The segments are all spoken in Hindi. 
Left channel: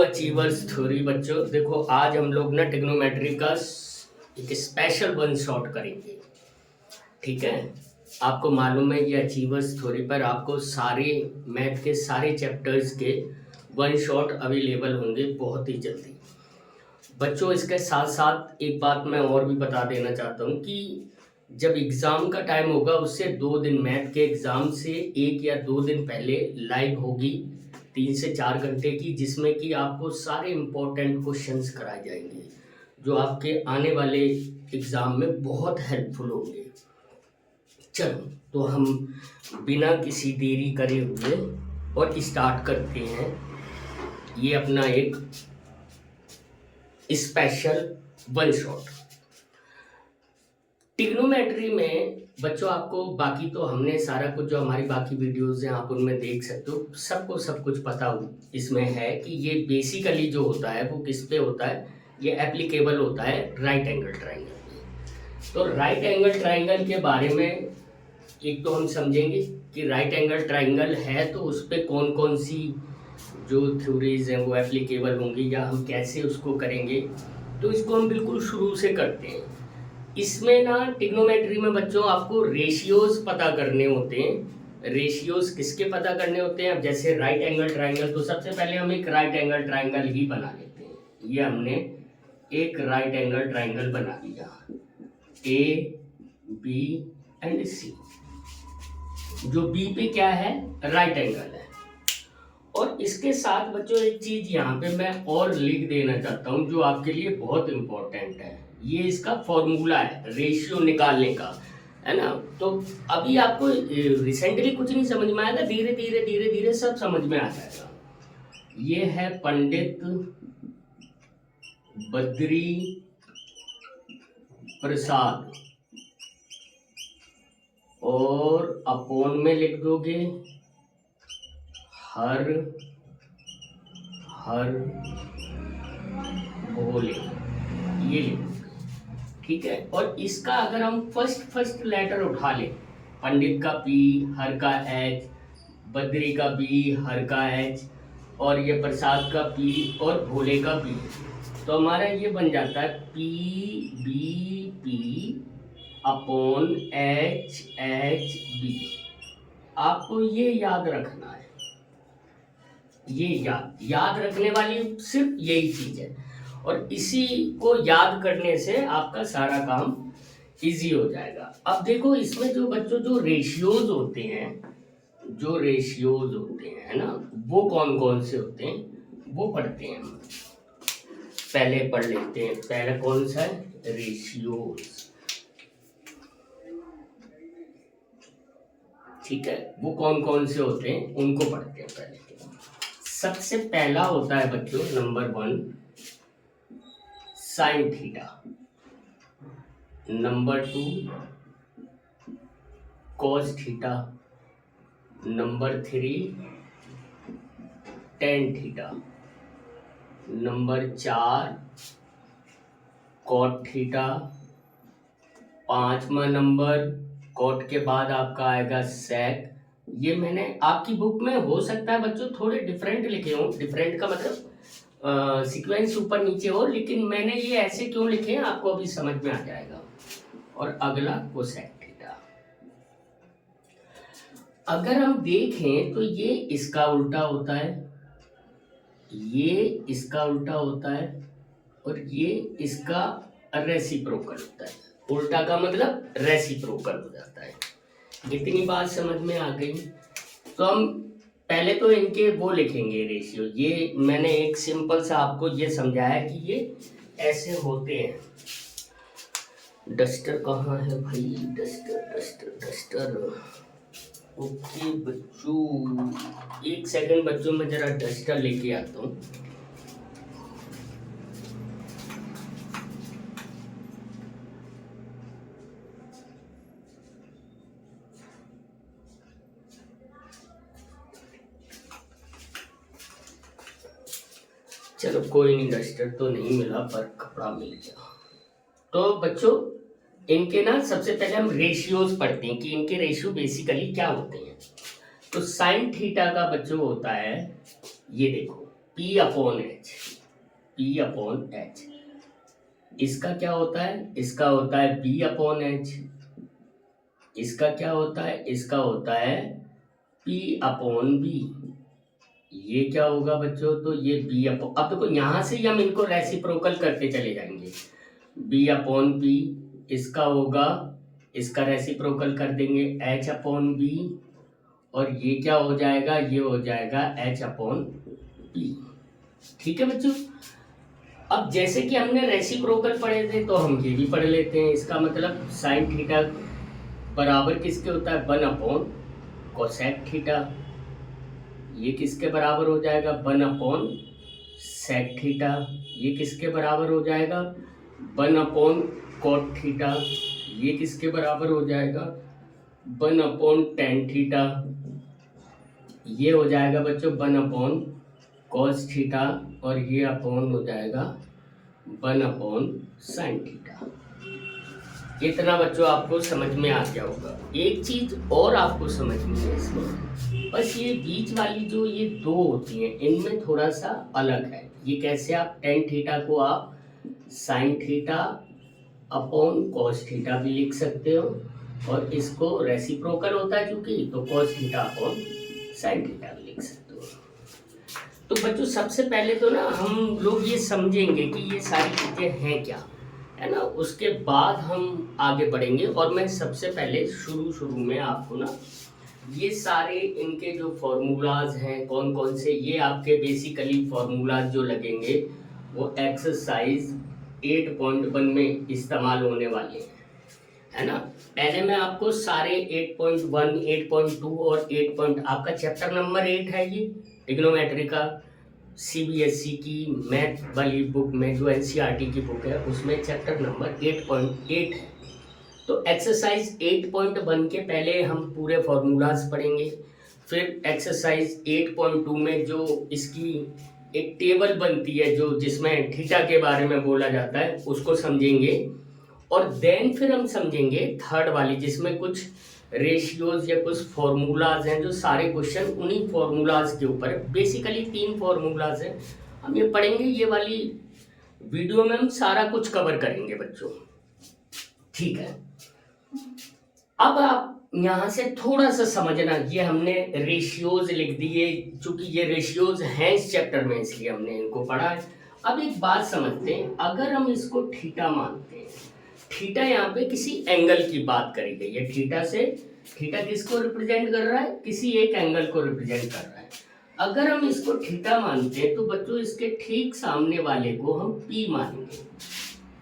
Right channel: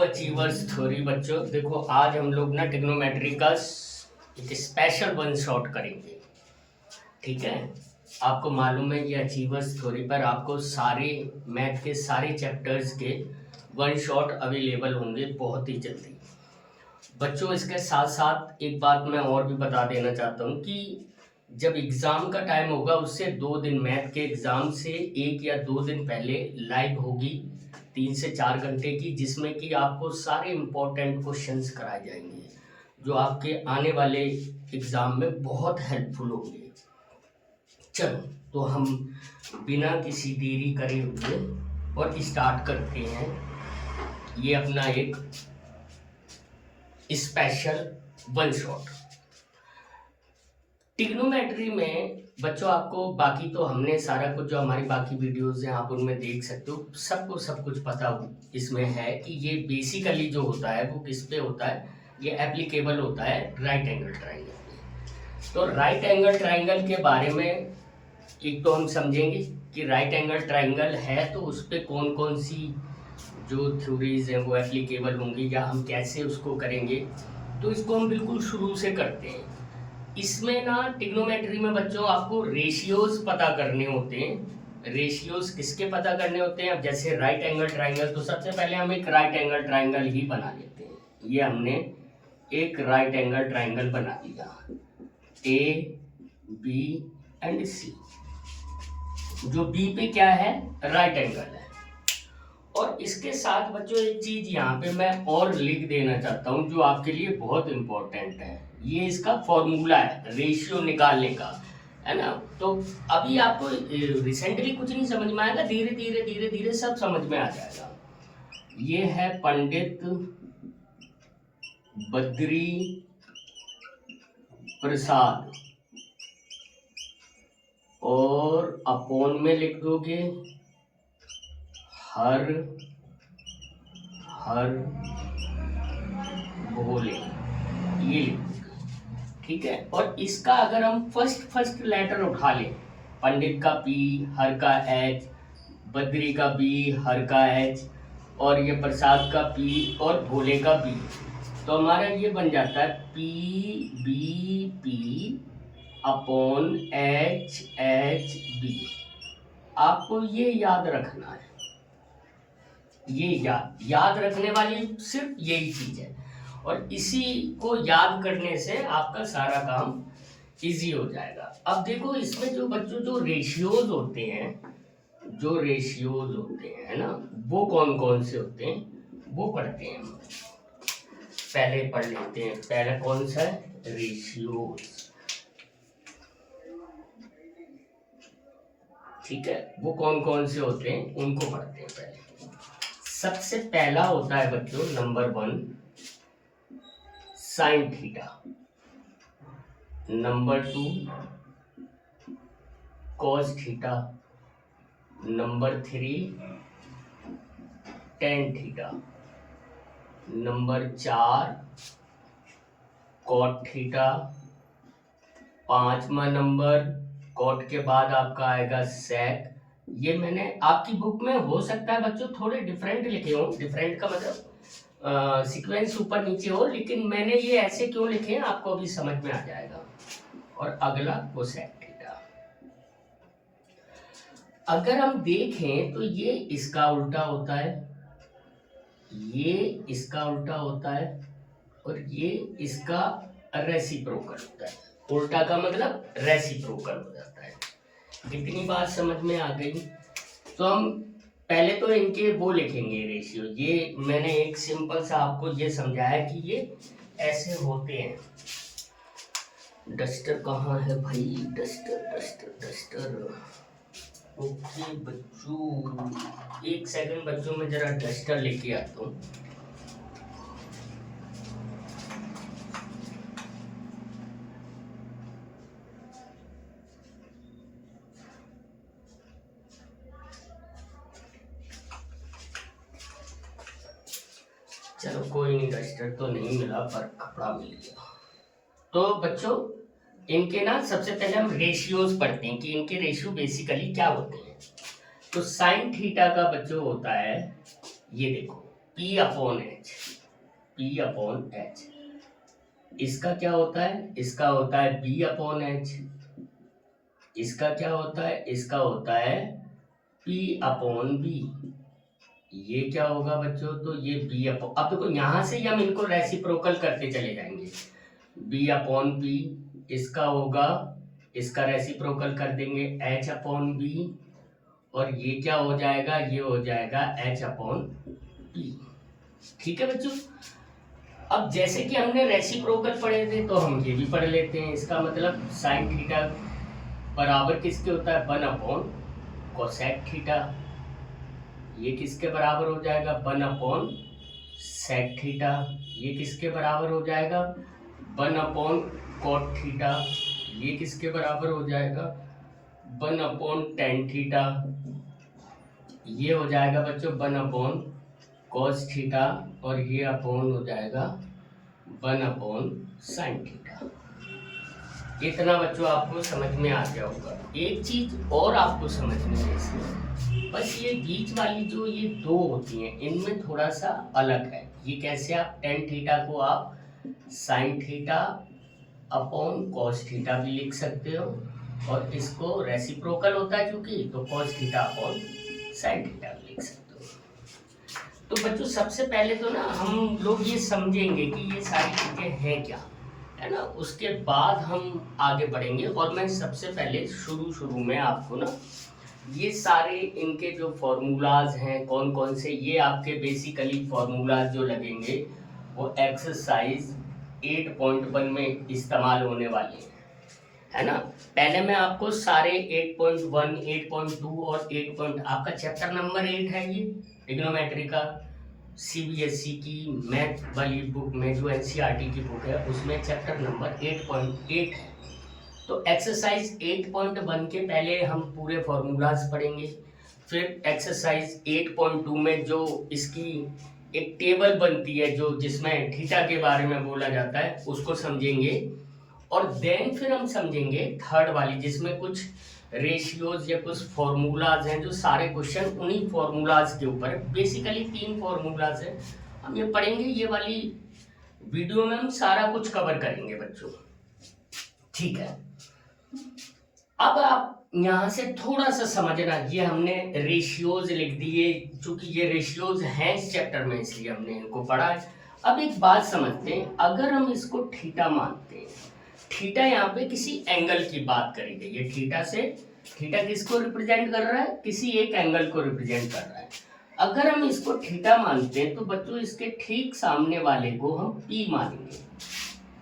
Achievers theory. बच्चों देखो, आज हम लोग ना ट्रिग्नोमेट्री का एक स्पेशल वन शॉट करेंगे। ठीक है, आपको मालूम है ये अचीवर्स थ्योरी पर आपको सारे मैथ के सारे चैप्टर्स के वन शॉट अवेलेबल होंगे बहुत ही जल्दी। बच्चों इसके साथ साथ एक बात मैं और भी बता देना चाहता हूँ कि जब एग्ज़ाम का टाइम होगा उससे 2 दिन, मैथ के एग्ज़ाम से 1 या 2 दिन पहले लाइव होगी 3 से 4 घंटे की, जिसमें कि आपको सारे इम्पोर्टेंट क्वेश्चंस कराए जाएंगे जो आपके आने वाले एग्ज़ाम में बहुत हेल्पफुल होंगे। चलो तो हम बिना किसी देरी करे हुए और स्टार्ट करते हैं ये अपना एक स्पेशल वन शॉट। ट्रिग्नोमेट्री में बच्चों आपको बाकी तो हमने सारा कुछ जो हमारी बाकी वीडियोस हैं आप उनमें देख सकते हो, सबको सब कुछ पता हो इसमें है कि ये बेसिकली जो होता है वो किस पे होता है, ये एप्लीकेबल होता है राइट एंगल ट्राइंगल पे। तो राइट एंगल ट्राइंगल के बारे में एक तो हम समझेंगे कि राइट एंगल ट्राइंगल है तो उस पर कौन कौन सी जो थ्योरीज हैं वो एप्लीकेबल होंगी या हम कैसे उसको करेंगे। तो इसको हम बिल्कुल शुरू से करते हैं। इसमें ना ट्रिग्नोमेट्री में बच्चों आपको रेशियोज पता करने होते हैं। रेशियोज किसके पता करने होते हैं? अब जैसे राइट एंगल ट्राइंगल, तो सबसे पहले हम एक राइट एंगल ट्राइंगल ही बना लेते हैं। ये हमने एक राइट एंगल ट्राइंगल बना लिया, ए बी एंड सी। जो बी पे क्या है? राइट एंगल है। और इसके साथ बच्चों एक चीज यहाँ पे मैं और लिख देना चाहता हूँ जो आपके लिए बहुत इंपॉर्टेंट है। ये इसका फॉर्मूला है रेशियो निकालने का, है ना। तो अभी आपको रिसेंटली कुछ नहीं समझ में आएगा, धीरे धीरे धीरे धीरे सब समझ में आ जाएगा। ये है पंडित बद्री प्रसाद, और अपोन में लिख दोगे हर भोले, ये लिख दोगे। ठीक है, और इसका अगर हम फर्स्ट लेटर उठा लें, पंडित का पी, हर का एच, बद्री का बी, हर का एच, और ये प्रसाद का पी और भोले का बी, तो हमारा ये बन जाता है P B P upon H H B. आपको ये याद रखना है, ये याद रखने वाली सिर्फ यही चीज है, और इसी को याद करने से आपका सारा काम इजी हो जाएगा। अब देखो इसमें जो बच्चों जो रेशियोज होते हैं, है ना, वो कौन कौन से होते हैं वो पढ़ते हैं हम। पहले पढ़ लेते हैं, पहला कौन सा है? रेशियोज। ठीक है, वो कौन कौन से होते हैं उनको पढ़ते हैं पहले। सबसे पहला होता है बच्चों number 1 sine theta, number 2 cos theta, number 3 tan theta, number 4 cot theta, 5वां नंबर कॉट के बाद आपका आएगा सेक। ये मैंने आपकी बुक में हो सकता है बच्चों थोड़े डिफरेंट लिखे हों, डिफरेंट का मतलब सीक्वेंस ऊपर नीचे हो, लेकिन मैंने ये ऐसे क्यों लिखे हैं आपको अभी समझ में आ जाएगा। और अगला कोसेक थीटा। अगर हम देखें तो ये इसका उल्टा होता है, ये इसका उल्टा होता है, और ये इसका रेसिप्रोकल होता है। उल्टा का मतलब रेसिप्रोकल हो जाता है। कितनी बात समझ में आ गई? तो हम पहले तो इनके वो लिखेंगे रेशियो। ये मैंने एक सिंपल सा आपको ये समझाया कि ये ऐसे होते हैं। डस्टर कहाँ है भाई? डस्टर। ओके बच्चों, एक सेकंड बच्चों, मैं जरा डस्टर लेके आता हूँ। चलो कोई नहीं, डस्टर तो नहीं मिला पर कपड़ा मिल गया। तो बच्चों इनके ना सबसे पहले हम रेशियोज पढ़ते हैं कि इनके रेशियो बेसिकली क्या होते हैं। तो साइन थीटा का बच्चों होता है, ये देखो P upon H, P upon H. इसका क्या होता है, इसका होता है B अपॉन एच। इसका क्या होता है, इसका होता है P अपॉन बी। ये क्या होगा बच्चों, तो ये B अपॉन, अब देखो यहाँ से हम इनको रेसिप्रोकल करते चले जाएंगे। B अपॉन बी, इसका होगा, इसका रेसिप्रोकल कर देंगे H अपॉन बी, और ये क्या हो जाएगा, ये हो जाएगा H अपॉन बी। ठीक है बच्चों। अब जैसे कि हमने रेसिप्रोकल पढ़े थे तो हम ये भी पढ़ लेते हैं। इसका मतलब साइन थीटा बराबर किसके होता है, 1 अपॉन कोसेक थीटा। ये किसके बराबर हो जाएगा, 1 अपॉन सेक थीटा। ये किसके बराबर हो जाएगा, 1 अपॉन कॉट थीटा। ये किसके बराबर हो जाएगा, 1 अपॉन टेन थीटा। ये हो जाएगा बच्चों 1 अपॉन कॉस थीटा, और ये अपॉन हो जाएगा 1 अपॉन साइन थीटा। इतना बच्चों आपको समझ में आ गया होगा। एक चीज और आपको समझनी है इसमें, बस ये बीच वाली जो ये दो होती हैं इनमें थोड़ा सा अलग है। ये कैसे, आप टेन थीटा को आप sign theta upon cos theta भी लिख सकते हो, और इसको रेसिप्रोकल होता है क्योंकि, तो cos theta upon sine theta भी लिख सकते हो। तो बच्चों सबसे पहले तो ना हम लोग ये समझेंगे कि ये सारी चीज़ें हैं क्या, है ना, उसके बाद हम आगे बढ़ेंगे। और मैं सबसे पहले शुरू में आपको ना ये सारे इनके जो फॉर्मूलाज हैं कौन कौन से, ये आपके बेसिकली फॉर्मूलाज जो लगेंगे वो एक्सरसाइज 8.1 में इस्तेमाल होने वाले हैं, है ना। पहले मैं आपको सारे 8.1, 8.2 और 8. आपका चैप्टर नंबर 8 है ये इग्नोमेट्री का, सीबीएसई की मैथ वाली बुक में जो एनसीईआरटी की बुक है उसमें चैप्टर नंबर 8.8 है। तो एक्सरसाइज 8.1 के पहले हम पूरे फॉर्मूलाज पढ़ेंगे, फिर एक्सरसाइज 8.2 में जो इसकी एक टेबल बनती है जो जिसमें थीटा के बारे में बोला जाता है उसको समझेंगे, और देन फिर हम समझेंगे थर्ड वाली जिसमें कुछ रेशियोज या कुछ फॉर्मूलाज हैं, जो सारे क्वेश्चन उन्हीं फॉर्मूलाज के ऊपर है। बेसिकली 3 फॉर्मूलाज हैं, हम ये पढ़ेंगे। ये वाली वीडियो में हम सारा कुछ कवर करेंगे बच्चों, ठीक है। अब आप यहाँ से थोड़ा सा समझना, ये हमने रेशियोज लिख दिए, चूंकि ये रेशियोज हैं इस चैप्टर में इसलिए हमने इनको पढ़ा है। अब एक बात समझते हैं, अगर हम इसको थीटा मानते हैं, थीटा यहाँ पे किसी एंगल की बात करी गई है, थीटा से, थीटा किसको रिप्रेजेंट कर रहा है, किसी एक एंगल को रिप्रेजेंट कर रहा है। अगर हम इसको थीटा मानते हैं तो बच्चों इसके ठीक सामने वाले को हम पी मानेंगे।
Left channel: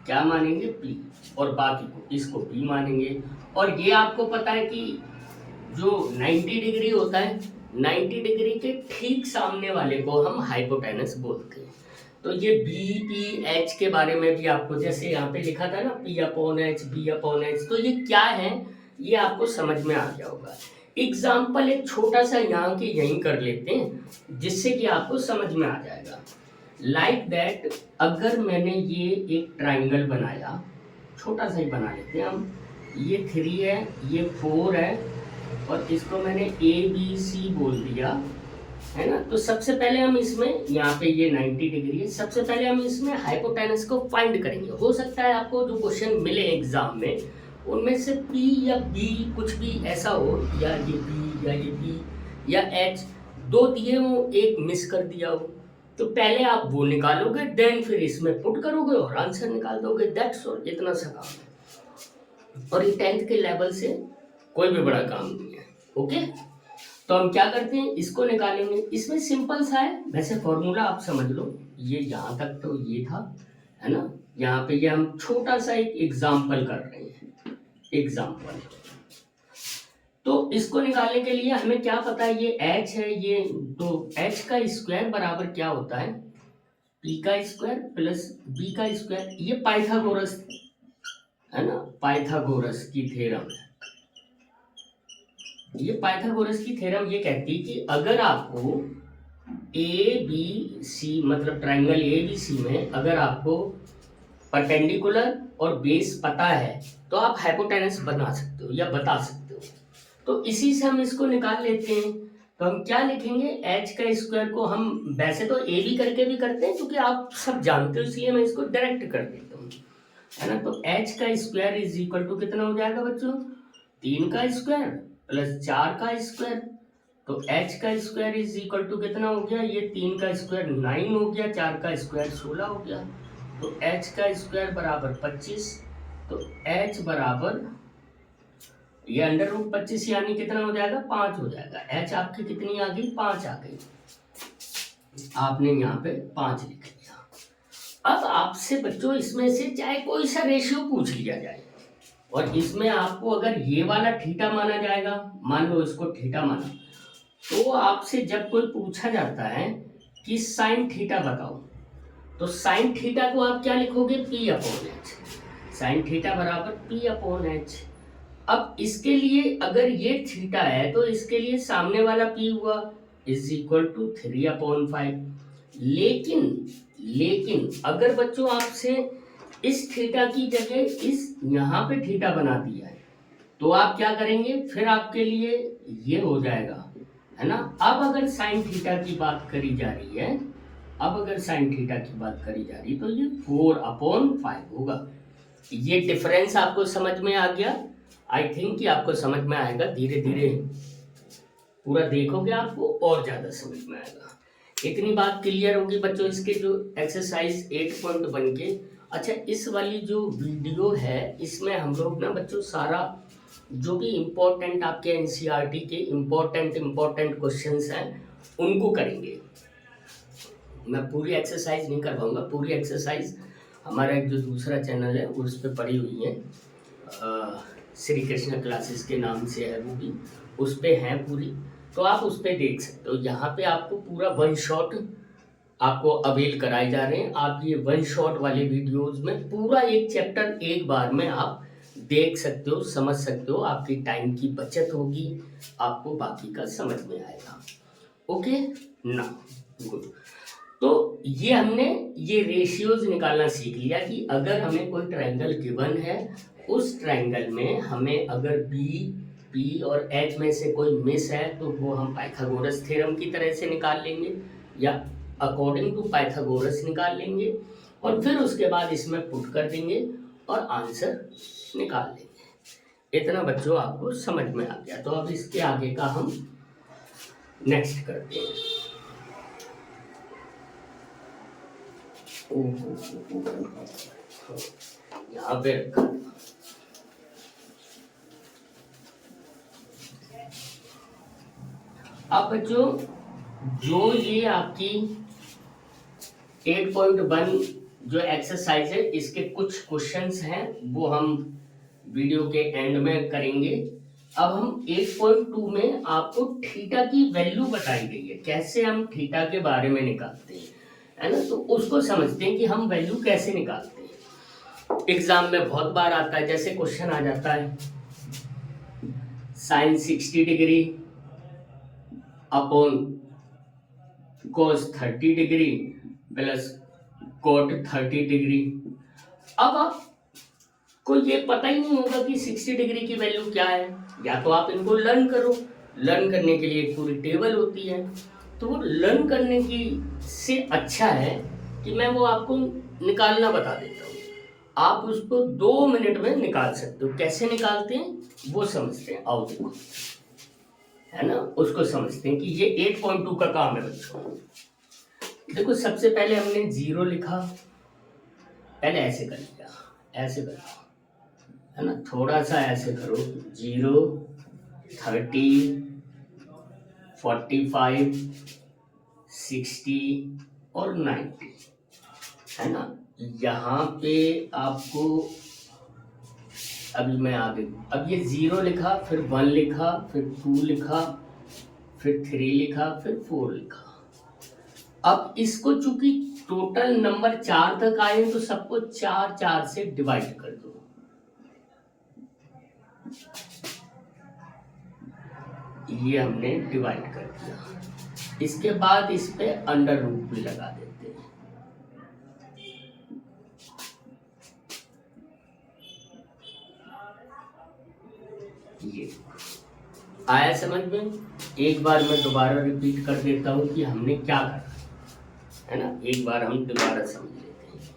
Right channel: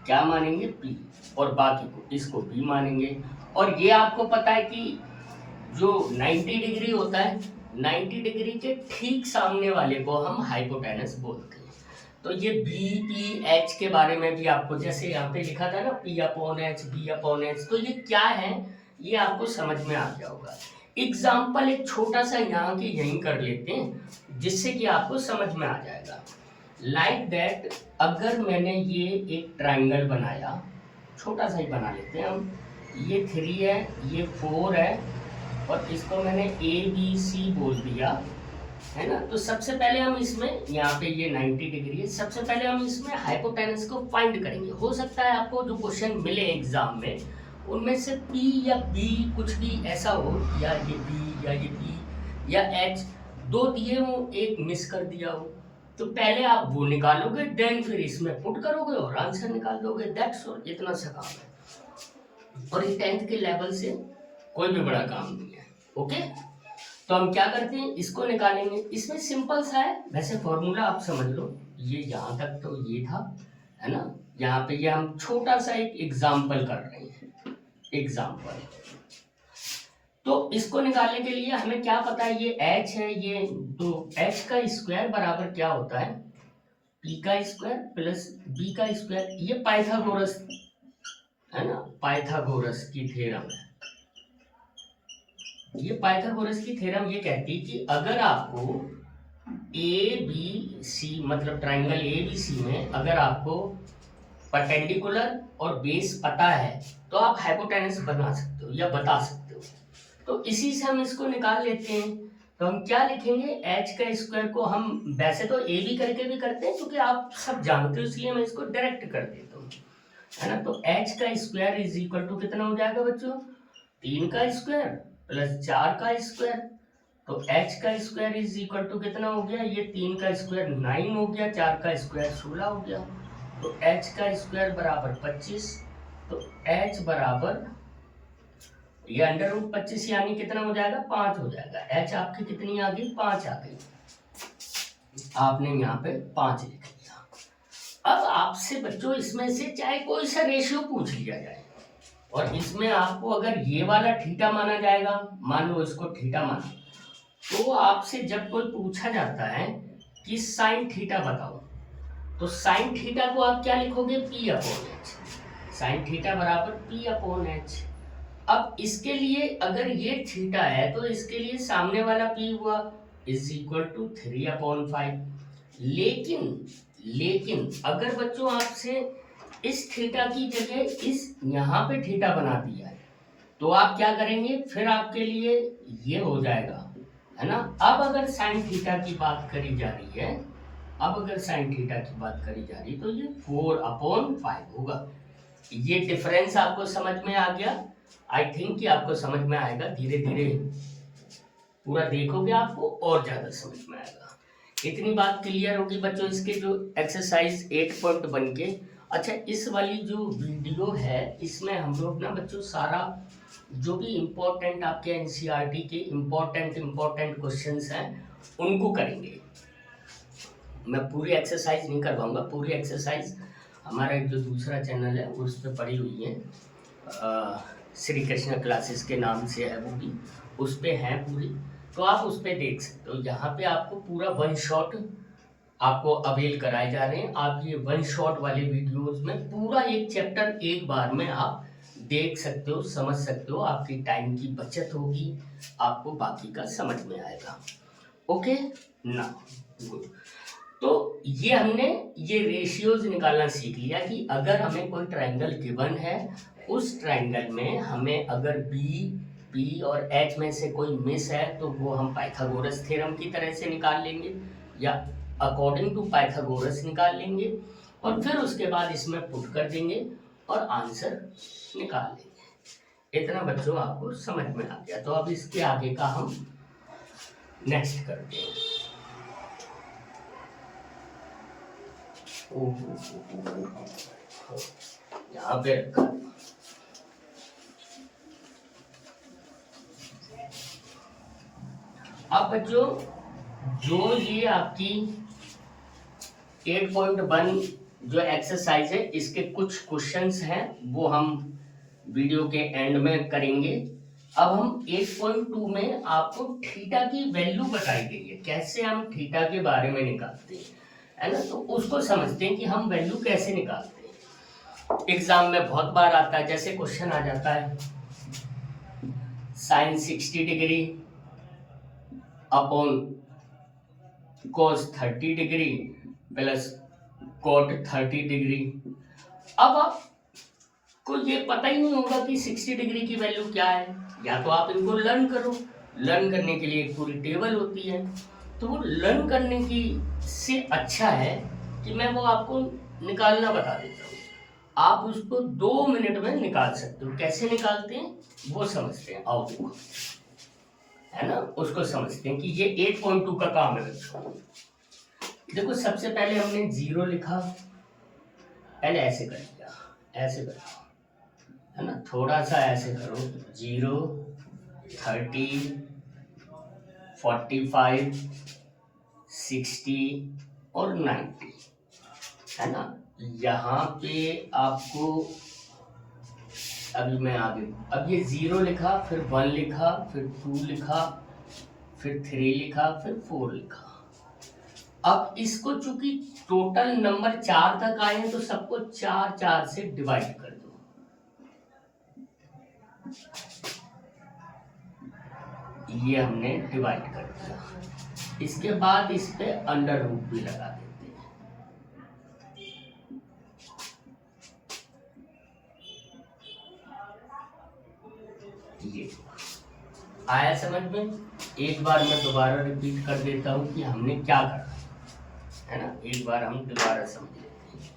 क्या मानेंगे, पी, और बाकी को इसको बी मानेंगे। और ये आपको पता है कि जो 90 डिग्री होता है, 90 डिग्री के ठीक सामने वाले को हम हाइपोटेनस बोलते हैं। तो ये बी पी एच के बारे में भी आपको, जैसे यहाँ पे लिखा था ना P upon H, B upon H, तो ये क्या है ये आपको समझ में आ गया होगा। एग्जाम्पल एक छोटा सा यहाँ की यहीं कर लेते हैं जिससे कि आपको समझ में आ जाएगा। लाइक दैट, अगर मैंने ये एक ट्राइंगल बनाया, छोटा सा ही बना लेते हैं हम, ये 3 है, ये 4 है, और इसको मैंने ए बी सी बोल दिया, है ना। तो सबसे पहले हम इसमें, यहाँ पे ये 90 डिग्री है, सबसे पहले हम इसमें हाइपोटेनस को फाइंड करेंगे। हो सकता है आपको जो क्वेश्चन मिले एग्जाम में उनमें से P या B कुछ भी ऐसा हो, या ये B या ये B या H, 2 दिए हो, एक मिस कर दिया हो, तो पहले आप वो निकालोगे, देन फिर इसमें पुट करोगे और आंसर निकाल दोगे। दैट्स ऑल, इतना सा काम है, और ये 10th के लेवल से कोई भी बड़ा काम नहीं है। ओके, तो हम क्या करते हैं, इसको निकालेंगे। इसमें सिंपल सा है, वैसे फॉर्मूला आप समझ लो, ये यहाँ तक तो ये था, है ना। यहाँ पे ये हम छोटा सा एक एग्जाम्पल कर रहे हैं, एग्जाम्पल। तो इसको निकालने के लिए हमें क्या पता है, ये h है, ये तो h का स्क्वायर बराबर क्या होता है, p का स्क्वायर प्लस b का स्क्वायर। ये पाइथागोरस है ना, पाइथागोरस की थ्योरम है। ये पाइथागोरस की थ्योरम ये कहती है कि अगर आपको ए बी सी, मतलब ट्राइंगल ए बी सी में अगर आपको परपेंडिकुलर और बेस पता है तो आप हाइपोटेनस बना सकते हो या बता सकते हो। तो इसी से हम इसको निकाल लेते हैं। तो हम क्या लिखेंगे, एच का स्क्वायर को हम वैसे तो ए बी करके भी करते हैं क्योंकि आप सब जानते हो, इसलिए मैं इसको डायरेक्ट कर देता हूँ, है ना। तो एच का स्क्वायर इज इक्वल टू कितना हो जाएगा बच्चों, 3 का स्क्वायर प्लस 4 का स्क्वायर। तो एच का स्क्वायर इज इक्वल टू कितना हो गया, ये 3 का स्क्वायर 9 हो गया, 4 का स्क्वायर 16 हो गया। तो एच का स्क्वायर बराबर 25। तो एच बराबर ये अंडर रूट 25 यानी कितना हो जाएगा, 5 हो जाएगा। एच आपकी कितनी आ गई, 5 आ गई। आपने यहाँ पे 5 लिख लिया। अब आपसे बच्चों इसमें से चाहे कोई सा रेशियो पूछ लिया जाए और इसमें आपको अगर ये वाला थीटा माना जाएगा, मान लो इसको थीटा माना, तो आपसे जब कोई पूछा जाता है कि साइन थीटा बताओ, तो साइन थीटा को आप क्या लिखोगे, P upon H. Sine theta बराबर पी अपॉन एच। अब इसके लिए अगर ये थीटा है तो इसके लिए सामने वाला पी हुआ इज इक्वल टू 3/5। लेकिन अगर बच्चों आपसे इस थीटा की जगह इस यहाँ पे थीटा बना दिया है तो आप क्या करेंगे, फिर आपके लिए ये हो जाएगा, है ना। अब अगर साइन थीटा की बात करी जा रही है, अब अगर साइन थीटा की बात करी जा रही तो ये 4/5 होगा। ये डिफरेंस आपको समझ में आ गया। आई थिंक कि आपको समझ में आएगा, धीरे धीरे पूरा देखोगे आपको और ज्यादा समझ में आएगा। इतनी बात क्लियर होगी बच्चों, इसके जो एक्सरसाइज 8.1 के। अच्छा, इस वाली जो वीडियो है इसमें हम लोग ना बच्चों सारा जो भी इम्पोर्टेंट आपके एनसीईआरटी के इम्पोर्टेंट क्वेश्चंस हैं उनको करेंगे। मैं पूरी एक्सरसाइज नहीं करवाऊंगा, पूरी एक्सरसाइज हमारा एक जो दूसरा चैनल है उस पर पड़ी हुई है, श्री कृष्णा क्लासेस के नाम से है, वो भी उस पर है पूरी, तो आप उस पर देख सकते हो। यहाँ पे आपको पूरा वन शॉट आपको अवेल कराए जा रहे हैं। आप ये वन शॉट वाले वीडियोस में पूरा एक चैप्टर एक बार में आप देख सकते हो, समझ सकते हो, आपकी टाइम की बचत होगी, आपको बाकी का समझ में आएगा। ओके ना, गुड। तो ये हमने ये रेशियोज निकालना सीख लिया कि अगर हमें कोई ट्रायंगल गिवन है, उस ट्रायंगल में हमें अगर बी पी और एच में से कोई मिस है तो वो हम पाइथागोरस थ्योरम की तरह से निकाल लेंगे या अकॉर्डिंग टू पाइथागोरस निकाल लेंगे और फिर उसके बाद इसमें पुट कर देंगे और आंसर निकाल लेंगे। इतना बच्चों आपको समझ में आ गया। तो अब इसके आगे का हम नेक्स्ट करते हैं। यहाँ पे रखा, अब बच्चों जो ये आपकी 8.1 जो एक्सरसाइज है इसके कुछ क्वेश्चंस हैं वो हम वीडियो के एंड में करेंगे। अब हम 8.2 में आपको थीटा की वैल्यू बताई गई है, कैसे हम थीटा के बारे में निकालते हैं, है ना। तो उसको समझते हैं कि हम वैल्यू कैसे निकालते हैं। एग्जाम में बहुत बार आता है, जैसे क्वेश्चन आ जाता है sine 60 degree upon cos 30 degree plus cot 30 degree. अब आपको ये पता ही नहीं होगा कि 60 डिग्री की वैल्यू क्या है, या तो आप इनको लर्न करो, लर्न करने के लिए एक पूरी टेबल होती है, तो वो लर्न करने की से अच्छा है कि मैं वो आपको निकालना बता देता हूँ। आप उसको 2 मिनट में निकाल सकते हो। कैसे निकालते हैं वो समझते हैं, आओ देखो, है ना, उसको समझते हैं कि ये 8.2 का काम है बच्चों। देखो सबसे पहले हमने 0 लिखा, पहले ऐसे कर लिया, ऐसे करो, है ना, थोड़ा सा ऐसे करो, 0 30 45 60 और 90, है ना। यहाँ पे आपको अभी मैं आगे, अब ये 0 लिखा, फिर 1 लिखा, फिर 2 लिखा, फिर 3 लिखा, फिर 4 लिखा। अब इसको चूंकि टोटल नंबर 4 तक आए तो सबको 4 से डिवाइड कर दो। ये हमने डिवाइड कर दिया। इसके बाद इस पे अंडर रूट भी लगा देते हैं। ये आया समझ में? एक बार मैं दोबारा रिपीट कर देता हूँ कि हमने क्या करा है ना, एक बार हम दोबारा समझ लेते हैं।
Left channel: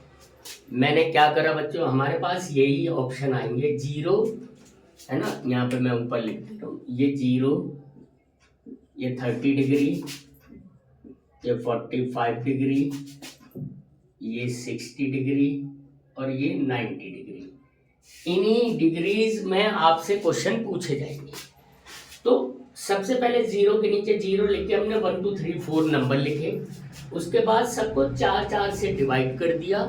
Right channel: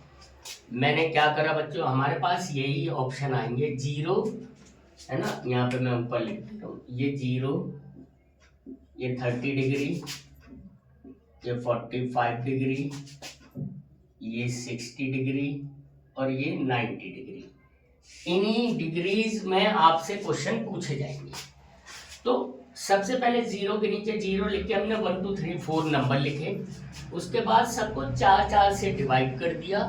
मैंने क्या करा बच्चों, हमारे पास यही ऑप्शन आएंगे, जीरो है ना, यहाँ पे मैं ऊपर लिख देता हूँ, ये जीरो, ये 30 डिग्री, ये 45 डिग्री, ये 60 डिग्री और ये 90 डिग्री। इन्हीं डिग्रीज में आपसे क्वेश्चन पूछे जाएंगे। तो सबसे पहले जीरो के नीचे जीरो लिख के हमने 1 2 3 4 नंबर लिखे, उसके बाद सबको 4 4 से डिवाइड कर दिया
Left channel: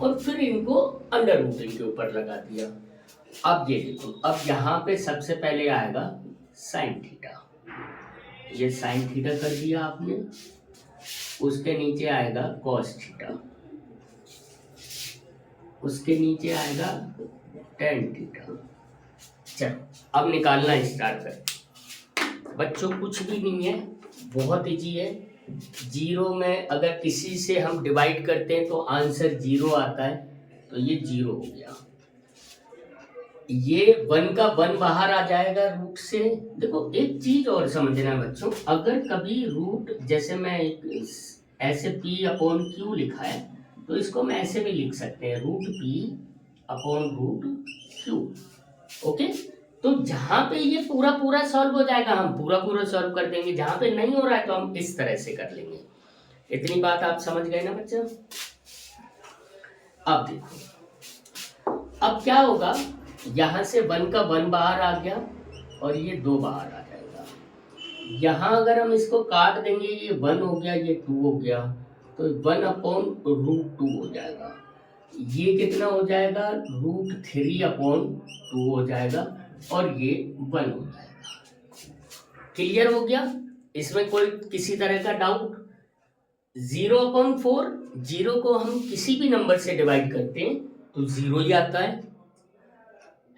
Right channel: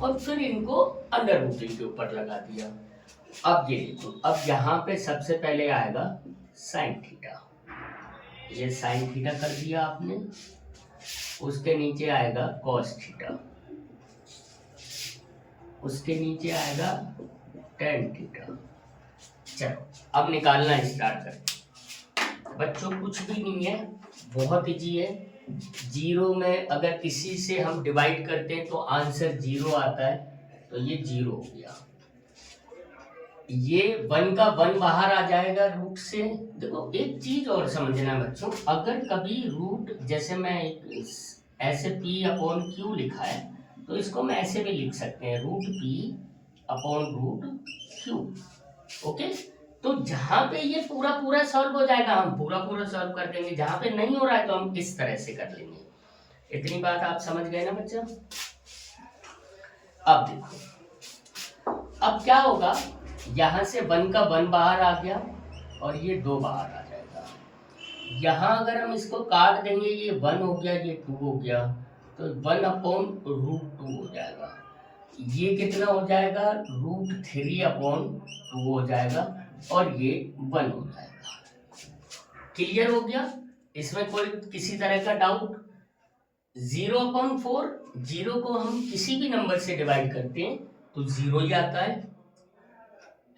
और फिर इनको अंडर रूटिंग के ऊपर लगा दिया। अब ये देखो, अब यहाँ पे सबसे पहले आएगा साइन थीटा, ये साइन थीटा कर दिया आपने, उसके नीचे आएगा कॉस थीटा, उसके नीचे आएगा टेन थीटा। चलो अब निकालना स्टार्ट करें बच्चों, कुछ भी नहीं है, बहुत इजी है। जीरो में अगर किसी से हम डिवाइड करते हैं तो आंसर जीरो आता है, तो ये जीरो हो गया। ये 1 का 1 बाहर आ जाएगा रूट से। देखो एक चीज और समझना है बच्चों, अगर कभी रूट, जैसे मैं ऐसे p अपॉन क्यू लिखा है तो इसको हम ऐसे भी लिख सकते हैं, root p upon root Q. Okay, तो जहां पे ये पूरा पूरा सॉल्व हो जाएगा हम पूरा पूरा सॉल्व कर देंगे, जहां पे नहीं हो रहा है तो हम इस तरह से कर लेंगे। इतनी बात आप समझ गए ना बच्चा? अब देखो, अब क्या होगा, यहां से 1 का 1 बाहर आ गया और ये 2 बाहर आ जाएगा। यहां अगर हम इसको काट देंगे, ये 1 हो गया, ये 2 हो गया, तो 1 अपॉन रूट 2 हो जाएगा। ये कितना हो जाएगा, रूट 3 अपॉन 2 हो जाएगा और ये 1 हो जाएगा। क्लियर हो गया? इसमें कोई किसी तरह का डाउट? 0 अपॉन 4, जीरो को हम किसी भी नंबर से डिवाइड करते हैं तो जीरो ही आता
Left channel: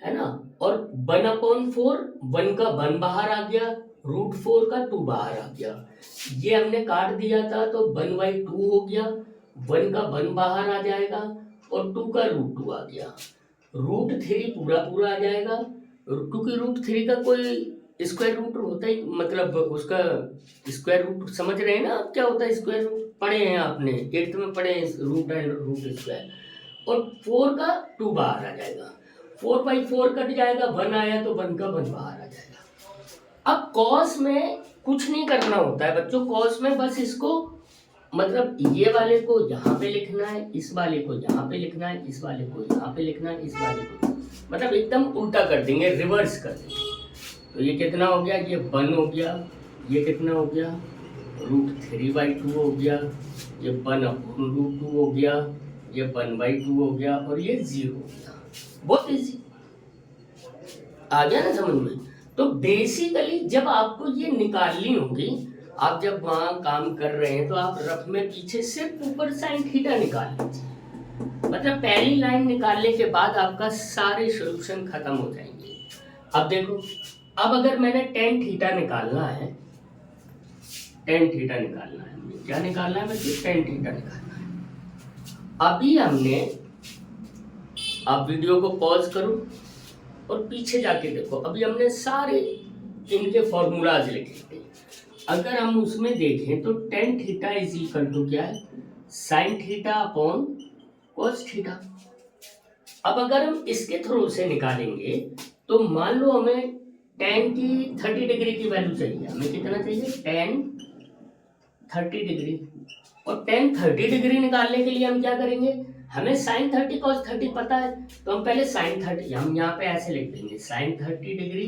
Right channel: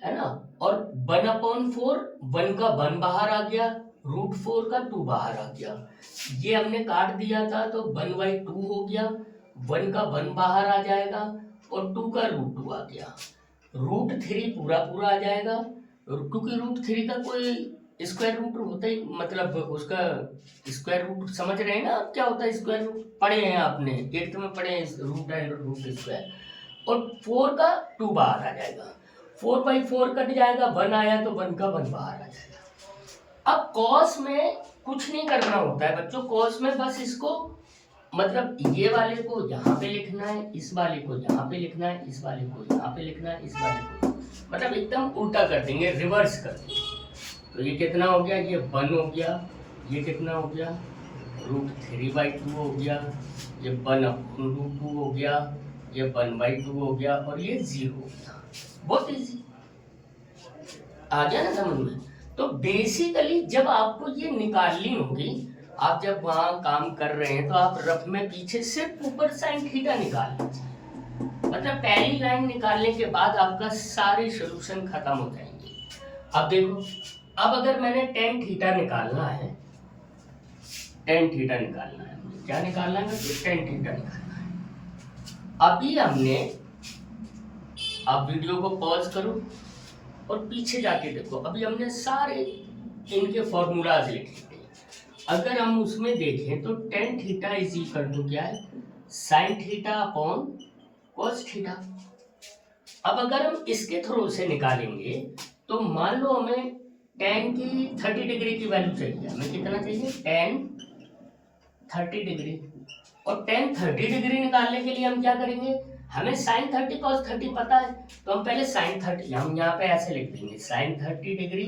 है ना। और 1 अपॉन 4, 1 का 1 बाहर आ गया, रूट 4 का 2 बाहर आ गया, ये हमने काट दिया था तो 1/2 हो गया, 1 का 1 बाहर आ जाएगा और 2 का रूट 2 आ गया, रूट 3 पूरा पूरा आ जाएगा, क्योंकि रूट 3 का कोई स्क्वायर रूट होता ही, मतलब उसका स्क्वायर रूट समझ रहे हैं ना आप क्या होता है स्क्वायर रूट, पढ़े हैं आपने 8th में पढ़े हैं रूट एंड रूट स्क्वायर। और 4 का 2 बाहर आ जाएगा, 4/4 कट जाएगा, 1 आया तो 1 का 1 बाहर आ जाएगा। अब कॉस में कुछ नहीं करना होता है बच्चों, कॉस में बस इसको, मतलब ये वाले को यहाँ पे लिखना है, इस वाले को यहाँ पे लिखना है, इस वाले को यहाँ पे लिखना है, इस वाले को, मतलब एकदम उल्टा कर देंगे, रिवर्स कर देंगे। तो ये कितना हो गया, ये 1 हो गया, ये कितना हो गया, रूट 3/2 हो गया, ये 1 अपॉन रूट 2 हो गया, ये 1/2 हो गया और ये 0 हो गया। बहुत इजी, आ गया ना समझ में? तो बेसिकली जब आपको ये निकालनी होगी, आप जब वहां काम कर रहे हैं तो आप रफ में पीछे सिर्फ ऊपर साइन थीटा निकाल लीजिए, मतलब पहली लाइन निकालने के बाद आपका सारे सॉल्यूशन खत्म हो जाएंगे। अब देखो, अब अगर मैंने टेन थीटा निकालना है, टेन थीटा निकालना है, क्या निकालना है मतलब टेन थीटा निकालना है। अभी हमने, आप वीडियो को पॉज करो और पीछे जाके देखो, अभी हमने सारे इनके फॉर्मूलाज लिखे थे। अगर हम उसमें देखें तो tan theta is equal to क्या है, sine theta upon cos theta. अब अगर हम इसके थ्रू से निकालेंगे तो मान लो हमें टेन की 30 डिग्री की वैल्यू चाहिए, हमें कितना चाहिए, टेन 30 डिग्री। और टेन 30 डिग्री निकालने के लिए हम क्या करेंगे, हमें साइन 30 कॉस 30 पता है, तो हम पहले साइन 30, हम यहाँ पे ऐसे लिख देंगे, साइन 30 डिग्री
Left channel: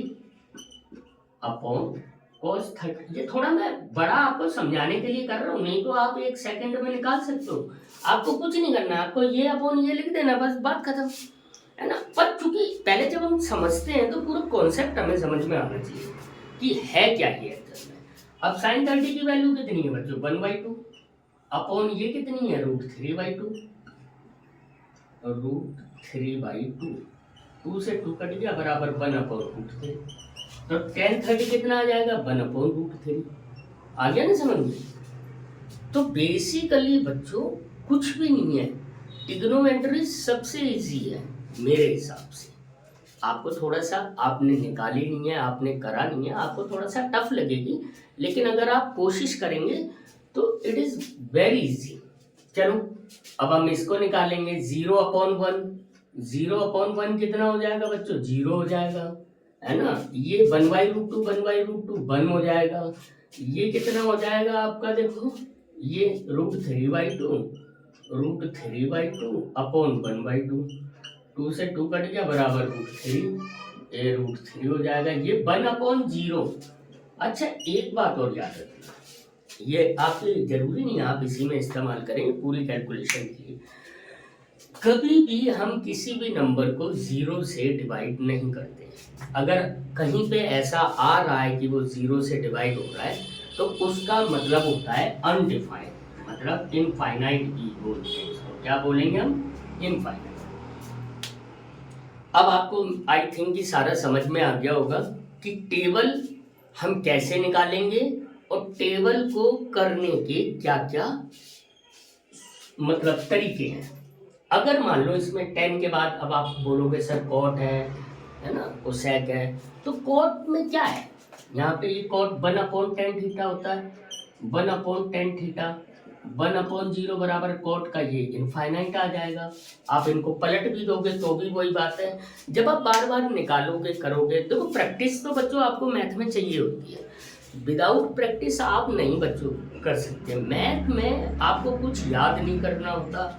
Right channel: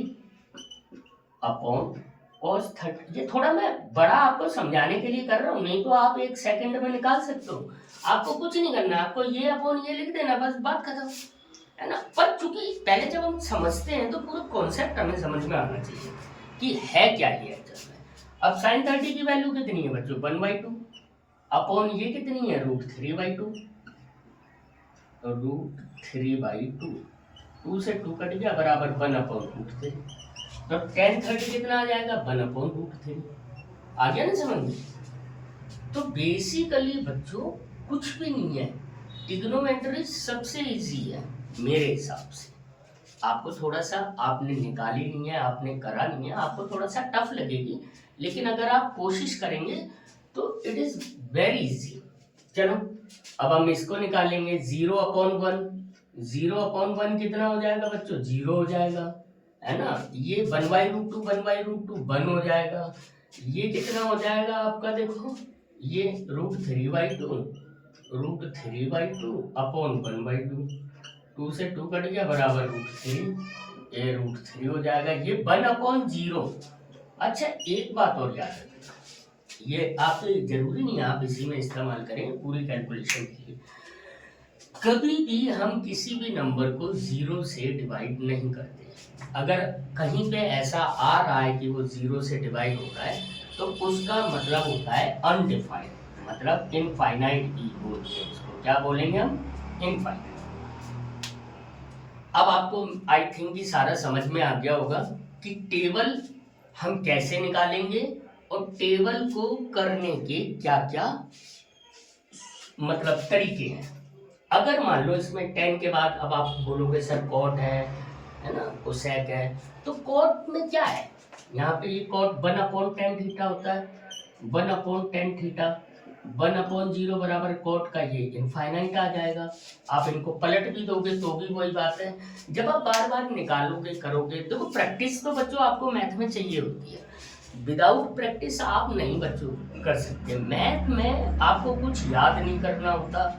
अपॉन कॉस 30। ये थोड़ा मैं बड़ा आपको समझाने के लिए कर रहा हूँ, नहीं तो आप 1 सेकंड में निकाल सकते हो, आपको कुछ नहीं करना है, आपको ये अपॉन ये लिख देना, बस बात खत्म है ना। पर चूंकि पहले जब हम समझते हैं तो पूरा कॉन्सेप्ट हमें समझ में आना चाहिए कि है क्या ये एक्चुअल में। अब साइन 30 की वैल्यू कितनी है बच्चों, 1/2 अपॉन ये कितनी है, रूट 3/2, रूट 3/2, 2 से 2 कट गया बराबर 1 अपॉन रूट 3, तो टेन 30 कितना आ जाएगा, 1 अपॉन रूट 3। आ गया ना समझ में? तो बेसिकली बच्चों कुछ भी नहीं है, ट्रिग्नोमेट्री सबसे इजी है मेरे हिसाब से। आपको थोड़ा सा, आपने निकाली नहीं है, आपने करा नहीं है, आपको थोड़ा सा टफ लगेगी, लेकिन अगर आप कोशिश करेंगे तो इट इज़ वेरी इजी। चलो अब हम इसको निकालेंगे, 0/1। 0/1 कितना हो जाएगा बच्चों? 0 हो जाएगा, है ना। ये 1/√2, 1/√2 1 हो जाएगा। ये कितना हो जाएगा आपका? देखो ये √3/2, √3/2 अपॉन 1/2। 2 से 2 कट गया, बराबर √3, ये √3 हो जाएगा। ये 1/0। अच्छा एक बात और याद रखना, ये आप जरूरी नहीं आप इसी में इस्तेमाल करें पूरी कैलकुलेशन के लिए। कभी भी हम किसी भी नंबर को 0 से डिवाइड नहीं करते। अगर कहीं पे ऐसा आ रहा है कि वो 0 से डिवाइड हो रहा है तो उसका मतलब होता है अनडिफाइंड, मतलब इनफाइनाइट ही बोलते हैं इसको। क्या बोलेंगे हम? इनफाइनाइट। अब आपको आई थिंक कि सारा समझ में आ गया होगा कि टेबल हम कैसे निकालेंगे और टेबल को करने के क्या क्या मतलब तरीके हैं। अगर मान लो इसमें 10 के बाद अब आप बोलोगे सर कॉट है ना, कोसेक है, तो कॉट में क्या है? यहाँ पे ये कॉट 1/10 थीटा होता है, 1/10 थीटा, 1/0 बराबर कॉट का ये इनफाइनाइट आ जाएगा। आप इनको पलट भी दोगे तो भी वही बात है। जब आप बार बार निकालोगे करोगे, देखो प्रैक्टिस तो बच्चों आपको मैथ में चाहिए होती है। विदाउट प्रैक्टिस आप नहीं बच्चों कर सकते। मैथ में आपको कुछ याद नहीं करना होता,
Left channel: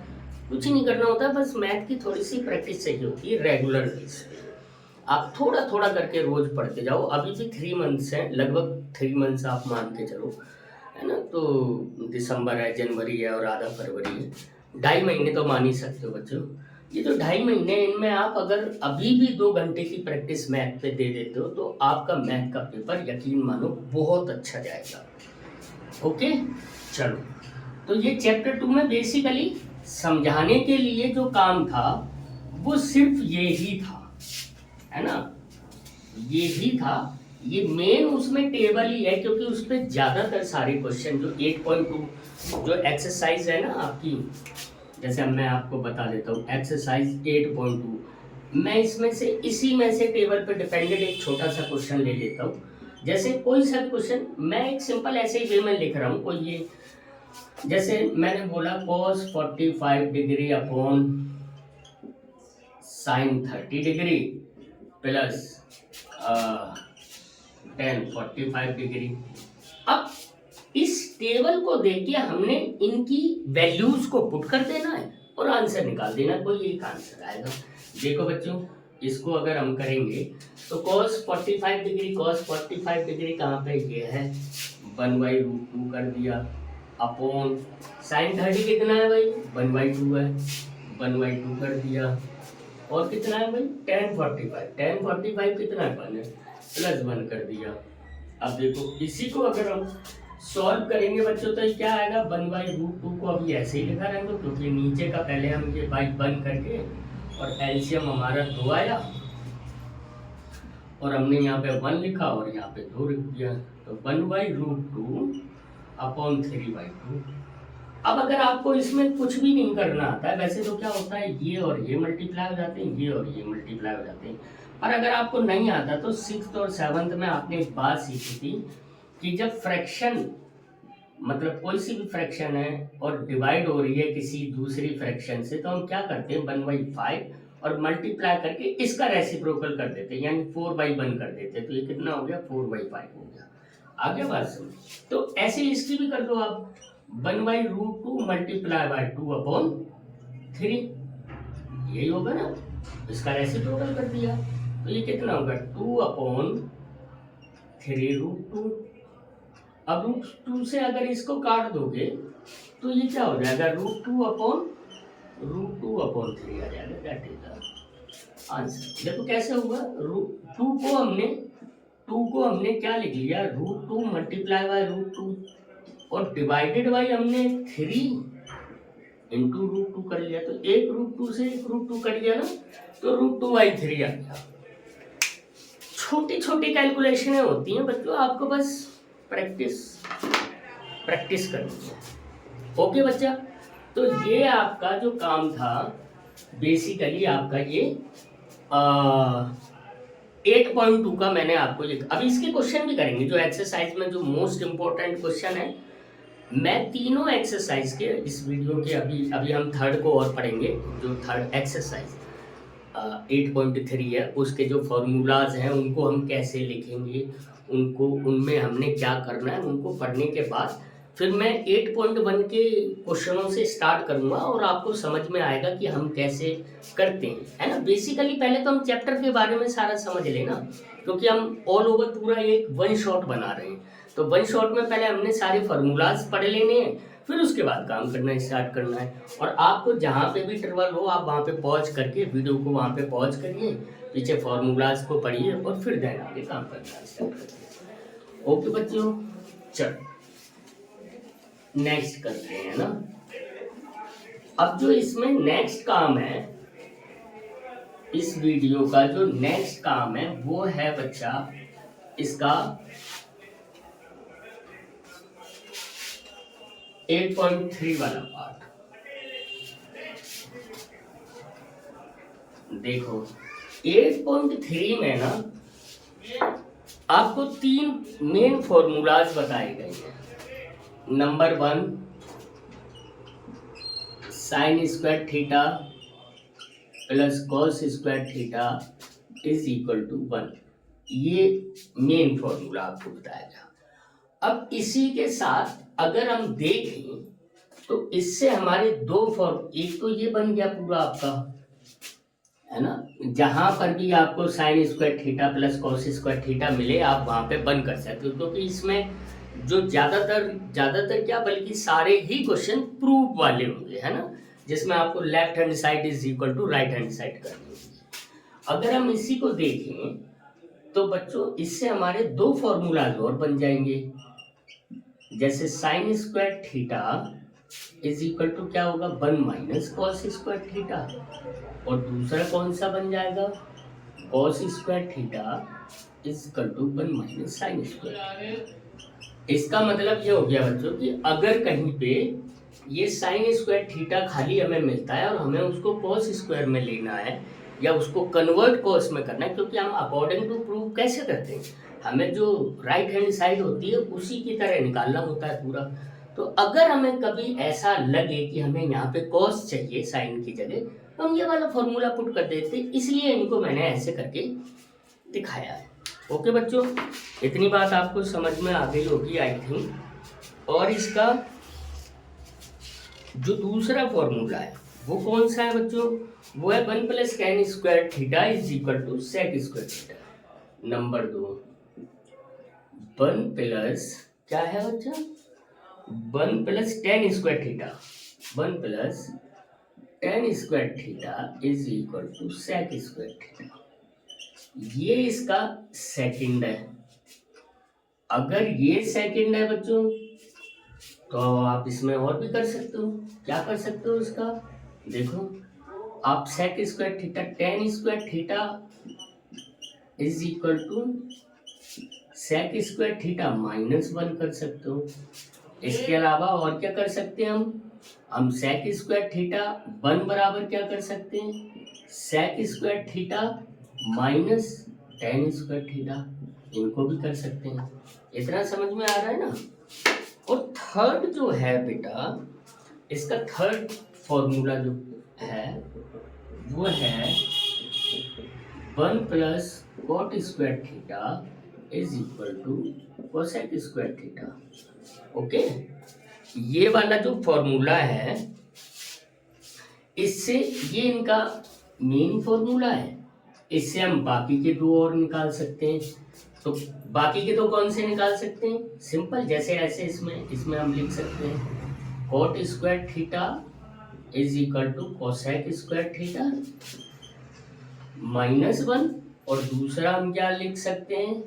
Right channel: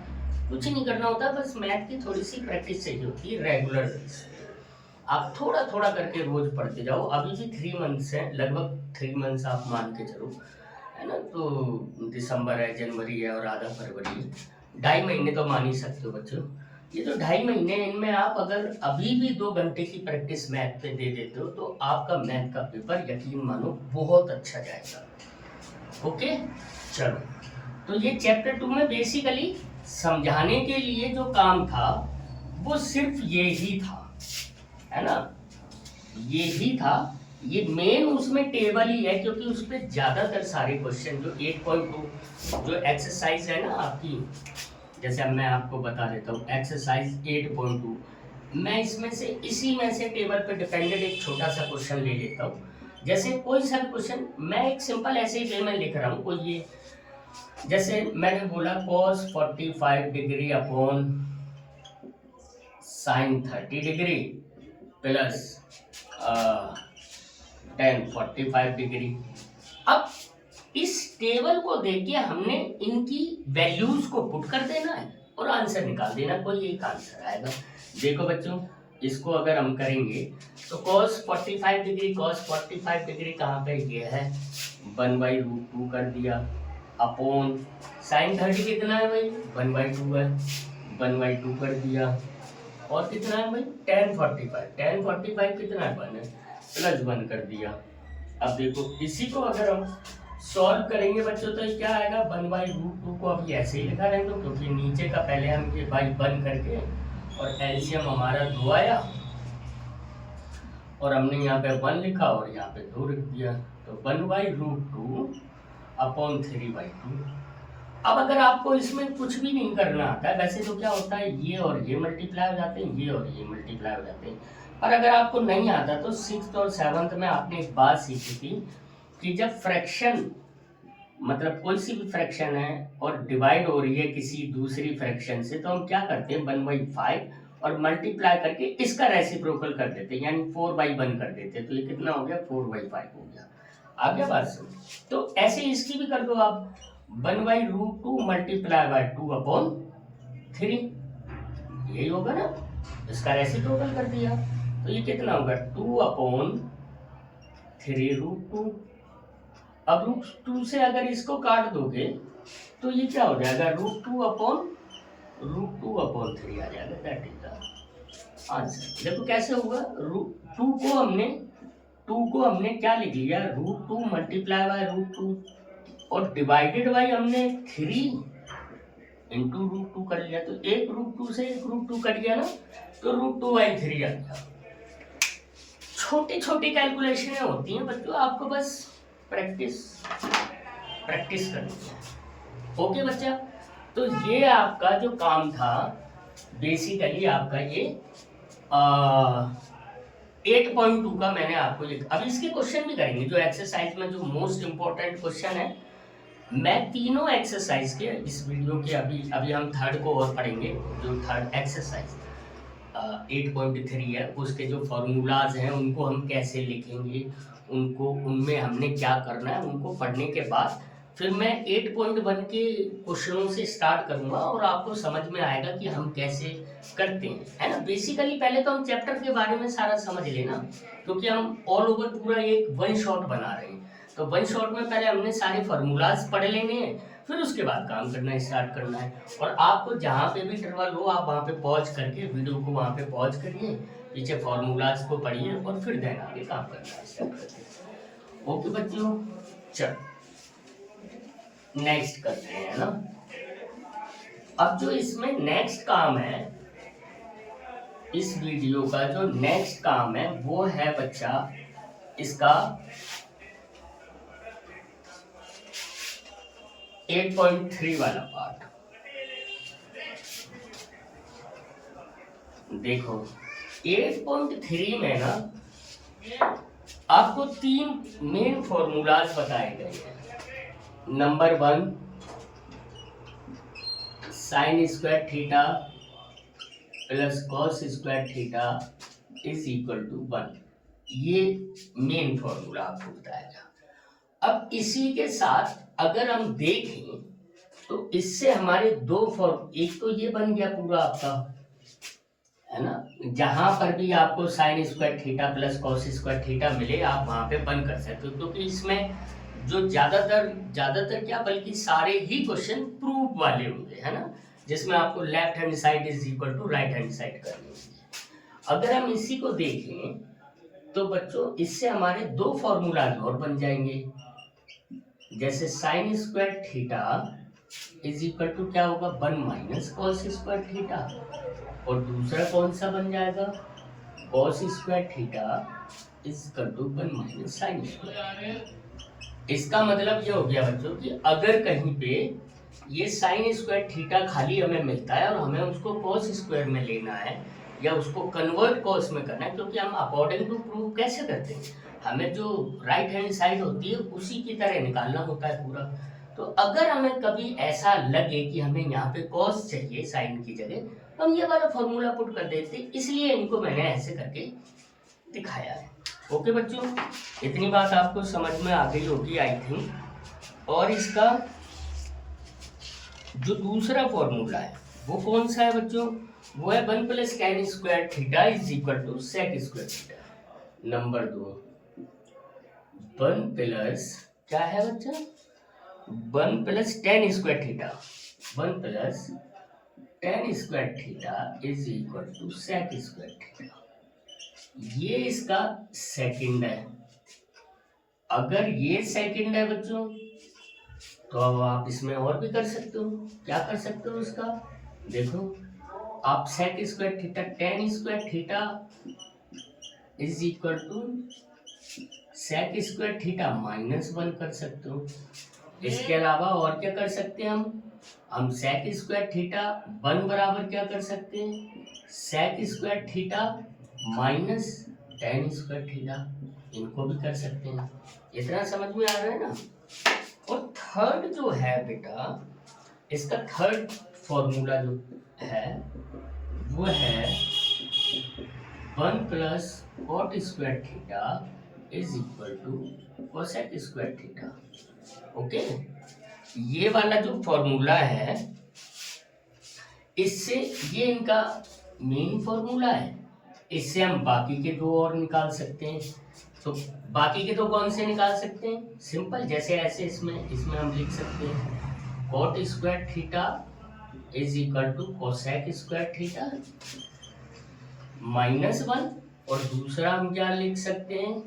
कुछ नहीं करना होता, बस मैथ की थोड़ी सी प्रैक्टिस चाहिए होती है रेगुलर बेस पे। आप थोड़ा थोड़ा करके रोज पढ़ते जाओ। अभी भी 3 मंथ्स हैं, लगभग 3 मंथ्स आप मान के चलो, है ना। तो दिसंबर है, जनवरी है और आधा फरवरी है, 2.5 महीने तो मान ही सकते हो बच्चों। ये जो 2.5 महीने, इनमें आप अगर अभी भी 2 घंटे की प्रैक्टिस मैथ पे दे देते हो तो आपका मैथ का पेपर यकीन मानो बहुत अच्छा जाएगा। ओके चलो, तो ये चैप्टर 2 में बेसिकली समझाने के लिए जो काम था वो सिर्फ ये ही था, है ना, ये ही था। ये मेन उसमें टेबल ही है, क्योंकि उस पर ज्यादातर सारे क्वेश्चन जो 8.2 जो एक्सरसाइज है ना आपकी, जैसे अब मैं आपको बता देता हूँ एक्सरसाइज 8.2, मैं इसमें से इसी में से टेबल पे डिपेंडेड एक छोटा सा क्वेश्चन ले लेता हूँ। जैसे कोई सा क्वेश्चन मैं एक सिंपल ऐसे ही वे में लिख रहा हूँ, कोई ये जैसे मैंने बोला cos 45 degree upon sin 30 degree plus tan 45 degree. अब इस टेबल को देख के हमने इनकी वैल्यूज को पुट कर देना है और आंसर निकाल देना, कोई एक आंसर आएगा। देखो बच्चों, इसको अगर हम करेंगे तो cos 45 डिग्री, cos 45 डिग्री कहाँ पे? ये है 1/√2 कर दिया, अपॉन sin 30 कितना है भाई? 1/2 है, 1/2 कर दिया, और कितना है भाई? tan 45, tan 45 कितना है? 1 है, +1 कर दिया। अब देखो इसी को अगर हम सॉल्व करेंगे बच्चों तो क्या आएगा? 1/√2 को अभी ऐसे ही लिखा रहेगा, क्योंकि नीचे का पहले हम ये बाई 1 करके और एलसीएम हमारा 2 आया और हमने यहाँ पे 1 लिखा और यहाँ पे 2 लिख दिया, तो 1/√2 अपॉन 3/2। अब अगर आपको इसमें कुछ भी नहीं करना आता है, वैसे तो क्या होता है ये और ये मल्टीप्लाई हो जाते हैं, ये और ये मल्टीप्लाई हो जाते हैं, पर अगर आपको नहीं आता तो 6th और 7th में आपने एक बात सीखी थी कि जब फ्रैक्शन, मतलब कोई सी भी फ्रैक्शन है और डिवाइड हो रही है किसी दूसरी फ्रैक्शन से, तो हम क्या करते हैं 1/5 और मल्टीप्लाई करके इसका रेसिप्रोकल कर देते हैं, यानी 4/1 कर देते हैं, तो ये कितना हो गया? 4/5 हो गया। आ गया बात समझ? तो ऐसे इसकी भी कर दो आप, 1/√2 मल्टीप्लाई बाय 2/3, यही होगा ना, इसका रेसिप्रोकल कर दिया, तो ये कितना होगा? 2/3√2। अब √2 से अगर इसको काट दोगे तो ये क्या हो जाएगा? √2/3 आ जाएगा, दैट इज द आंसर। देखो कैसे होगा, 2 को हमने क्या लिख लिया? √2 मल्टीप्लाई बाय √2 और डिवाइडेड बाई हमने 3 इंटू √2 कर लिया, तो एक √2 से एक √2 कट गया ना, तो √2/3 आ गया। छोटी छोटी कैलकुलेशनें होती हैं बच्चों, आपको बस प्रैक्टिस करनी है। ओके बच्चा, तो ये आपका जो काम था बेसिकली आपका ये 8.2 का मैंने आपको लिखा। अब इसके क्वेश्चन भी करेंगे, जो एक्सरसाइज में जो मोस्ट इम्पोर्टेंट क्वेश्चन है। मैं तीनों एक्सरसाइज के इस वीडियो के अभी अभी हम थर्ड को और पढ़ेंगे। जो थर्ड एक्सरसाइज 8.3 है, उसके जो फॉर्मूलाज हैं उनको हम कैसे लिखेंगे, उनको उनमें हमने क्या करना है, उनको पढ़ने के बाद फिर मैं 8.1 के क्वेश्चनों से स्टार्ट करूंगा और आपको समझ में आएगा कि हम कैसे करते हैं, है ना। बेसिकली पहले तो हम चैप्टर के बारे में सारा समझ लेना, क्योंकि हम ऑल ओवर पूरा एक वन शॉट बना रहे हैं। तो वन शॉट में पहले हमने सारे फार्मूलाज पढ़ लेने हैं, फिर उसके बाद काम करना स्टार्ट करना है। और आपको जहाँ पे भी ट्रबल हो आप वहाँ पे पॉज करके वीडियो को वहाँ पे पॉज करिए, पीछे फार्मूलाज को पढ़िए और फिर देन आगे काम करना स्टार्ट करिए। ओके बच्चों, चलो नेक्स्ट करते हैं ना। अब जो इसमें नेक्स्ट काम है, इस वीडियो का जो नेक्स्ट काम है वो है बच्चा इसका 8.3 वाला पार्ट। देखो 8.3 में ना आपको तीन मेन फॉर्मूलाज बताए गए हैं। Number 1 sine square theta plus cos square theta is equal to 1, ये मेन फॉर्मूला आपको बताया गया। अब इसी के साथ अगर हम देखें तो इससे हमारे दो फॉर्म, एक तो ये बन गया पूरा आपका, है ना। जहां पर भी आपको sign square theta plus cos square theta मिले आप वहां पे बंद कर सकते हो, क्योंकि इसमें जो ज्यादातर क्या बल्कि सारे ही क्वेश्चन प्रूफ वाले होंगे, है ना, जिसमें आपको left hand side is equal to right hand side करनी होगी। अगर हम इसी को देखें तो बच्चों इससे हमारे दो फॉर्मूलाज और बन जाएंगे। जैसे sine square theta is equal to क्या होगा 1 माइनस कॉस स्क्वायर थीटा, और दूसरा कौन सा बन जाएगा cos square theta is equal to 1 minus sine square. इसका मतलब ये हो गया बच्चों कि अगर कहीं पे ये साइन स्क्वायर थीटा खाली हमें मिलता है और हमें उसको कॉस स्क्वायर में लेना है या उसको कन्वर्ट कॉस में करना है, क्योंकि हम अकॉर्डिंग टू प्रूफ कैसे करते हैं, हमें जो राइट हैंड साइड होती है उसी की तरह निकालना होता है पूरा। तो अगर हमें कभी ऐसा लगे कि हमें यहाँ पे कॉस चाहिए साइन की जगह, तो हम ये वाला फॉर्मूला पुट कर देते, इसलिए इनको मैंने ऐसे करके दिखाया है। ओके बच्चों, इतनी बात आपको समझ में आ गई होगी आई थिंक। और इसका जो दूसरा फॉर्मूला है वो कौन सा है बच्चों, वो है 1 plus tan square theta is equal to sec square theta. Number 2 1 plus क्या है बच्चा 1 plus tan square theta, 1 plus tan square theta is equal to sec square theta. ये इसका सेकंड है। अगर ये सेकंड है बच्चों तो आप इसमें और भी कर सकते हो। क्या कर सकते हो इसका, देखो आप sec square theta tan square theta is equal to sec square theta -1 कर सकते हो। इसके अलावा और क्या कर सकते हैं हम सेक स्क्वायर थीटा 1 बराबर क्या कर सकते हैं sec square theta minus tan square theta, इनको भी कर सकते हैं। इतना समझ में आ रहा है ना। और थर्ड जो है बेटा, इसका थर्ड फॉर्मूला जो है वो है 1 plus cot square theta is equal to cosec square theta. Okay, ये वाला जो फॉर्मूला है इससे ये इनका मेन फॉर्मूला है, इससे हम बाकी के दो और निकाल सकते हैं। तो बाकी के दो कौन से निकाल सकते हैं, सिंपल, जैसे ऐसे इसमें हम लिख सकते हैं cot square theta is equal to cosec square theta -1, और दूसरा हम क्या लिख सकते हैं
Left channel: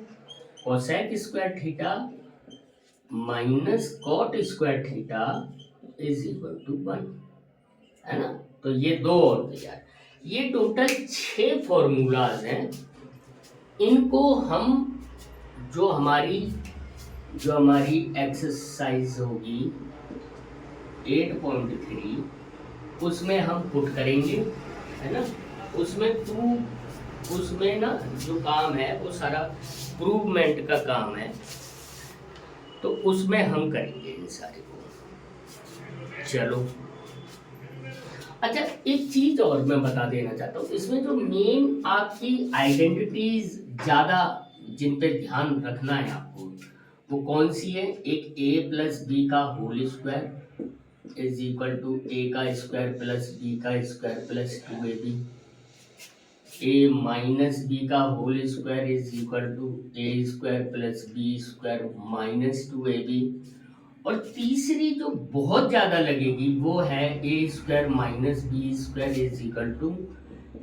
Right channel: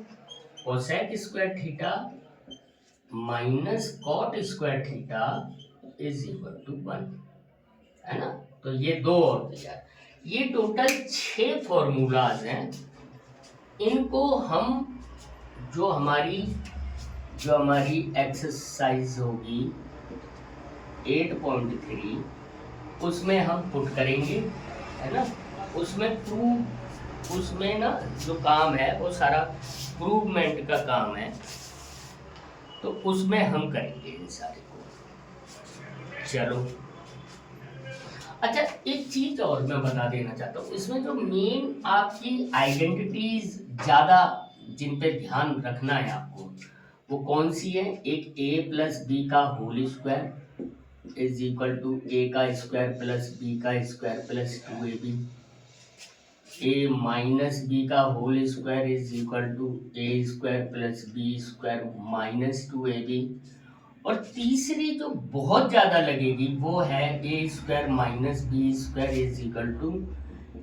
cosec square theta minus cot square theta is equal to 1, है ना। तो ये दो और तैयार, ये टोटल 6 फॉर्मूलाज हैं। इनको हम जो हमारी एक्सरसाइज होगी 8.3 उसमें हम पुट करेंगे, है ना। उसमें प्रूफ उसमें ना जो काम है वो सारा प्रूवमेंट का काम है, तो उसमें हम करेंगे इन सारे को। चलो, अच्छा एक चीज और मैं बता देना चाहता हूँ, इसमें जो मेन आपकी आइडेंटिटीज ज़्यादा जिन पे ध्यान रखना है आपको, वो कौन सी है? एक a प्लस बी का whole square is equal to a का स्क्वायर प्लस b का square plus 2ab, a minus B का whole square is equal to a square plus b square minus 2ab, और तीसरी जो बहुत ज़्यादा लगेगी वो है A square minus B square is equal to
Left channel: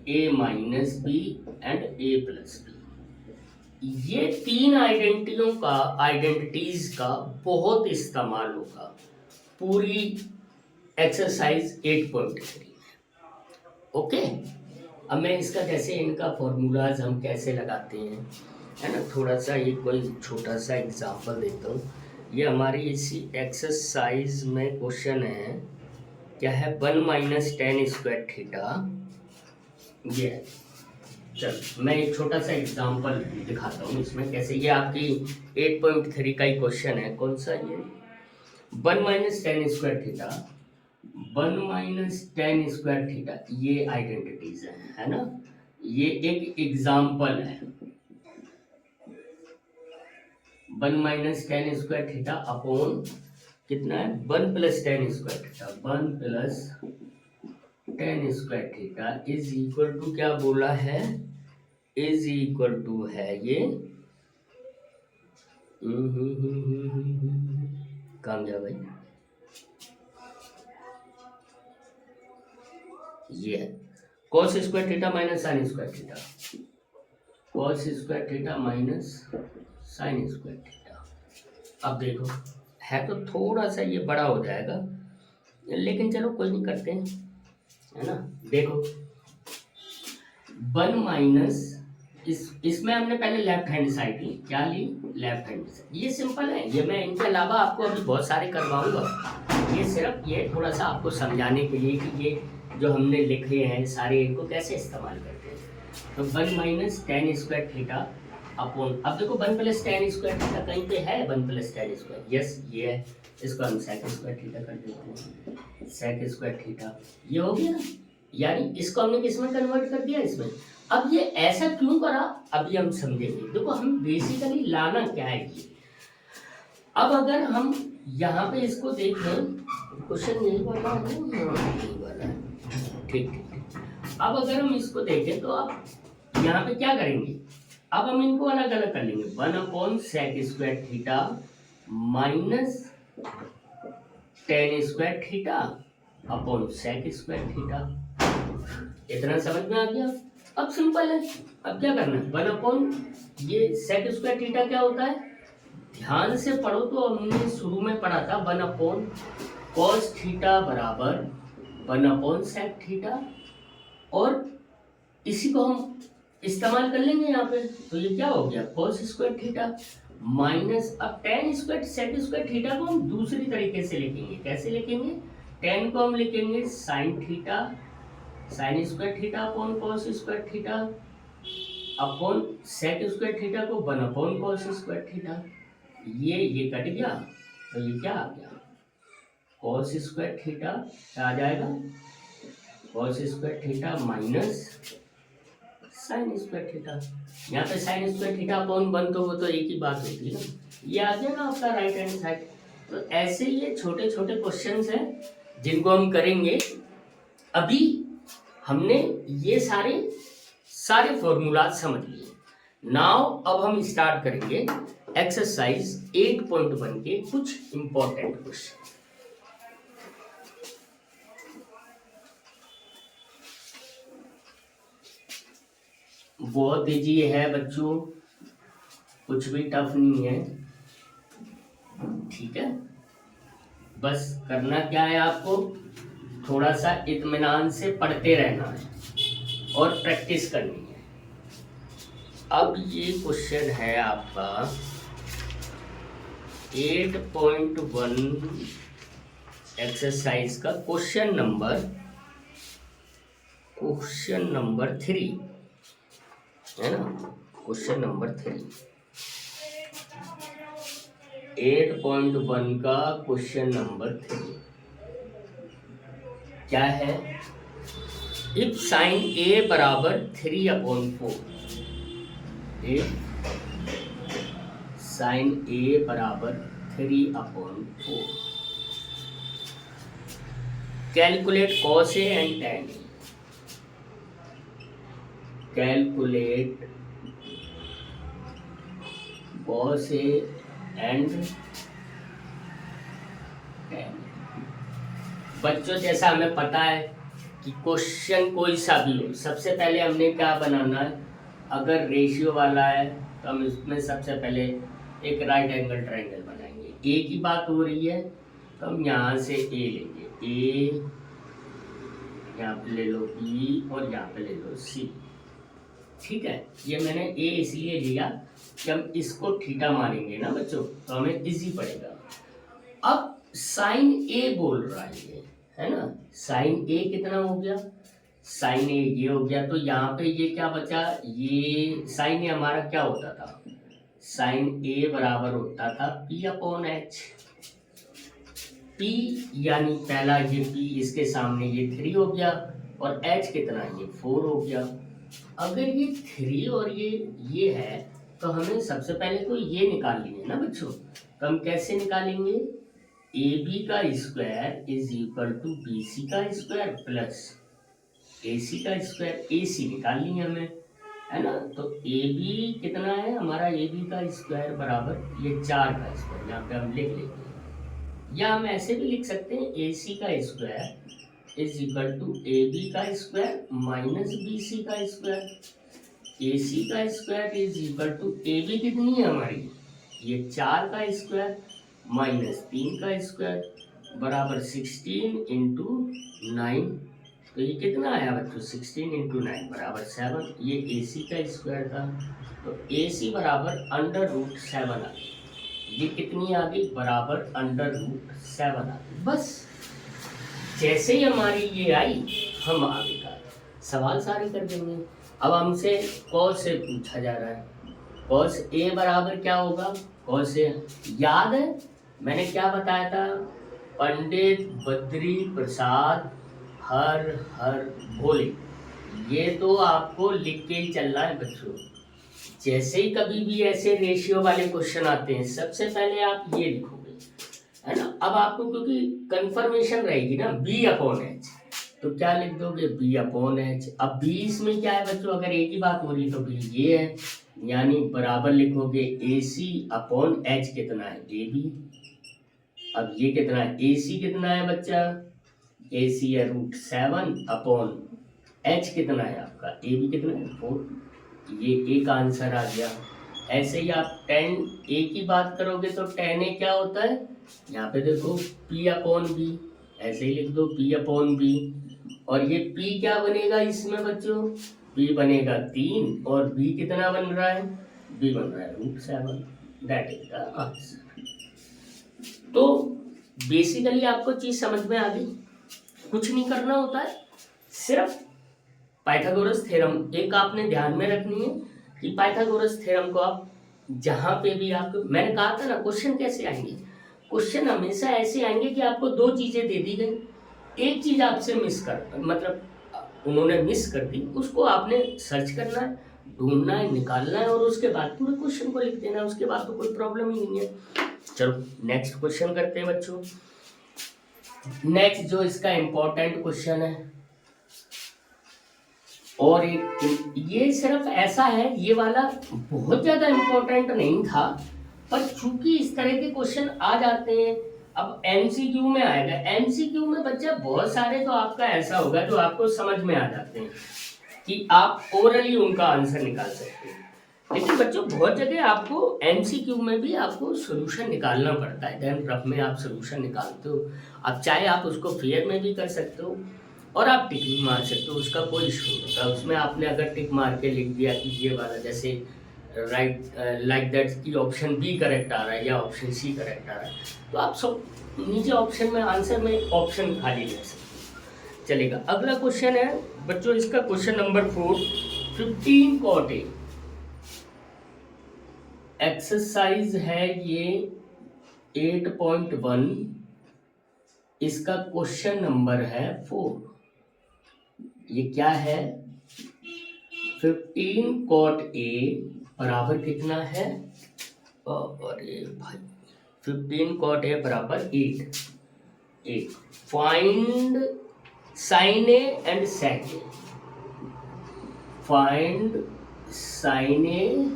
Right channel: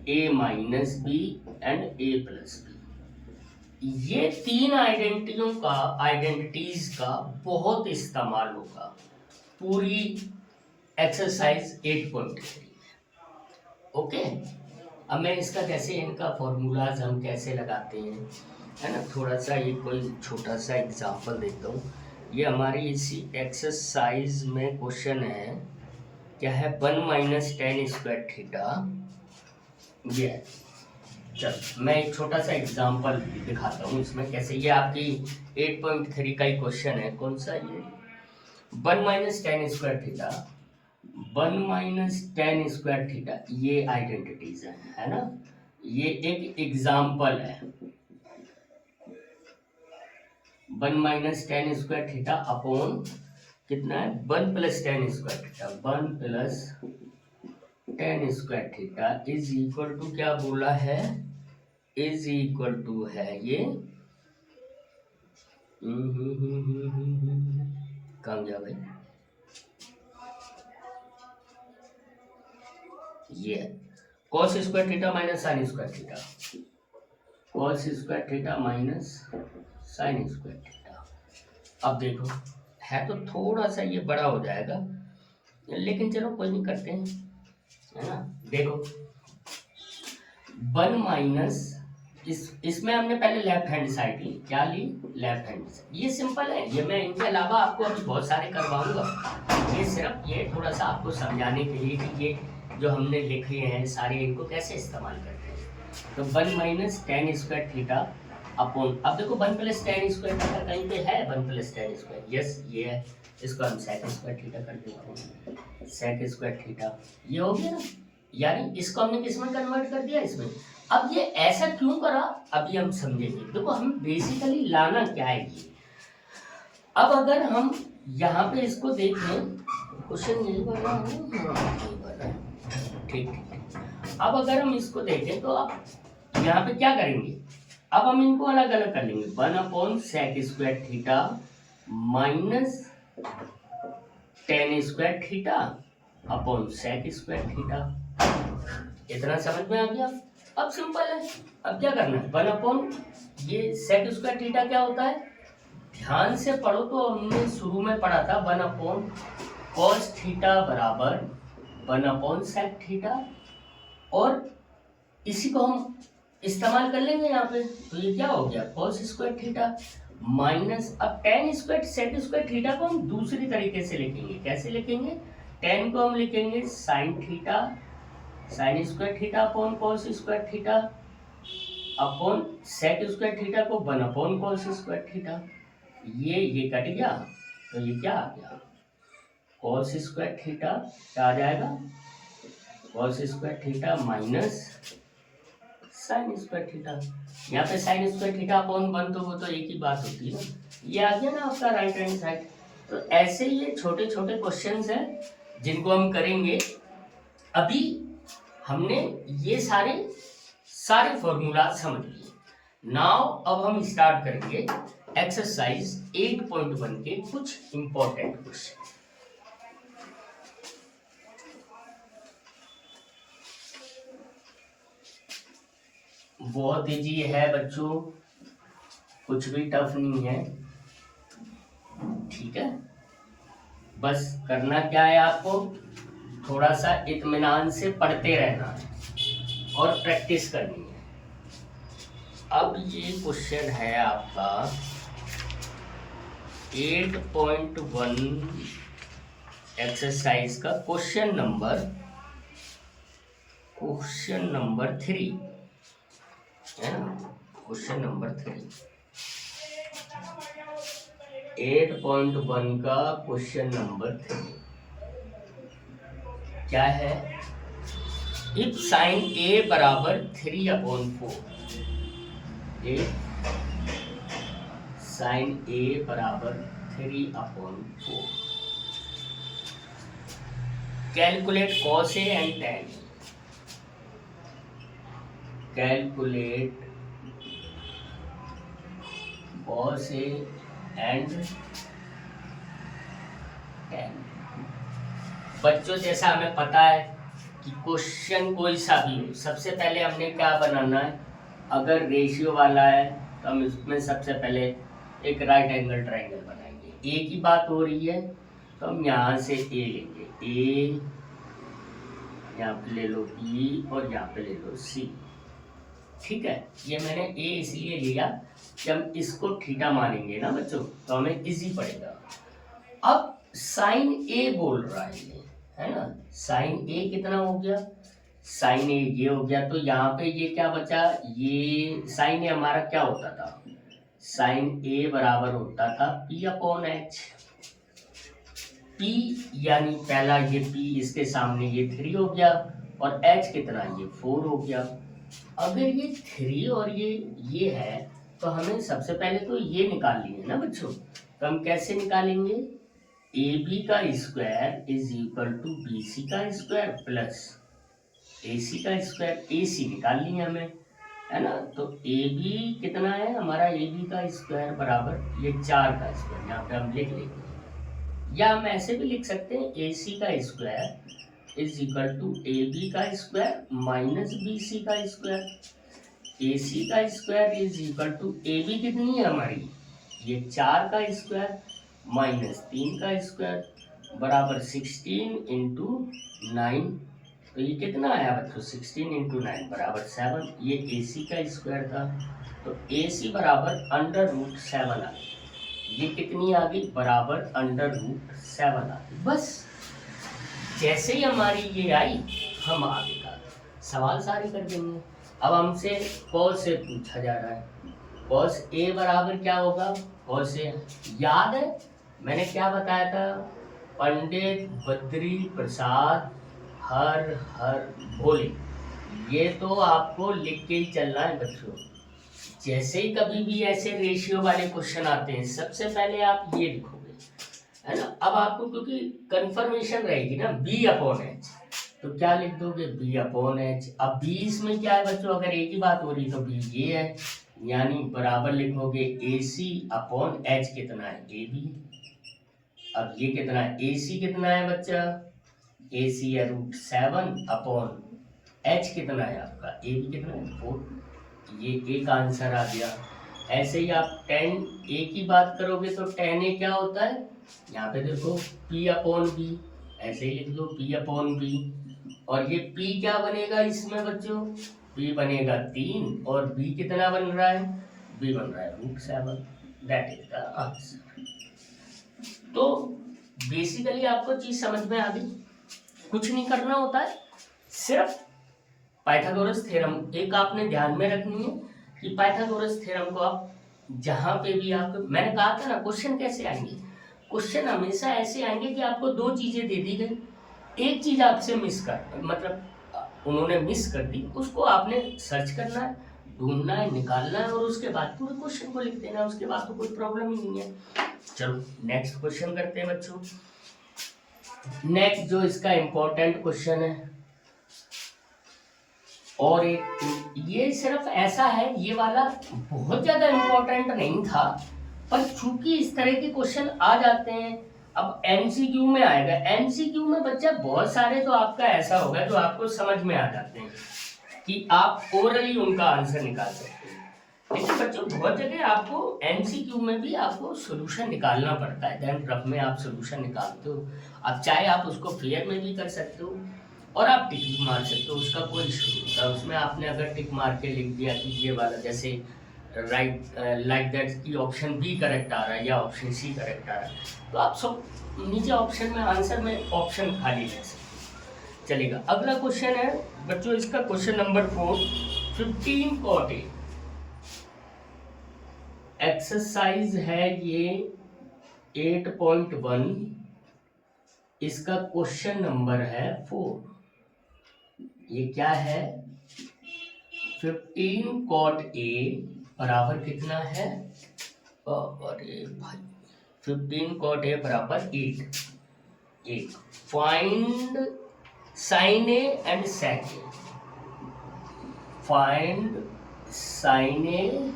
A minus B and A plus B. ये तीन आइडेंटिटीज का बहुत इस्तेमाल होगा पूरी एक्सरसाइज 8.3 में। ओके, अब मैं इसका कैसे, इनका फॉर्मूलाज हम कैसे लगाते हैं, है ना, थोड़ा सा ये कोई छोटा सा एग्जांपल देता हूँ। ये हमारी इसी एक्सरसाइज में क्वेश्चन है, क्या है, 1 माइनस टेन स्क्वायर थीटा। ये चल मैं एक छोटा सा एग्जांपल दिखाता हूँ इसमें कैसे, ये आपकी 8.3 का ही क्वेश्चन है। कौन सा ये? 1 minus tan square theta, 1 minus tan square theta, ये आइडेंटिटीज है ना, ये एक एग्जाम्पल है। 1 minus tan square theta upon कितना है, 1 plus tan square theta, 1 plus tan square theta is equal to क्या बोला है, इज इक्वल टू है ये कहाँ गया भाई, ये cos square theta minus sine square theta, cos square theta minus sine square theta. अब देखो है तो थोड़ा सा ये बड़ा हो जाएगा, लेकिन चलो कोई नहीं, करते हैं, है ना। देखो 1 माइनस इसमें हमने पहले लेफ्ट हैंड साइड ली, क्या ली, लेफ्ट हैंड साइड। ये सिंपल है, ये मैं इनके अलावा आपको अभी बहुत सारे करवाऊंगा, ये सिर्फ ये थोड़ा सा आपको समझाने के लिए कि ये जो हमने लिखे हैं सारे, इनको कैसे इस्तेमाल करते हैं। तो 1 minus tan square theta upon, अब देखो 1 प्लस टेन स्क्वायर थीटा कहीं पे है, 1 प्लस टेन स्क्वायर, यस ये है, इसको हम सेक स्क्वायर थीटा कर देते हैं, सेक स्क्वायर थीटा, ये हो गया ना, यानी इसको हमने किस में कन्वर्ट कर दिया, इसमें। अब ये ऐसा क्यों करा, अभी हम समझेंगे। देखो हम बेसिकली लाना क्या है ये, अब अगर हम यहाँ पे इसको देखें, क्वेश्चन यही वाला है, हाँ यही वाला है, ठीक ठीक। अब अगर हम इसको देखें तो अब यहाँ पे क्या करेंगे, अब हम इनको अलग अलग कर लेंगे, 1 upon sec square theta minus tan square theta upon sec square theta. इतना समझ में आ गया। अब सिंपल है, अब क्या करना है, 1 अपॉन ये सेक स्क्वायर थीटा क्या होता है, ध्यान से पढ़ो तो हमने शुरू में पढ़ा था 1 अपॉन कॉस थीटा बराबर 1 अपॉन सेक थीटा, और इसी को हम इस्तेमाल कर लेंगे यहाँ पे। तो ये क्या हो गया, कॉस स्क्वायर थीटा माइनस, अब tan square sec square theta को हम दूसरी तरीके से लिखेंगे, कैसे लिखेंगे, टेन को हम लिखेंगे sine theta, sine square theta upon cos square theta upon sec square theta को 1 अपॉन कॉस स्क्वायर थीटा। ये कट गया, तो ये क्या आ गया, कॉस स्क्वायर थीटा क्या आ जाएगा, cos square theta minus sine square theta. यहाँ पे साइन स्क्वायर थीटा अपॉन 1 तो वो तो एक ही बात होती है ना, ये आ गया ना आपका राइट हैंड साइड। तो ऐसे ये छोटे छोटे क्वेश्चंस हैं जिनको हम करेंगे। अभी हमने ये सारे फॉर्मूला समझ लिए। नाउ अब हम स्टार्ट करेंगे एक्सरसाइज 8.1 के कुछ इंपॉर्टेंट क्वेश्चन। बहुत इजी है बच्चों, कुछ भी टफ नहीं है, ठीक है। बस करना क्या है आपको, थोड़ा सा इत्मीनान से पढ़ते रहना है और प्रैक्टिस करनी है। अब ये क्वेश्चन है आपका 8.1 एक्सरसाइज का क्वेश्चन नंबर 3। है ना। क्वेश्चन नंबर 3 8.1 का क्वेश्चन नंबर 3 क्या है? इफ साइन ए बराबर 3/4, इफ साइन ए बराबर 3/4, calculate cos A and ten, calculate cos A and ten. बच्चों जैसा हमें पता है कि क्वेश्चन कोई सा भी हो, सबसे पहले हमने क्या बनाना है, अगर रेशियो वाला है तो हम इसमें सबसे पहले एक राइट एंगल ट्रायंगल बनाएंगे। ए की बात हो रही है तो हम यहाँ से ए लेंगे, ए यहाँ पे ले लो बी और यहाँ पे ले लो सी। ठीक है, ये मैंने ए इसलिए लिया कि हम इसको थीटा मानेंगे ना बच्चों, तो हमें इजी पड़ेगा। अब साइन ए बोल रहा है ये, है ना। साइन ए कितना हो गया? साइन ए ये हो गया, तो यहाँ पे ये क्या बचा? ये साइन ए हमारा क्या होता था? साइन ए बराबर होता था P/H। P यानी पहला ये P, इसके सामने ये 3 हो गया, और H कितना? ये 4 हो गया। अगर ये 3 और ये है तो हमें सबसे पहले तो ये निकालनी है ना बच्चों। तो हम कैसे निकालेंगे? AB का square is equal to BC का स्क्वायर प्लस AC का स्क्वायर। AC निकालनी है हमें, है ना। तो AB कितना है हमारा? AB का स्क्वायर बराबर ये 4 का स्क्वायर, यहाँ पे हम लिख लेंगे, या हम ऐसे भी लिख सकते हैं AC का square is equal to AB का स्क्वायर माइनस BC का स्क्वायर। AC का square is equal to AB कितनी है हमारी? ये 4 का स्क्वायर माइनस 3 का स्क्वायर बराबर 16 इंटू 9। तो ये कितना आया बच्चों? 16 इंटू 9 बराबर 7। ये AC का स्क्वायर था, तो AC बराबर √7 आ गई। ये कितनी आ गई? बराबर √7 आ गई। बस जैसे ही हमारी ये आई, हम आगे का सवाल सारे कर देंगे। अब हमसे कॉस से पूछा जा रहा है, कॉस ए बराबर क्या होगा? कॉस ए याद है मैंने क्या बताया था? पंडित बद्री प्रसाद हर हर भोले। ये तो आपको लिख के ही चलना है बच्चों। जैसे ही कभी भी ऐसे रेशियो वाले क्वेश्चन आते हैं, सबसे पहले आप ये लिखोगे, है ना। अब आपको क्योंकि कंफर्मेशन रहेगी ना B/H, तो क्या लिख दोगे? B/H। अब B इसमें क्या है बच्चों? अगर A की बात हो रही तो B ये है, यानी बराबर लिखोगे AC/H कितना है? AB। अब ये कितना है? AC कितना है बच्चा? AC है √7/H कितना है आपका? AB कितना है? 4। ये एक आंसर आ गया। ऐसे ही आप tan A की बात करोगे तो tan A क्या होता है? यहाँ पे देखो P/B, ऐसे ही लिख दो P/B। और ये P क्या बनेगा इसमें बच्चों? P बनेगा 3, और B कितना बन रहा है? B बन रहा है √7। That is the answer. तो बेसिकली आपको चीज समझ में आ गई। कुछ नहीं करना होता है, सिर्फ पाइथागोरस थ्योरम एक आपने ध्यान में रखनी है कि पाइथागोरस थ्योरम को आप जहां पे भी आप, मैंने कहा था ना क्वेश्चन कैसे आएंगे, क्वेश्चन हमेशा ऐसे आएंगे कि आपको 2 चीजें दे दी गई, एक चीज आपसे मिस कर, मतलब उन्होंने मिस कर दी, उसको आपने सर्च करना है, ढूंढना है, निकालना है, और उसके बाद पूरे क्वेश्चन को लिख देना है। उसके बाद तो कोई प्रॉब्लम ही नहीं है। चलो नेक्स्ट क्वेश्चन करते हैं बच्चों। नेक्स्ट जो इसका इम्पोर्टेंट क्वेश्चन है, और एक ये सिर्फ ऐसा है, ये वाला बहुत ज्यादा इम्पोर्टेंट नहीं था, पर चूंकि इस तरह के क्वेश्चन आ जाते हैं, अब एमसीक्यू में आएगा। एमसीक्यू में बच्चा बहुत सारे तो आपका ऐसा होगा जो आपको समझ में आ जाते हैं कि आप ओरली उनका आंसर निकाल सकते हैं, लेकिन बच्चों बहुत जगह आपको एमसीक्यू में भी आपको सोल्यूशन निकालना पड़ता है। देन रफ में आप सोल्यूशन निकालते हो, अब चाहे आप उसको फेयर में भी कर सकते हो और आप टिक भी मार सकते हो, उसका कोई इशू नहीं होता। उसमें आपने अगर टिक मार के लिख दिया कि ये वाला, जैसे राइट लाइक दैट कि ऑप्शन बी करेक्ट आ रहा है या ऑप्शन सी करेक्ट आ रहा है, तो आप सब नीचे ऑप्शन में आंसर में ऑप्शन खाली लिख सकते हो। चलेगा, अगला क्वेश्चन है बच्चों, इसका question number 4, 15 cot A exercise है ये 8.1, इसका क्वेश्चन नंबर है 4। ये क्या है? 15 cot A बराबर कितना है? अरे भाई 15 cot A बराबर 8। Find sine A and sec A. Find sine A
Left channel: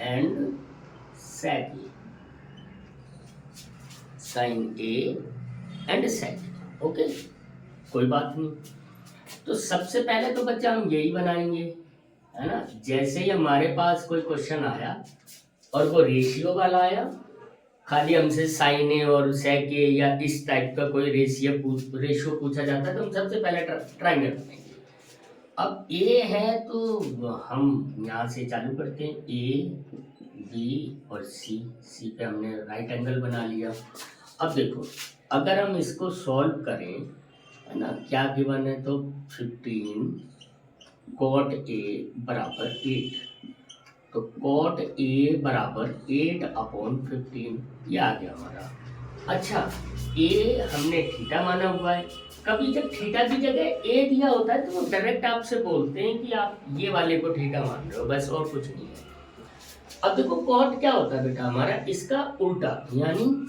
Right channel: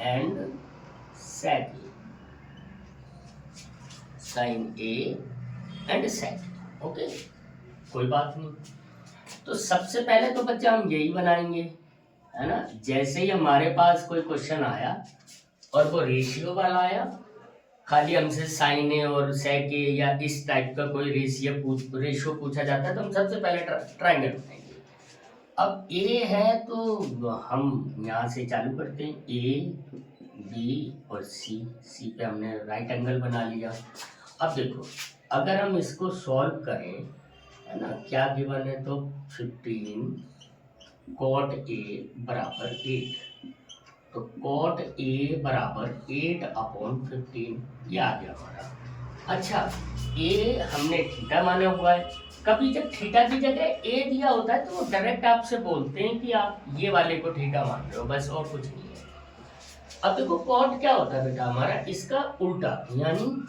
and sec A. Sine A and sec. Okay, कोई बात नहीं। तो सबसे पहले तो बच्चा हम यही बनाएंगे, है ना। जैसे ही हमारे पास कोई क्वेश्चन आया और वो रेशियो वाला आया, खाली हमसे साइन ए और सेक ए या इस टाइप का कोई रेशियो पूछा जाता है, तो हम सबसे पहले ट्रायंगल बनाएंगे। अब ए है तो हम यहाँ से चालू करते हैं, ए बी और सी पे हमने राइट एंगल बना लिया। अब देखो, अगर हम इसको सॉल्व करें, है ना, क्या गिवन है, तो 15 cot A बराबर 8, तो cot A बराबर 8/15, ये आ गया हमारा। अच्छा, A हमने थीटा माना हुआ है। कभी जब थीटा की जगह A दिया होता है तो वो डायरेक्ट आपसे बोलते हैं कि आप ये वाले को थीटा मान रहे हो, बस, और कुछ नहीं है। अब देखो cot क्या होता है बेटा हमारा, इसका उल्टा, यानी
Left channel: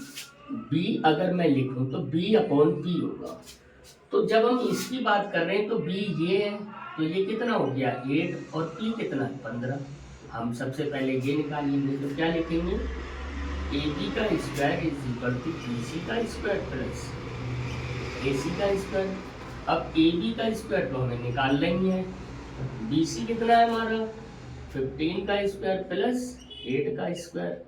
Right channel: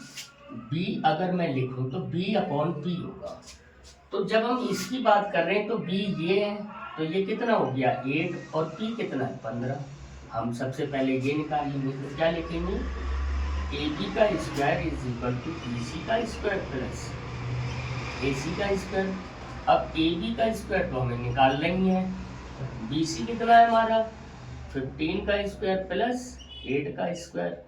B अगर मैं लिखूं तो B/P होगा। तो जब हम इसकी बात कर रहे हैं तो B ये है, तो ये कितना हो गया 8, और P कितना है 15। हम सबसे पहले ये निकाल लेंगे, तो क्या लिखेंगे, AB का square is equal to BC का स्क्वायर प्लस AC का स्क्वायर। अब AB का स्क्वायर तो हमें निकाल लेंगे है, BC कितना है हमारा 15 का स्क्वायर प्लस 8 का स्क्वायर,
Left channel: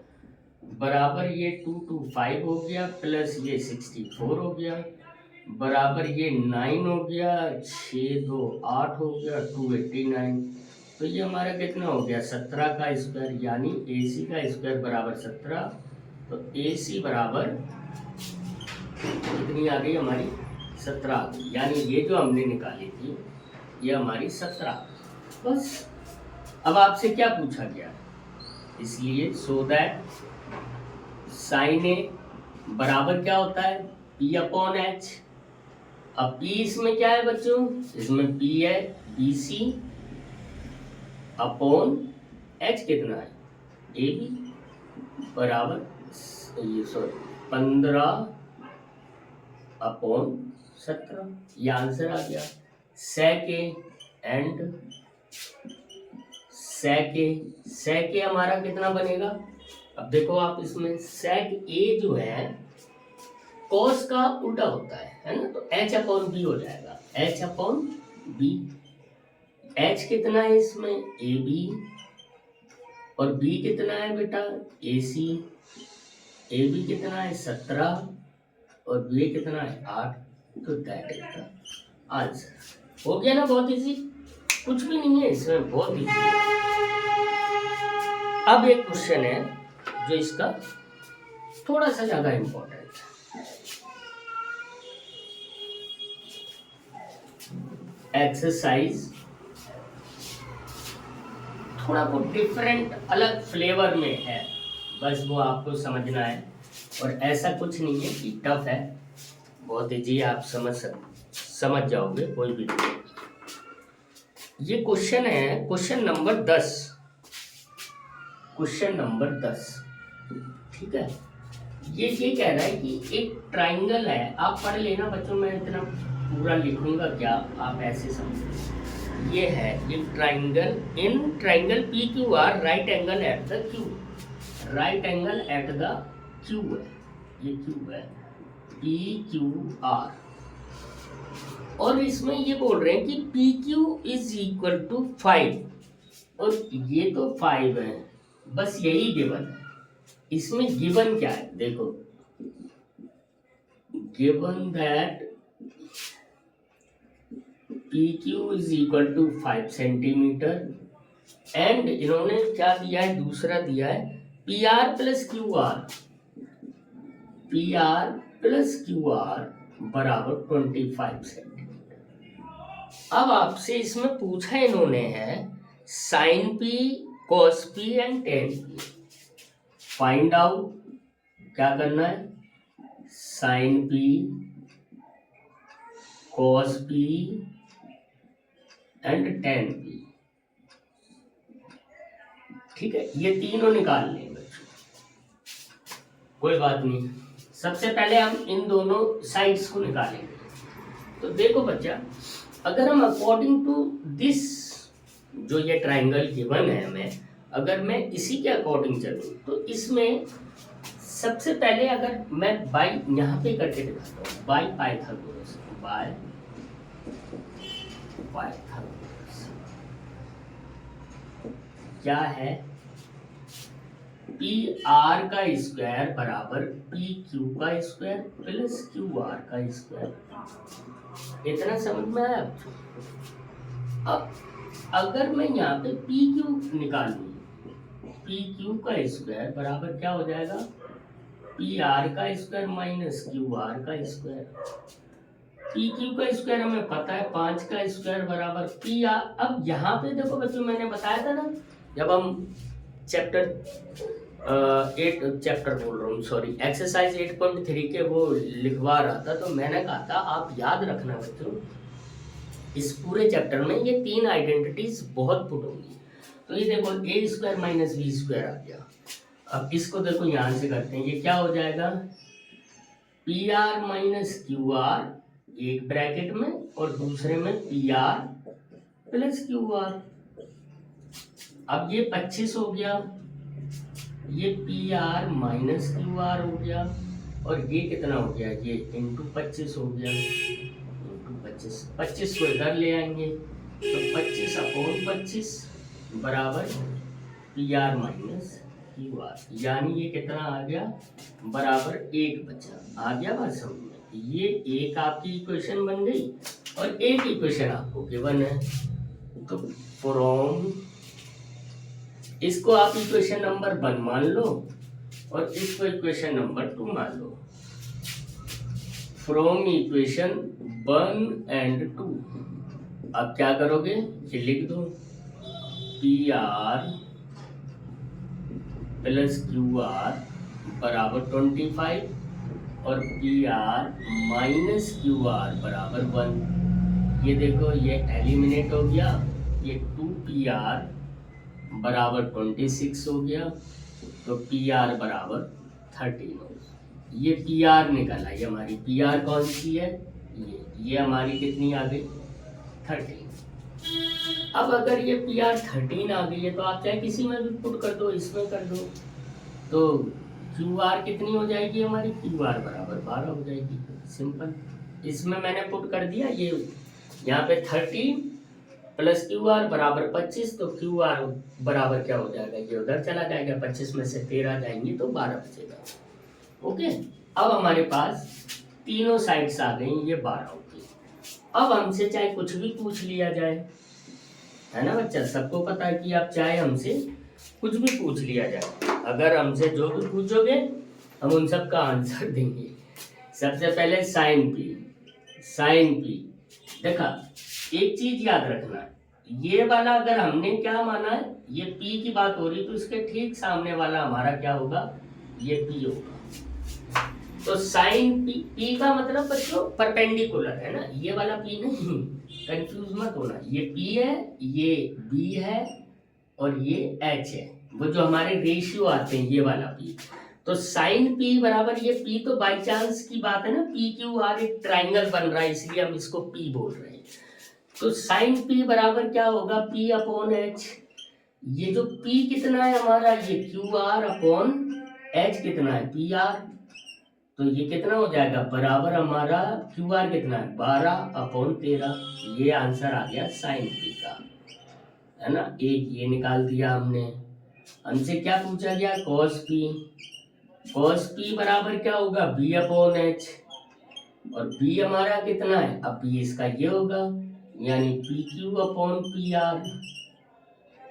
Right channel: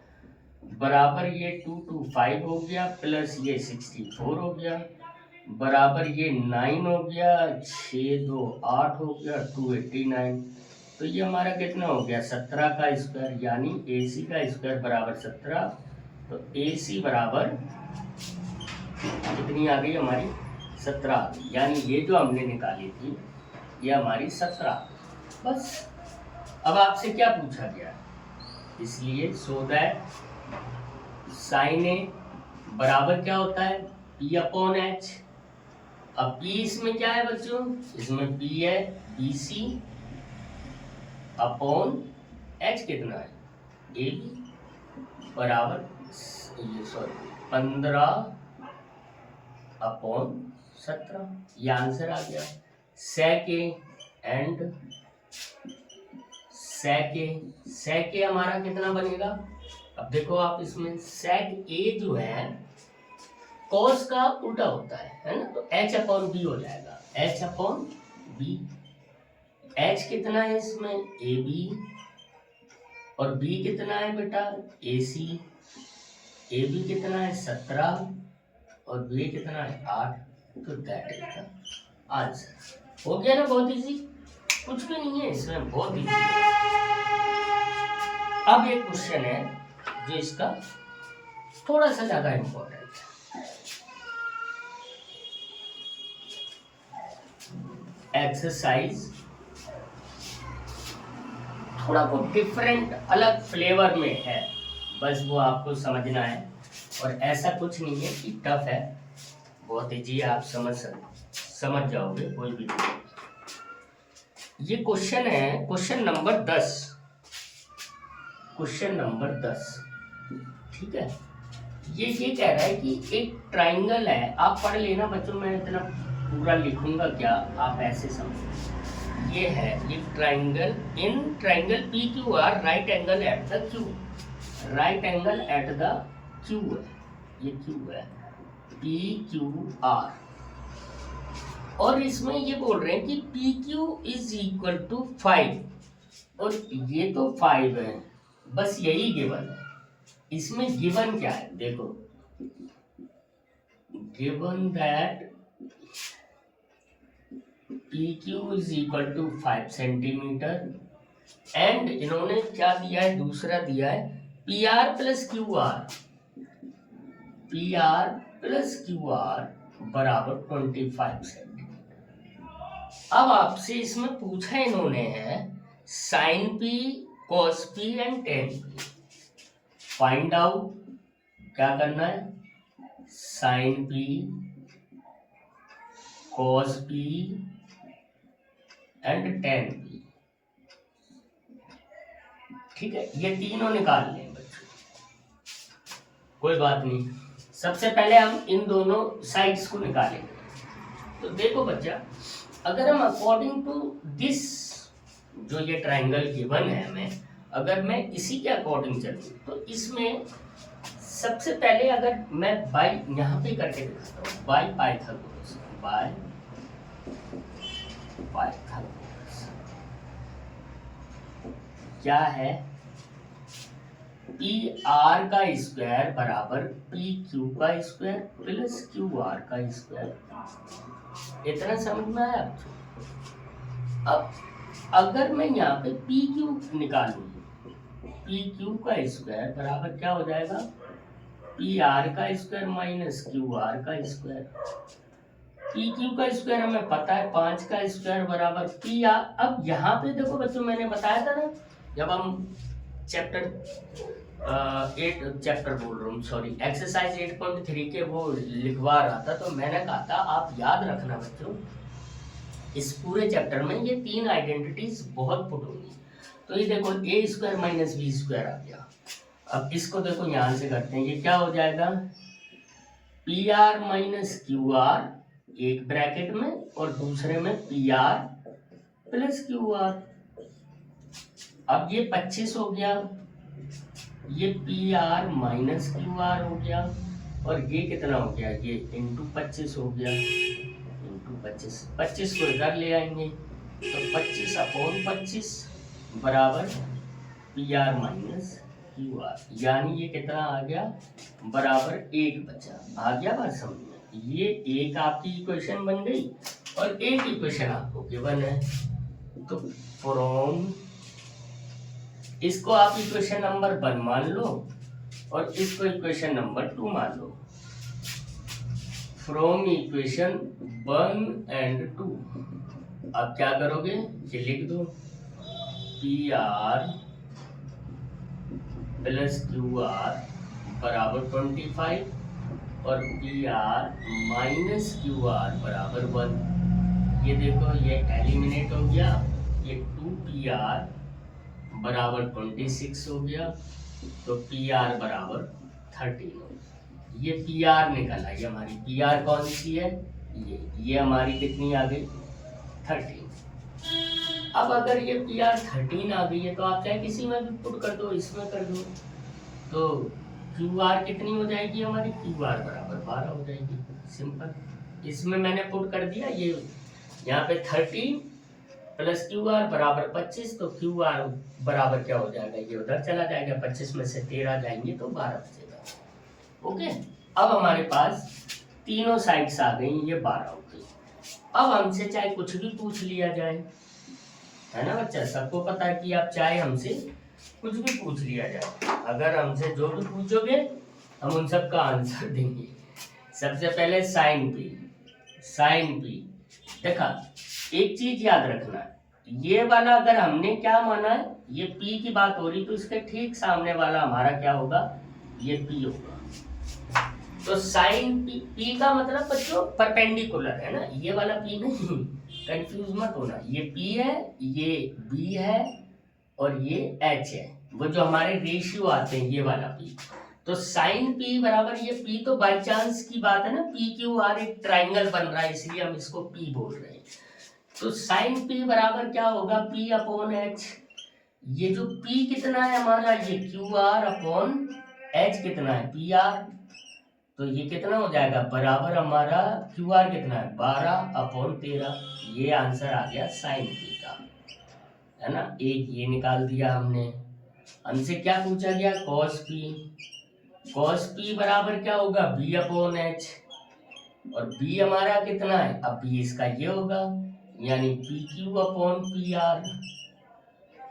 बराबर ये 2 2 5 हो गया, प्लस ये 64 हो गया, बराबर ये 9 हो गया, 6 2 8 हो गया, 289। तो ये हमारा कितना हो गया 17 का स्क्वायर, यानी AC का स्क्वायर बराबर 17। तो AC बराबर कितनी आ गई हमारी 17 आ गई, यानी ये जो हमने निकाली थी ये हमारी 17। बस, अब आपसे क्या पूछा गया, इसलिए सो दैट साइन ए बराबर क्या होता है P/H। अब P इसमें क्या है बच्चों, इसमें P है BC अपॉन H कितना है AB बराबर, ये सॉरी 15/17, ये आंसर आ गया। सेक ए हमारा कितना बनेगा, अब देखो आप इसमें सेक ए जो है कॉस का उल्टा होता है ना, तो H/B हो जाएगा, H/B। H कितना है इसमें AB, और B कितना है बेटा AC। AB कितना है 17 और B कितना है 8, तो दैट इज द आंसर। हो गया ना, बहुत इजी, कुछ भी नहीं है इसमें, बहुत इजी है। अब एक क्वेश्चन है जो इसका थोड़ा सा ज्यादा इंपॉर्टेंट है, एक्सरसाइज थोड़ा वो डिफरेंट अलग फ्लेवर में है, बस वो आपको समझना है। और ऐसा कुछ नहीं है कि टफ है, बहुत इजी है, आप समझ जाओगे, कोई भी नहीं। ये क्वेश्चन है क्वेश्चन नंबर 10, क्वेश्चन नंबर 10, ठीक है। ये कह रहा है कि एक ट्राइंगल है, आप पढ़ लेना बच्चों, मैं इतना पूरा लिखूंगा क्या, आप ऐसे समझो। ये है एक triangle, in triangle PQR right angle at the Q, right angle at the Q है, ये क्यू है PQR, और इसमें ये बोल रहे हैं कि PQ इज इक्वल टू 5, और ये तो 5 है, बस यही गिवन है। इसमें गिवन क्या है देखो, given that PQ is equal to 5 centimetre, and इन्होंने क्या दिया है, दूसरा दिया है PR प्लस QR बराबर 25 सेंटीमीटर। अब आपसे इसमें पूछा इन्होंने है sine P, cos P and tan P। Find out क्या करना है, sine P cos P and tan P. ठीक है, ये तीनों निकाल लें बच्चों, कोई बात नहीं। सबसे पहले हम इन दोनों साइड्स को निकालेंगे। तो देखो बच्चा, अगर हम अकॉर्डिंग टू दिस जो ये ट्राइंगल गिवन है हमें, अगर मैं इसी के अकॉर्डिंग चलूँ तो इसमें सबसे पहले अगर मैं बाय यहाँ पे करके दिखाता हूँ, बाय पाइथागोरस, बाय पाइथागोरस क्या है, पी आर का स्क्वायर बराबर पी क्यू का स्क्वायर प्लस क्यू आर का स्क्वायर। इतना समझ में आया? अब अगर मैं यहाँ पे पी क्यू निकालूँ, पी क्यू का स्क्वायर बराबर क्या हो जाएगा, पी आर का स्क्वायर माइनस क्यू आर का स्क्वायर। पी क्यू का स्क्वायर हमें पता है, 5 का स्क्वायर बराबर पी आर। अब यहाँ पे देखो बच्चों, मैंने बताया था ना, जब हम चैप्टर बोल रहा हूँ सॉरी, एक्सरसाइज 8.3 के वो लिखवा रहा था, तो मैंने कहा था आप याद रखना बच्चों, इस पूरे चैप्टर में ये 3 आइडेंटिटीज बहुत पुट होंगी। तो ये देखो ए स्क्वायर माइनस बी स्क्वायर आ गया। अब इसको देखो यहाँ से करते हैं, ये क्या हो जाएगा, P R minus Q R एक ब्रैकेट में और दूसरे में P R plus Q R. अब ये 25 हो गया, ये P R minus Q R हो गया, और ये कितना हो गया, ये इंटू 25 हो गया, इंटू 25। 25 को इधर ले आएंगे तो 25 अपॉन 25 बराबर P R minus Q R, यानी ये कितना आ गया, बराबर 1 बचा। आ गया बात समझ में? ये एक आपकी इक्वेशन बन गई और एक इक्वेशन आपको गिवन है। तो फ्रॉम, इसको आप इक्वेशन नंबर 1 मान लो और इसको इक्वेशन नंबर 2 मान लो। फ्रॉम इक्वेशन 1 एंड 2 अब क्या करोगे, ये लिख दो, P R plus Q R बराबर 25 और P R minus Q R बराबर 1। ये देखो ये एलिमिनेट हो गया, ये 2 पी आर बराबर 26 हो गया, तो पी आर बराबर 13 हो गया। ये पी आर निकल आई हमारी, पी आर कौन सी है, ये हमारी कितनी आ गई, 13। अब अगर ये पी आर 13 आ गई है तो आप चाहे किसी में भी पुट कर दो, इसमें कर दो, तो क्यू आर कितनी हो जाएगी हमारी, क्यू आर बराबर 12 हो जाएगी। सिंपल, इसमें मैंने पुट कर दिया, ये यहाँ पे 13 प्लस क्यू आर बराबर 25, तो क्यू आर बराबर क्या हो जाएगा, ये उधर चला जाएगा, 25 में से 13 जाएंगे तो 12 बचेगा। ओके, अब हमारे पास तीनों साइड्स आ गई, ये 12 हो गई। अब हमसे चाहे कुछ भी पूछ लिया जाए, है ना बच्चा, सबको पता है कि आप चाहे हमसे कुछ भी पूछ लिया जाए, अगर हमसे जो भी पूछोगे हम उन सब का आंसर देंगे। सबसे पहले साइन पी देखा, एक चीज याद रखना, ये वाला अगर हमने क्या माना है, ये पी की बात हो रही, तो इसके ठीक सामने वाला हमारा क्या होगा, ये पी होगा। तो साइन पी का मतलब बच्चों परपेंडिकुलर है ना, ये वाला पी नहीं, कंफ्यूज मत होना, ये पी है, ये बी है और ये एच है, वो जो हमारे रेशियो आते हैं, ये वाला पी। तो साइन पी बराबर ये पी, तो बाई चांस की बात है ना, पी क्यू आर एक ट्राइंगल बन रहा है, इसलिए हम इसको पी बोल रहे हैं। तो साइन पी बराबर क्या होगा, पी अपॉन एच। ये जो पी कितना है हमारा, ये क्यू आर अपॉन एच कितना है, पी आर, तो ये कितना हो जाएगा, बराबर हमारा क्यू आर कितना है, 12 अपॉन 13। ये आंसर आ गया साइन पी का, है ना। एक ये निकाल दिया हमने। हमसे क्या पूछा गया, कॉस पी बराबर क्या होगा, बी अपॉन एच, और बी हमारा कितना है, अब बी इसका ये होगा, यानी P Q upon P R.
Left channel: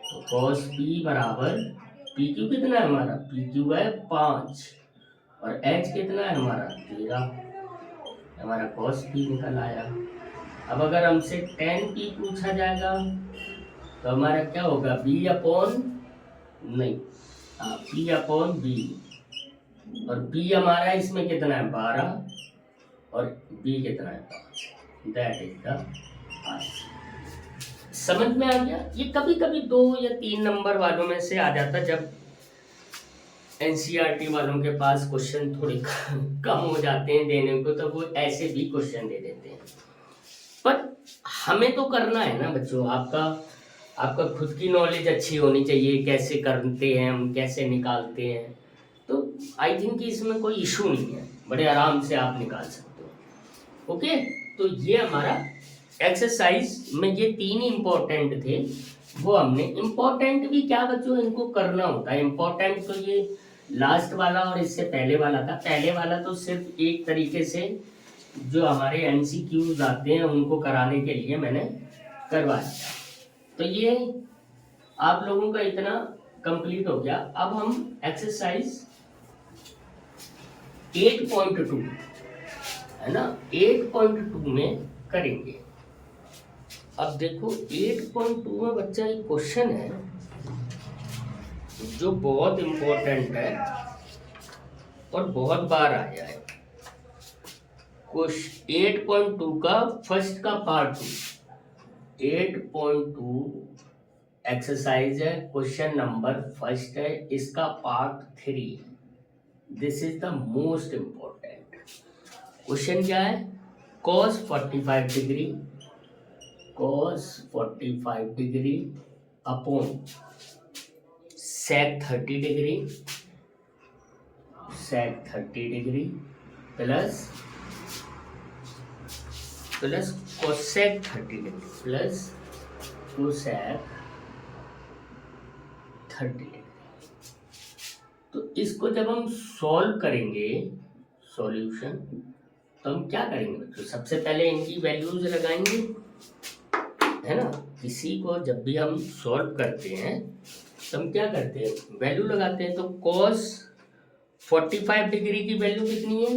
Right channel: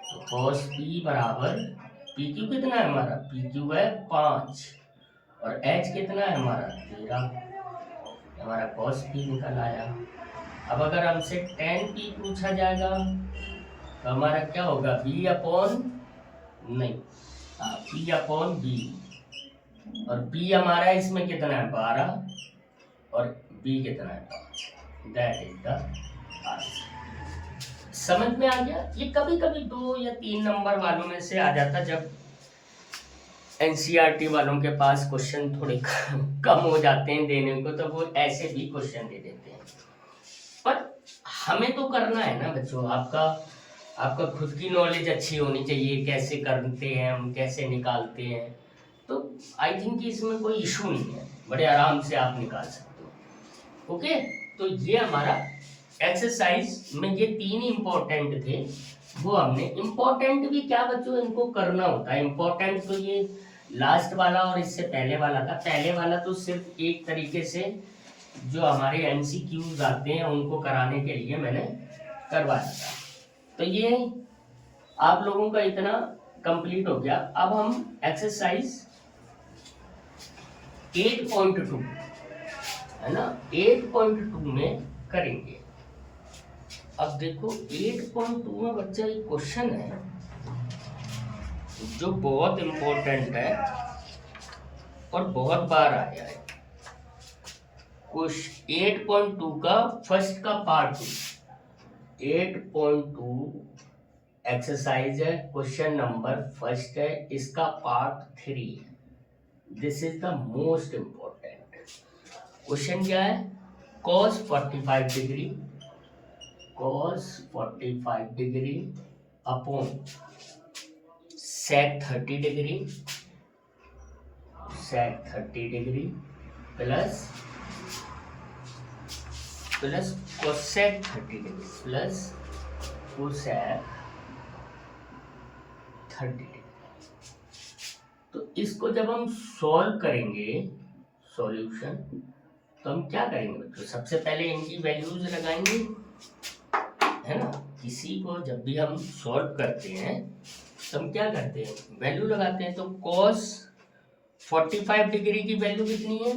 तो कॉस पी बराबर, पी क्यू कितना है हमारा, पी क्यू है 5 और एच कितना है हमारा 13, हमारा कॉस पी निकल आया। अब अगर हमसे टेन पी पूछा जाएगा तो हमारा क्या होगा, बी अपॉन नहीं, P अपॉन B, और B हमारा इसमें कितना है 12 और B कितना है 5, दैट इज द आंसर। समझ में आ गया? ये कभी कभी 2 या 3 नंबर वालों में से आ जाता, जब एनसीईआरटी वालों के पास क्वेश्चन थोड़े कम हो जाते हैं देने को, तो वो ऐसे भी क्वेश्चन दे देते हैं। पर हमें तो करना है ना बच्चों, आपका खुद की नॉलेज अच्छी होनी चाहिए, कैसे करते हैं हम, कैसे निकालते हैं। तो आई थिंक कि इसमें कोई इशू नहीं है, बड़े आराम से आप निकाल सकते हो। ओके, तो ये हमारा एक्सरसाइज में ये 3 इम्पोर्टेंट थे, वो हमने। इम्पोर्टेंट भी क्या बच्चों, इनको करना होता है। इम्पोर्टेंट तो ये लास्ट वाला और इससे पहले वाला था। पहले वाला तो सिर्फ एक तरीके से जो हमारे एमसीक्यूज आते हैं उनको कराने के लिए मैंने करवाया था। तो ये आप लोगों का इतना कंप्लीट हो गया। अब हम एक्सरसाइज 8.2 है ना, 8.2 में करेंगे। अब देखो 8.2 में बच्चा एक क्वेश्चन है जो बहुत इम्पोर्टेंट है और बहुत बार आया है। क्वेश्चन 8.2 का फर्स्ट का पार्ट 8.2 एक्सरसाइज है, क्वेश्चन नंबर फर्स्ट है, इसका पार्ट 3 है। This is the most important question. क्या है? cos 45 degree, cos 45 degree upon sec 30 degree, sec 30 degree plus cosec 30 degree plus cosec 30 degree. तो इसको जब हम सॉल्व करेंगे सॉल्यूशन, तो हम क्या करेंगे बच्चों? सबसे पहले इनकी वैल्यूज लगाएंगे, है ना। किसी को जब भी हम सॉल्व करते हैं तो हम क्या करते हैं? वैल्यू लगाते हैं। तो cos 45 डिग्री की वैल्यू कितनी है?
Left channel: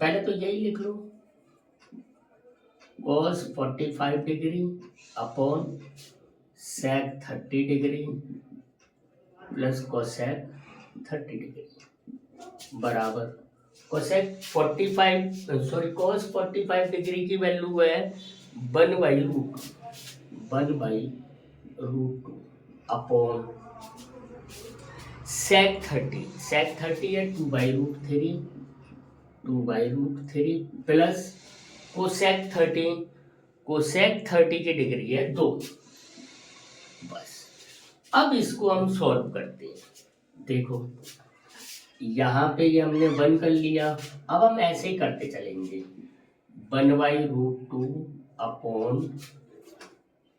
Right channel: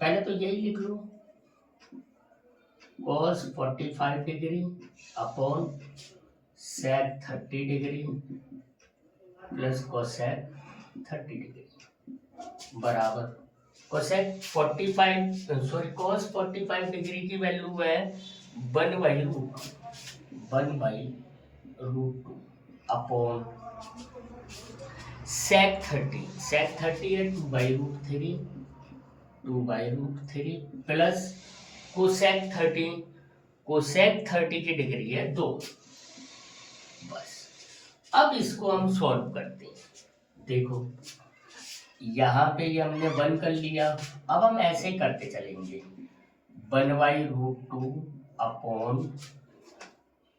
पहले तो यही लिख लो, cos 45 degree upon sec 30 degree plus cosec 30 degree बराबर cos 45 डिग्री की वैल्यू है 1/√2 अपॉन sec 30 है 2/√3 प्लस cosec 30 की डिग्री है 2। बस अब इसको हम सॉल्व करते हैं। देखो यहाँ पे ये हमने 1 कर लिया, अब हम ऐसे ही करते चलेंगे 1/√2 अपॉन,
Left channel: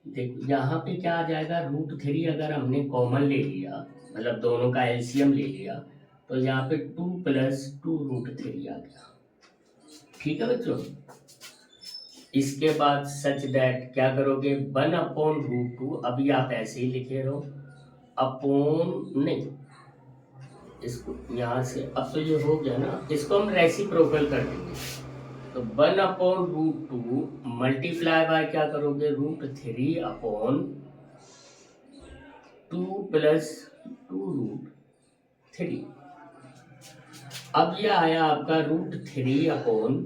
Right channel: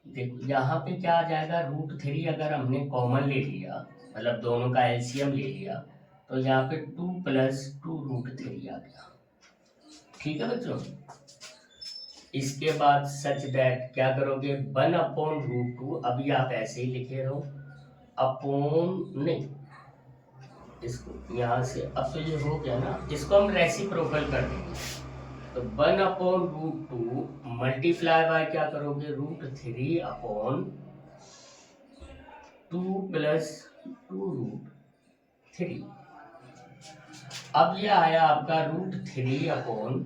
देखो यहाँ पे क्या आ जाएगा, √3 अगर हमने कॉमन ले लिया, मतलब दोनों का एलसीएम ले लिया, तो यहाँ पे 2 + 2√3 आ गया। ठीक है बच्चों। इसके बाद सच दैट क्या करोगे, 1/√2, अभी आप ऐसे ही लिखे रहो, अपॉन नहीं, इसको यहाँ से, अब तो ये हो गया ना, इसको हम रेसिप्रोकल कर देंगे। तो 1/√2 मल्टीप्लाई बाय क्या करोगे, √3 अपॉन 2 + 2√3। अब ये आया आपका √3 अपॉन,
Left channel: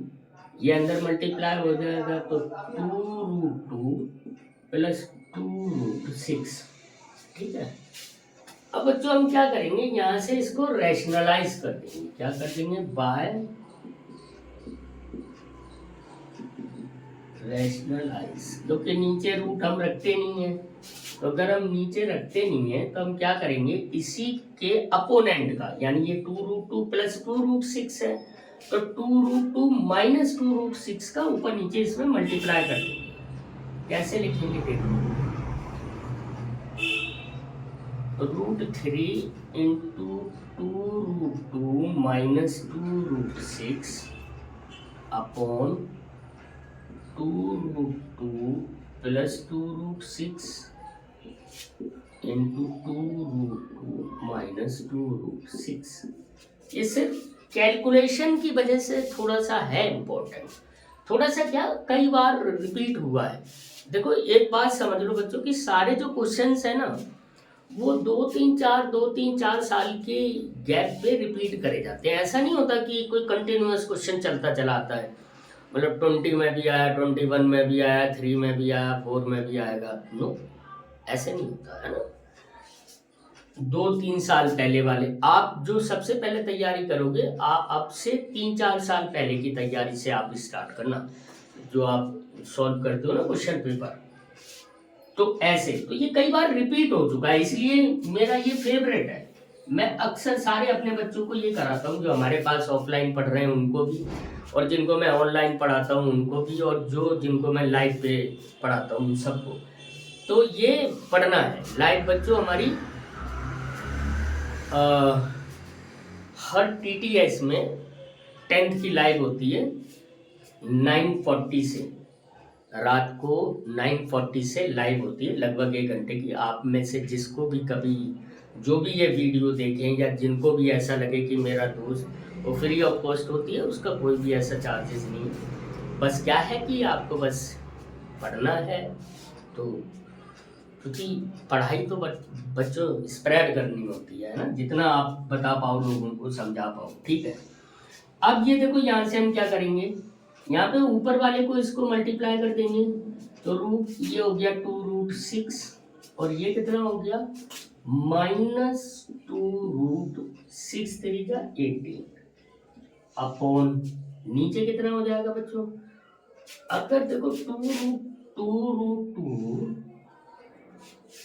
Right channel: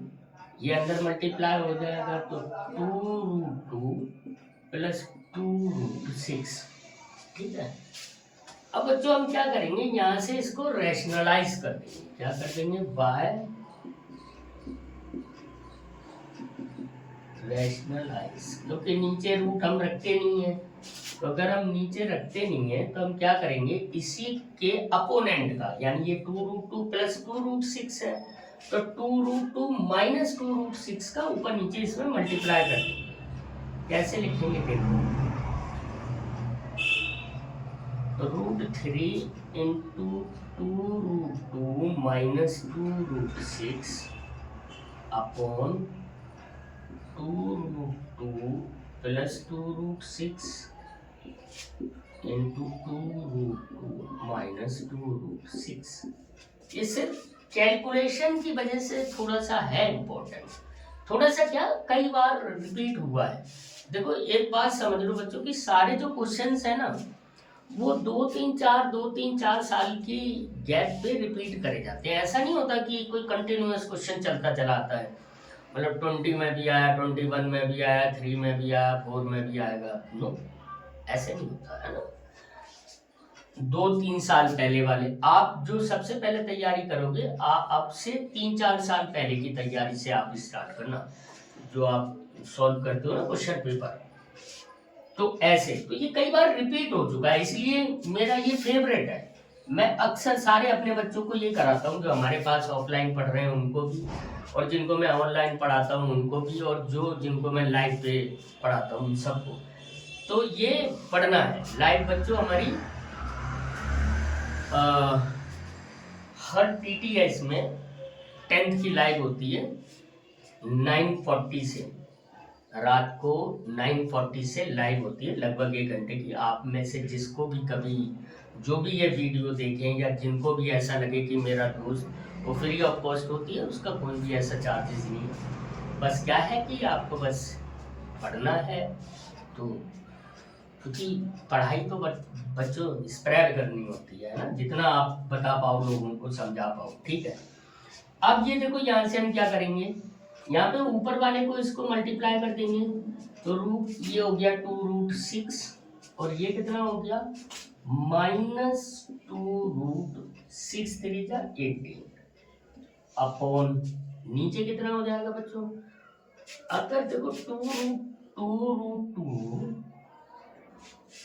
ये अंदर मल्टीप्लाई हो जाएगा, तो 2√2 + 2√6। ठीक है। अब बच्चों हम क्या करेंगे, यहाँ से इसको रैशनलाइज कर देंगे। क्या कर देंगे, बाय रैशनलाइज, क्योंकि नीचे रूट हम रखते नहीं है। तो अगर हम नीचे रखते नहीं है तो हम क्या करेंगे, इसी के अपोनेंट का, यानी ये 2√2 + 2√6 है, तो 2√2 - 2√6 का ऊपर नीचे इसमें मल्टीप्लाई कर देंगे। कैसे लिखेंगे देखो, तो √3 × 2√2 - 2√6 अपॉन 2√2 + 2√6 × 2√2 - 2√6। इस कैलकुलेशन की वजह से थोड़ा सा है इम्पोर्टेंट, थोड़ा सा क्या कई बार रिपीट हुआ है। देखो एक बात समझ लो बच्चों कि सारे जो क्वेश्चंस है ना, वो 2 3 4 साल की गैप पे रिपीट करे जाते हैं। ऐसा नहीं होता कि कोई कंटिन्यूअस क्वेश्चन चलता चला आता है, मतलब 20 में भी आया, 21 में भी आया, 3 में भी आया, 4 में भी आएगा। नो, ऐसे नहीं होता है ना। 2 3 साल पहले वाले आप जो सबसे पहले तैयारी करोगे, अब से 3 4 साल पहले की तैयारी से आप स्टार्ट करना, जो आप सॉल्व करते हो ना क्वेश्चन पेपर। तो ऐसे तो ये कई बार रिपीट हो चुका है, इसलिए मेरा ये फेवरेट है। मैं अक्सर सारे अपने बच्चों को ये कराता हूँ, जो हमारे पास ऑफलाइन पढ़ रहे हैं उनको भी, और जिनको मैं ऑनलाइन पढ़ाता हूँ उनको भी, और जिनको मैं लाइव पे पढ़ाता हूँ उन सबको। तो ये पढ़ना है लाइव। बच्चों हमारी हर TTS में 10th की लाइव होती है 9:40 से, रात को 9:40 से लाइव होती है, लगभग 1 घंटे की। आप में से जिसको भी कभी जो भी ये वीडियो देखें, या जिनको भी ऐसा लगे कि मेरा दोस्त, वो फ्री ऑफ कॉस्ट होती है, उसका कोई भी ऐसा चार्जेस नहीं है। बस क्या है कि आपको बस पढ़ना है, तो क्योंकि पढ़ाई तो बच्चों स्प्रेड करनी होती है ना, जितना आप बता पाओ, लोगों को समझा पाओ, ठीक है। अब ये देखो, यहाँ से हम क्या करेंगे, यहाँ पे ऊपर वाले को इसको मल्टीप्लाई कर देंगे, तो रूट ये हो गया 2√6, और ये कितना हो गया -2√6 3 जा 18 अपॉन नीचे कितना हो जाएगा बच्चों। अगर देखो 2√2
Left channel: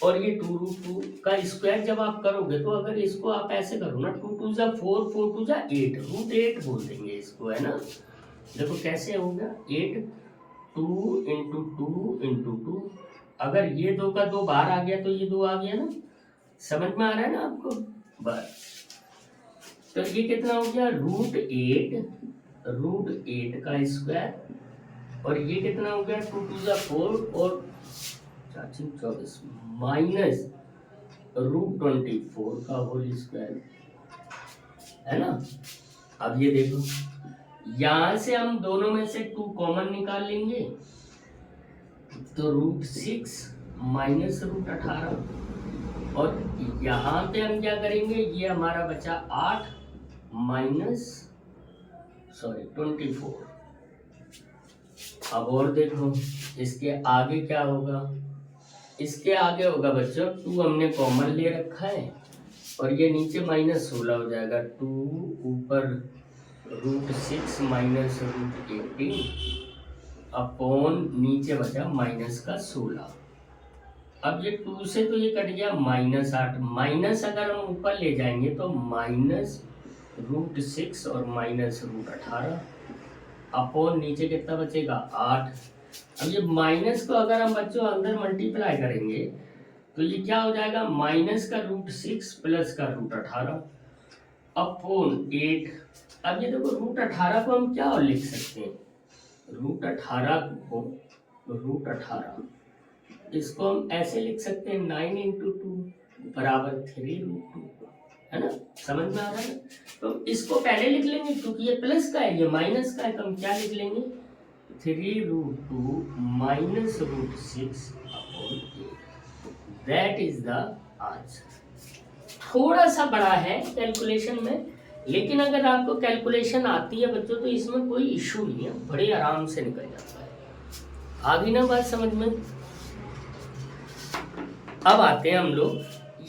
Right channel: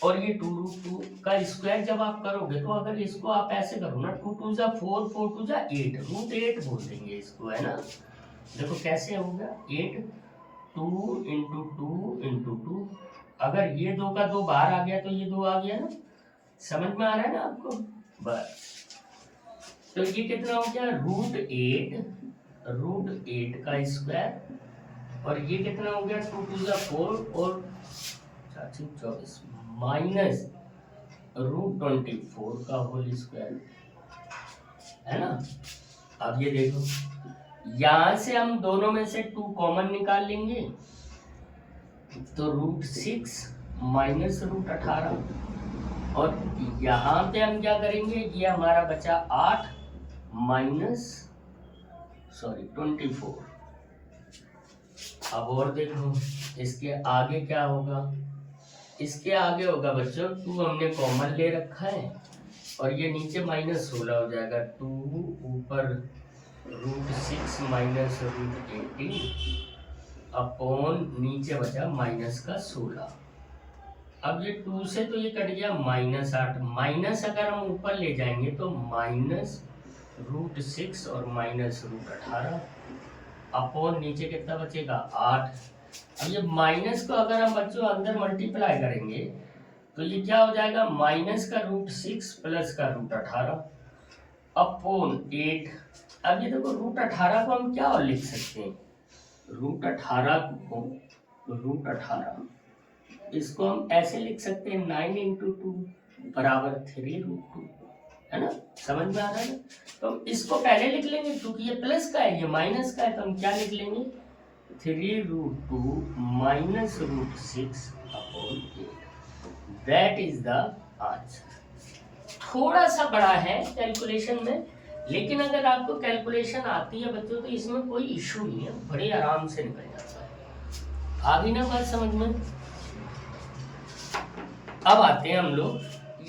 और ये 2√2 का स्क्वायर जब आप करोगे, तो अगर इसको आप ऐसे करो ना, 2 2 जा 4, 4 2 जा 8, √8 बोल देंगे इसको, है ना। देखो कैसे होगा, 8 2 × 2 × 2, अगर ये 2 का 2 बाहर आ गया तो ये 2 आ गया ना, समझ में आ रहा है ना आपको। बस तो ये कितना हो गया, √8 का स्क्वायर, और ये कितना हो गया 2 2 जा 4 और 24 माइनस √24 का होल स्क्वायर, है ना। अब ये देखो, यहां से हम दोनों में से 2 कॉमन निकाल लेंगे, तो √6 माइनस √18, और यहाँ पे हम क्या करेंगे, ये हमारा बचा 8 माइनस 24। अब और देखो, इसके आगे क्या होगा, इसके आगे होगा बच्चों 2 हमने कॉमन ले रखा है, और ये नीचे -16 हो जाएगा, 2 ऊपर √6 माइनस √18 अपॉन नीचे बचा -16। अब ये 2 से तो ये कट गया -8, माइनस अगर हम ऊपर ले जाएंगे तो -√6 और -√18 अपॉन नीचे कितना बचेगा 8। अब ये माइनस को अगर हम बच्चों अंदर मल्टीप्लाई करेंगे, तो ये क्या हो जाएगा, माइनस का √6 प्लस का √18 अपॉन 8। अब ये देखो √18 को हम क्या और लिख सकते हैं, √18 इसको हम ऐसे लिख सकते हैं 9 × 2 बराबर 3√2, है ना, समझ में आ रहा है ना। तो हम इसको पहले लिख लेंगे, क्योंकि ये प्लस का है ये माइनस का है, तो हम क्या लिख लेंगे 3√2 minus √6 upon 8, that is the answer. थोड़ा सा बड़ा है कैलकुलेशन में, लेकिन अगर आपको कैलकुलेशन आती है बच्चों, तो इसमें कोई इशू नहीं है, बड़े आराम से निकल जाता है। आ गई ना बात समझ में। अब आते हैं हम लोग,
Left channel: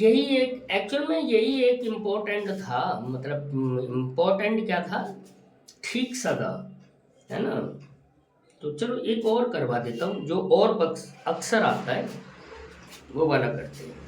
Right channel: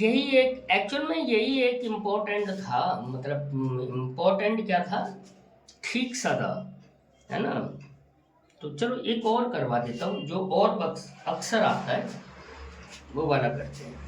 यही एक एक्चुअल में यही एक इम्पोर्टेंट था, मतलब इम्पोर्टेंट क्या था, ठीक सा था, है ना। तो चलो एक और करवा देता हूँ, जो और अक्सर आता है वो वाला करते हैं।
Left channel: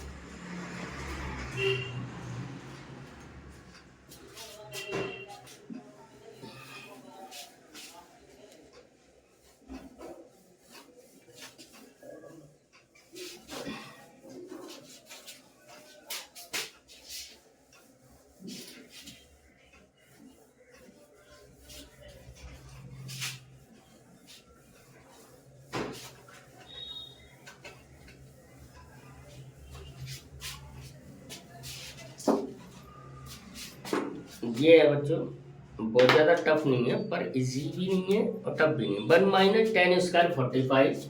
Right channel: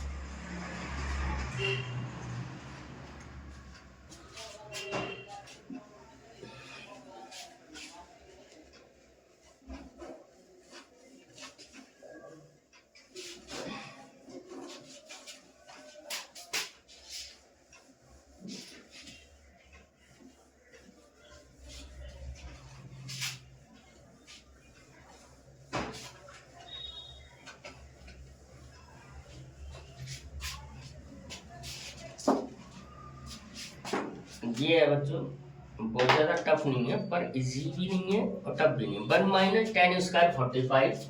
ये है बच्चों, बहुत ज़्यादा टफ नहीं है, पर इजी भी नहीं है और टफ भी नहीं है। 1 - 10² 45,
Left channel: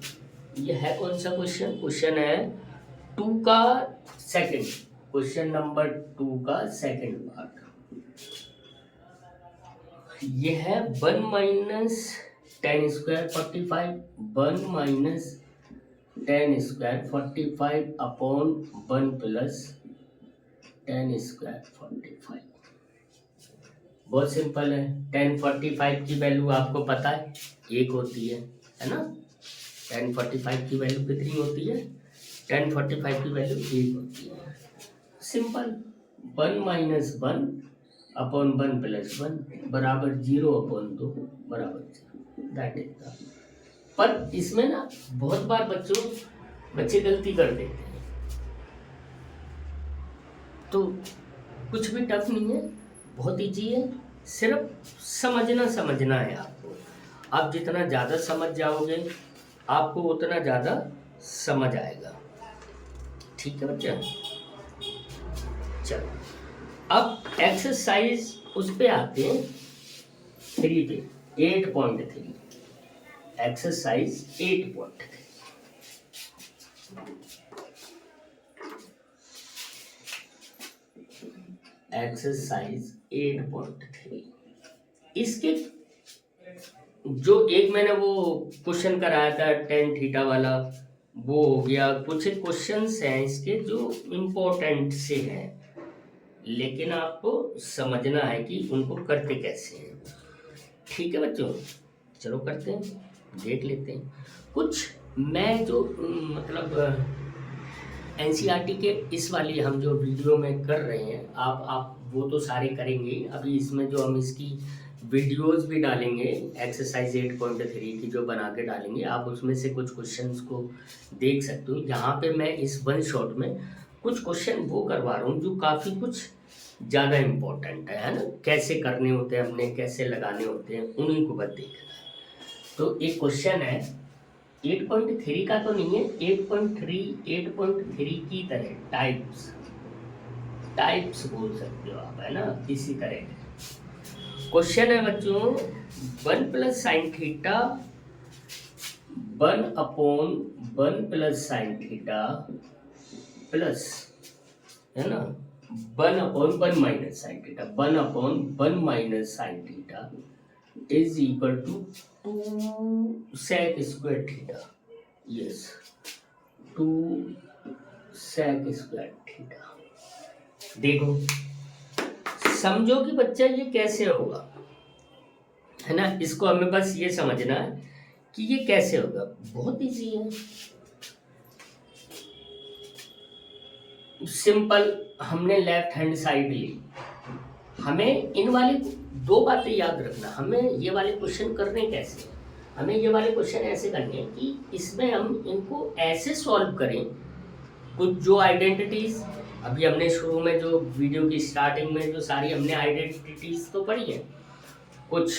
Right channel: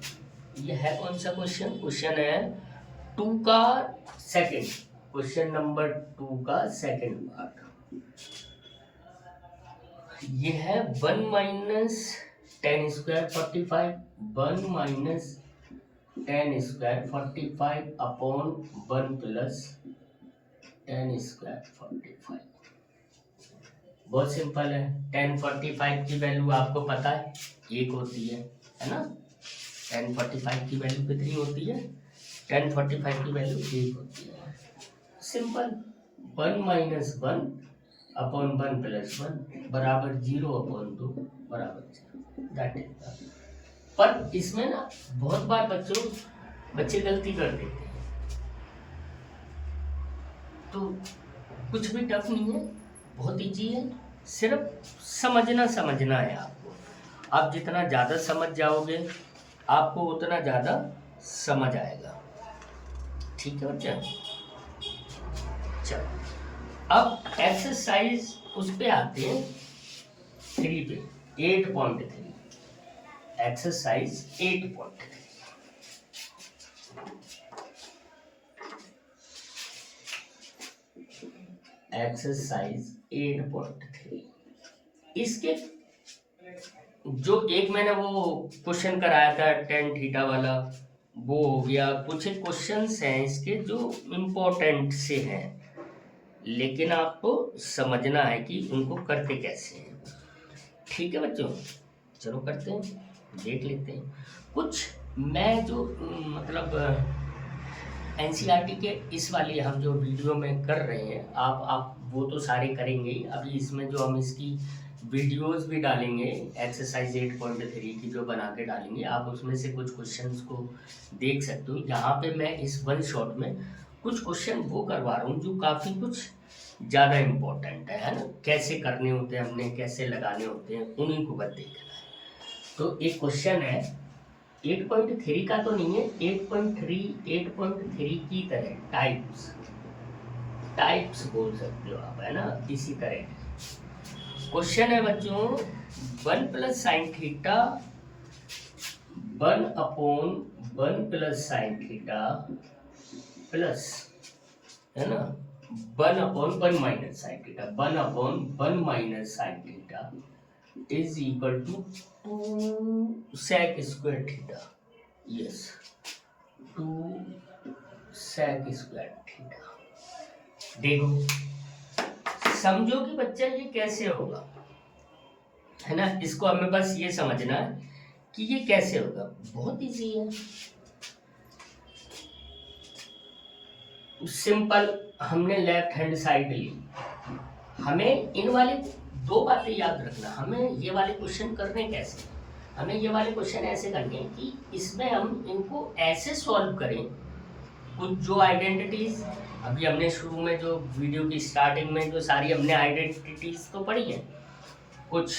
ये है कौन सा क्वेश्चन, क्वेश्चन है 2 का सेकंड, क्वेश्चन नंबर 2 का सेकंड पार्ट, ये है 1 minus 10 square 45, 1 minus 10 square 45 upon 1 plus 10 square 45। बहुत सिंपल है। 10 45 की वैल्यू आपको पता है 1 होती है ना। 10 45 की वैल्यू कितनी होती है? 10 45 की वैल्यू 1 होती है। सिंपल, 1 माइनस 1 अपॉन 1 प्लस 1 बराबर 0 अपॉन 2 बराबर 0, दैट इज द। पर इसमें ना बहुत बार बच्चे गलती कर देते हैं, तो कुछ भी टफ नहीं है, बहुत ईजी है, सिर्फ समझना है आपको। आप जितना ज़्यादा समझ जाओगे आपको उतना ज़्यादा समझ आएगा। ठीक है बच्चा, चलो अब एक्सरसाइज उस पे आते हैं 3 पे, 8.3, एक्सरसाइज 8.3। एक्सरसाइज 8.3, इसके जो एक मैंने वो क्वेश्चन कराया था टेन थीटा वाला, वो हो गया। कुछ क्वेश्चंस हैं इसके जो इम्पोर्टेंट से हैं, लेकिन आपको समझना है कि उनको करते कैसे हैं। ठीक है बच्चों, चलो करते हैं, देख लेते हैं। कुछ मैं जो मतलब एनसीईआरटी के इस वाली हम जो वीडियो में कर रहे हैं, आप वो तो सारे करेंगे ही। अभी इसमें जो हम इसकी वीडियोस भी डालेंगे एक्सरसाइज 8.3 की जो बना के डालेंगे, आप उसमें से कुछ क्वेश्चंस को देख सकते हो। यहाँ पे मैं इस वन शॉट में कुछ क्वेश्चन वो करवा रहा हूँ जो काफ़ी कुछ ज़्यादा इम्पोर्टेंट है ना, कैसे करने होते हैं अपने, कैसे लगाने होते हैं, उन्हीं को बस देखना है। तो एक क्वेश्चन है 8.3 का तो नहीं है, 8.3 की तरह टाइप्स बोल सकते हो आप, है ना, इसी तरह क्वेश्चन है बच्चों। 1 plus sine theta 1 upon 1 plus sine theta plus, है ना, 1 upon 1 minus sine theta, 1 upon 1 minus sine theta is equal to 2 sec square theta. Yes, 2 sec square theta. देखो समझो कि बच्चा ये कैसे होगा, है ना। इसको हमें बस ये समझना है कि ये कैसे होगा, बहुत इजी है, सिंपल। हमने लेफ्ट हैंड साइड ली, हमें इन वाले 2 बातें याद रखना। हमें ये वाले क्वेश्चन करने कैसे हैं, हमें ये वाले क्वेश्चन ऐसे करने हैं कि इसमें हम इनको ऐसे सॉल्व करें। कुछ जो आइडेंटिटीज अभी हमने शुरू में जो वीडियो की स्टार्टिंग में जो सारी हमने आइडेंटिटीज तो पढ़ी हैं, कुछ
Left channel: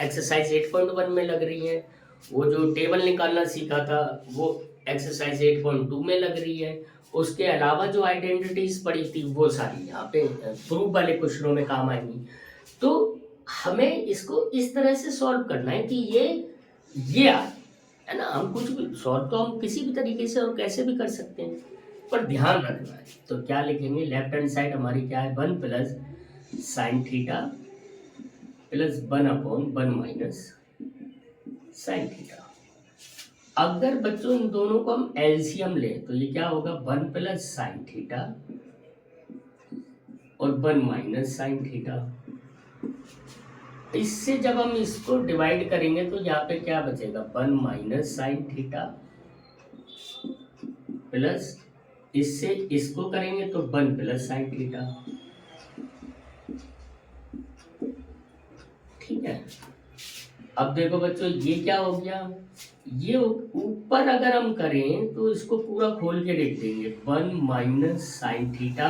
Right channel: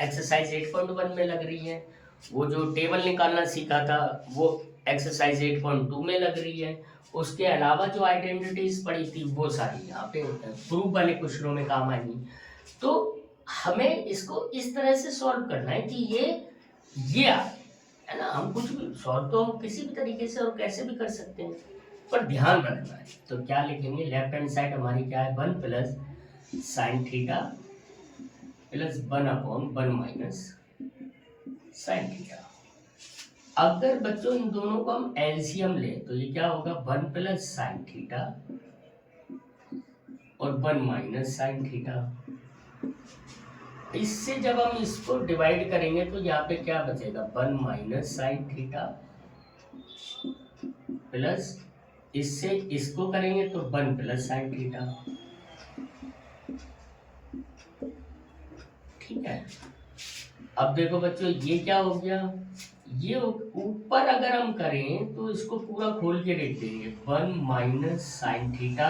एक्सरसाइज 8.1 में लग रही है, वो जो टेबल निकालना सीखा था वो एक्सरसाइज 8.2 में लग रही है। उसके अलावा जो आइडेंटिटीज पढ़ी थी वो सारी यहाँ पे प्रूफ वाले क्वेश्चनों में काम आएंगी। तो हमें इसको इस तरह से सॉल्व करना है कि ये है ना, हम कुछ भी सॉल्व तो हम किसी भी तरीके से और कैसे भी कर सकते हैं, पर ध्यान रखना है। तो क्या लिखेंगे, लेफ्ट हैंड साइड हमारी क्या है, 1 plus sine theta plus 1 upon 1 minus sine theta. अगर बच्चों इन दोनों को हम एलसीएम लें तो ये क्या होगा, 1 प्लस साइन थीटा और 1 माइनस साइन थीटा। इससे जब हम इसको डिवाइड करेंगे तो यहाँ पे क्या बचेगा, 1 माइनस साइन थीटा प्लस इससे इसको करेंगे तो 1 प्लस साइन थीटा। ठीक है, अब देखो बच्चों ये क्या हो गया, ये ऊपर अगर हम करें तो इसको पूरा खोल के लिख देंगे, 1 minus sine theta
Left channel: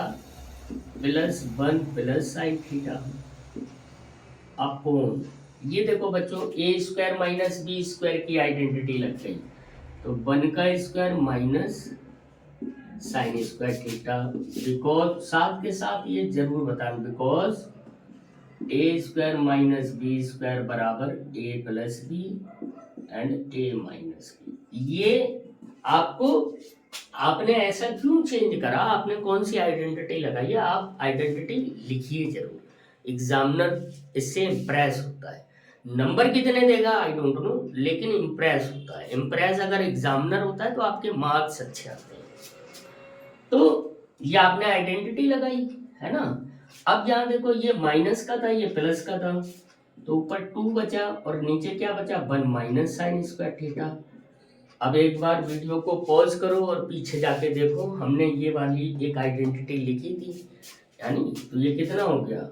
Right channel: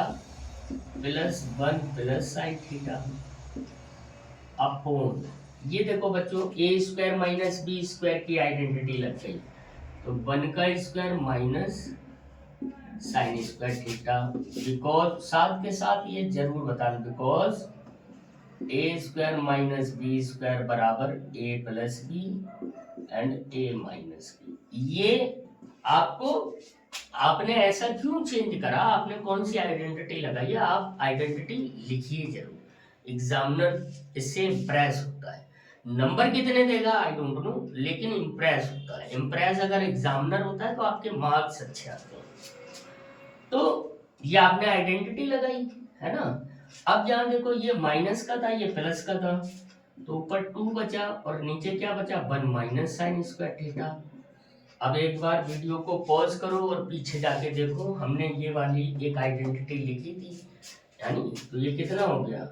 plus 1 plus sine theta upon, ये देखो बच्चों A square minus B square की आइडेंटिटी लग गई, तो 1 का square minus sine square theta. Because साथ के साथ ये जरूर बताना, because A square minus B square बराबर A plus B and A minus B. ये आपको आपने ऐसा क्यों चेंज करा, आपने कौन सी आइडेंटिटी लगाई है, आप आइडेंटिटी लिखिए जरूर। एग्जामिनर इससे इम्प्रेस होता है। नंबर कितने देगा आई डोंट नो, लेकिन इम्प्रेस होता है। इम्प्रेस अगर एग्जामिनर होता है तो आपके मार्क्स अच्छे आते हैं। तो ये आपने आइडेंटिटी लगाई, है ना। अब यहाँ देखो, ये माइनस का था, ये प्लस का था, तो ऊपर 2 बचा और नीचे क्या बचा, 1 माइनस साइन स्क्वायर थीटा। अब एक बार वीडियो को पॉज करो और पीछे जाके देखो, हमने ये वाली एक आइडेंटिटी लिखी थी, यानी तो ये कितना हो गया,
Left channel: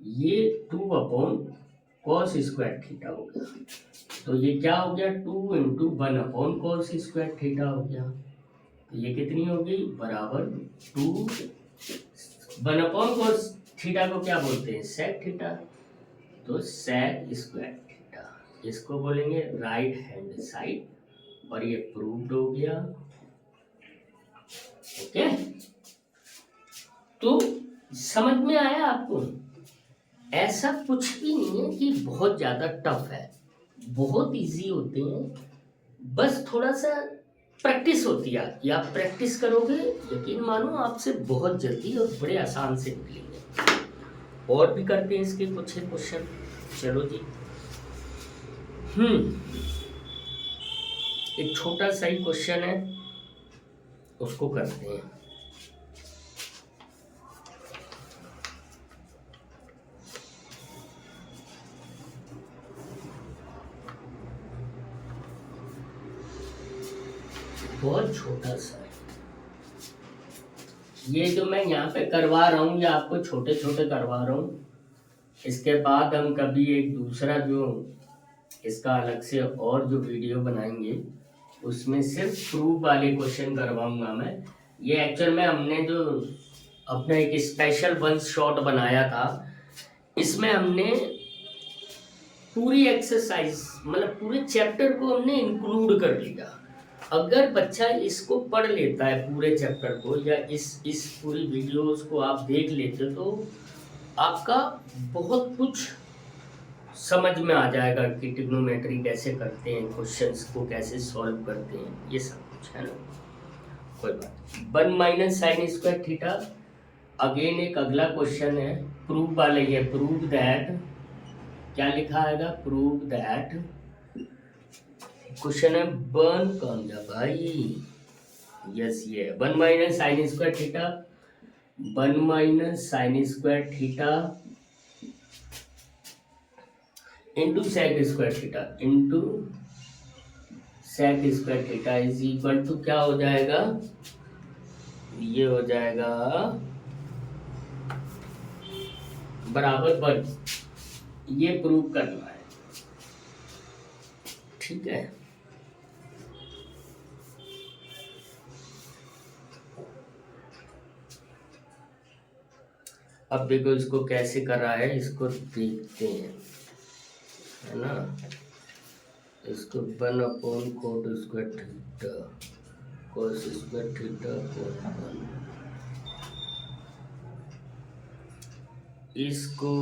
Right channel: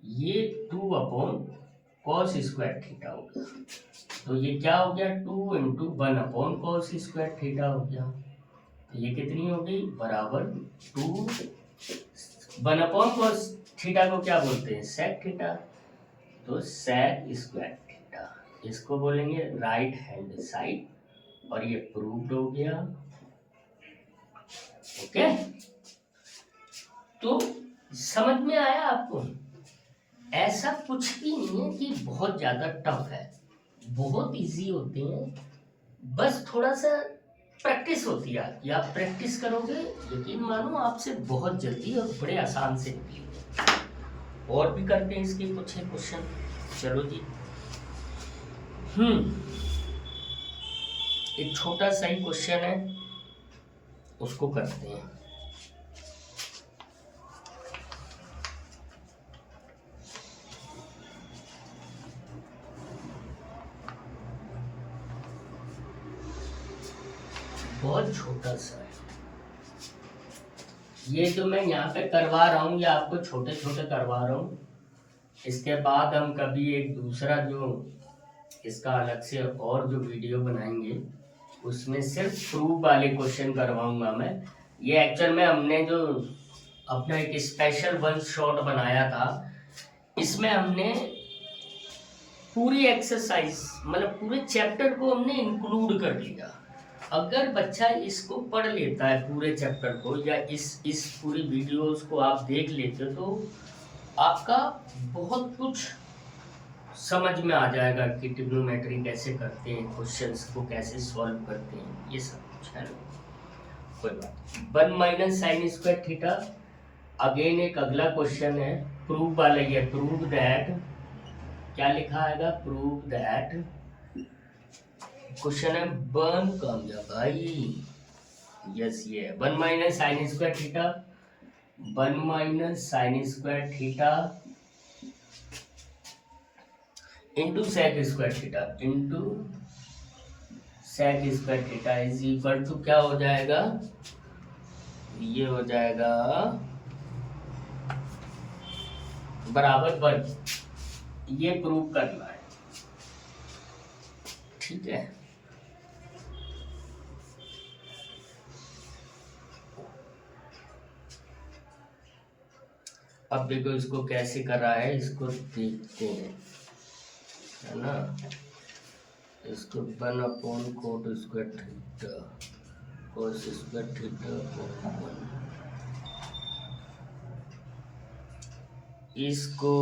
ये 2 अपॉन कॉस स्क्वायर थीटा हो गया। तो ये क्या हो गया, 2 into 1 upon cos square theta हो गया। तो ये कितनी हो गई, बराबर 2 1 अपॉन कॉस थीटा को क्या बोलते हैं, सेक थीटा। तो सेक स्क्वायर थीटा, इसको बोलेंगे राइट हैंड साइड, और ये प्रूव्ड हो गया। ओके, तो समझ में आया आपको। ऐसा कुछ भी नहीं है कि बहुत ज्यादा टफ है, बहुत इजी होते हैं, बस थोड़ा सा प्रैक्टिस होती है आपकी। आप प्रैक्टिस करोगे, यकीन मानो आपसे बहुत जल्दी और बड़े आसान से निकलेंगे। और भी करते हैं इसके कुछ क्वेश्चन, चलो जी। एक छोटा सा ही क्वेश्चन है, उसको करते हैं। बहुत छोटा सा है ये, जो मैं यहाँ पे करवा रहा हूँ, ये आपको छोटे छोटे करवा रहा हूँ। इसके बाद हम कभी एक दूसरा जो इसका अलग से और जो वीडियो बनाएंगे, उसमें सिर्फ प्रूफ वाले क्वेश्चन करवाऊंगा मैं। ये एक्चुअल में हमने जो अपना एक स्पेशल वन शॉट बनाया था, इसमें हमने पूरी एक्सरसाइज, मतलब पूरे चैप्टर को हमने इंक्लूड कर लिया। अगर बच्चा इसको पढ़ लेता है पूरे चैप्टर को, या इस पूरी वीडियोस को आप देख लेते हो, तो आपका बहुत कुछ समझ में आ जाएगा कि ट्रिग्नोमेट्री कैसे करते हैं, क्वेश्चंस को कैसे सॉल्व करते हैं, ये सब कुछ, है ना। कोई बात। 1 minus sine square theta, again एक अगला क्वेश्चन है, प्रूव वाला। ये प्रूव दैट, क्या लिखा आएगा, प्रूव दैट, क्वेश्चन है बन कम जा भाई, यस ये 1 minus sine square theta, 1 minus sine square theta into sec square theta, into sec square theta is equal to क्या हो जाएगा, ये हो जाएगा बराबर 1। ये प्रूव करना है, ठीक है। अब देखो इसको कैसे कर रहा है, इसको देखते हैं, है ना। इसको 1 upon coat square theta cos square theta upon 1, इसको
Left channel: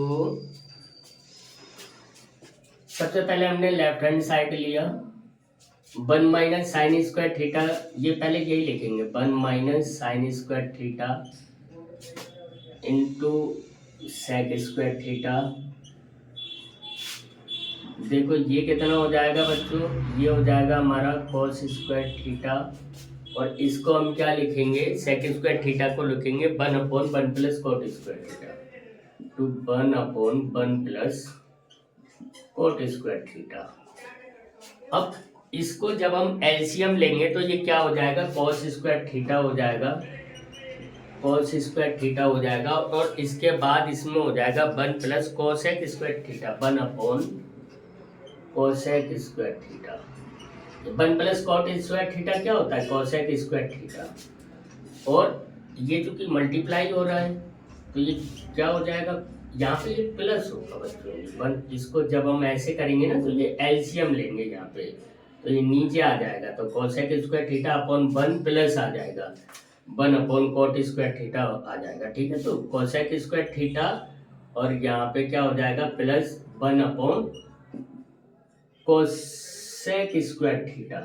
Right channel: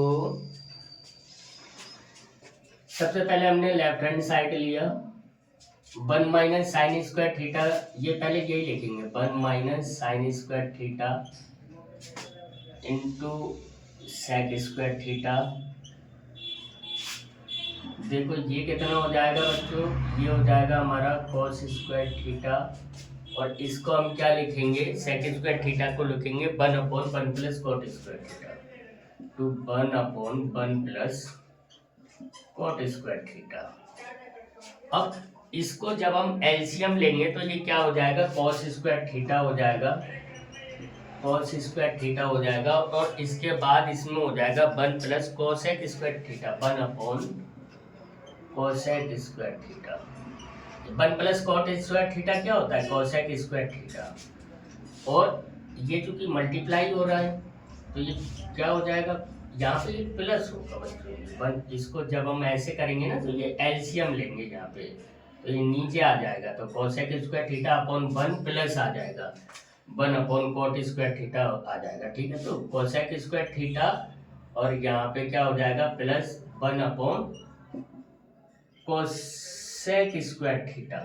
सबसे पहले हमने लेफ्ट हैंड साइड लिया, 1 माइनस साइन स्क्वायर थीटा, ये पहले यही लिखेंगे, 1 minus sine square theta into sec square theta. देखो ये कितना हो जाएगा बच्चों, ये हो जाएगा हमारा कॉस स्क्वायर थीटा, और इसको हम क्या लिखेंगे, सेक स्क्वायर थीटा को लिखेंगे 1 upon 1 plus cot square theta, to 1 upon 1 plus cot square theta. अब इसको जब हम एलसीएम लेंगे तो ये क्या हो जाएगा, कॉस स्क्वायर थीटा हो जाएगा, कॉस स्क्वायर थीटा हो जाएगा, और इसके बाद इसमें हो जाएगा 1 plus cosec square theta, 1 upon cosec square theta. 1 plus cot square theta क्या होता है, कोसेक स्क्वायर थीटा, और ये जो कि मल्टीप्लाई हो रहा है, तो ये क्या हो जाएगा, यहाँ पे ये प्लस होगा बच्चों, 1। इसको जब हम ऐसे करेंगे ना, तो ये एलसीएम लेंगे यहाँ पे, तो ये नीचे आ जाएगा, तो cosec square theta upon 1 plus आ जाएगा 1 अपॉन कॉट स्क्वायर थीटा आ जाएगा, ठीक है। तो कोसेक स्क्वायर थीटा, और यहाँ पे क्या हो जाएगा, plus 1 upon cosec square theta,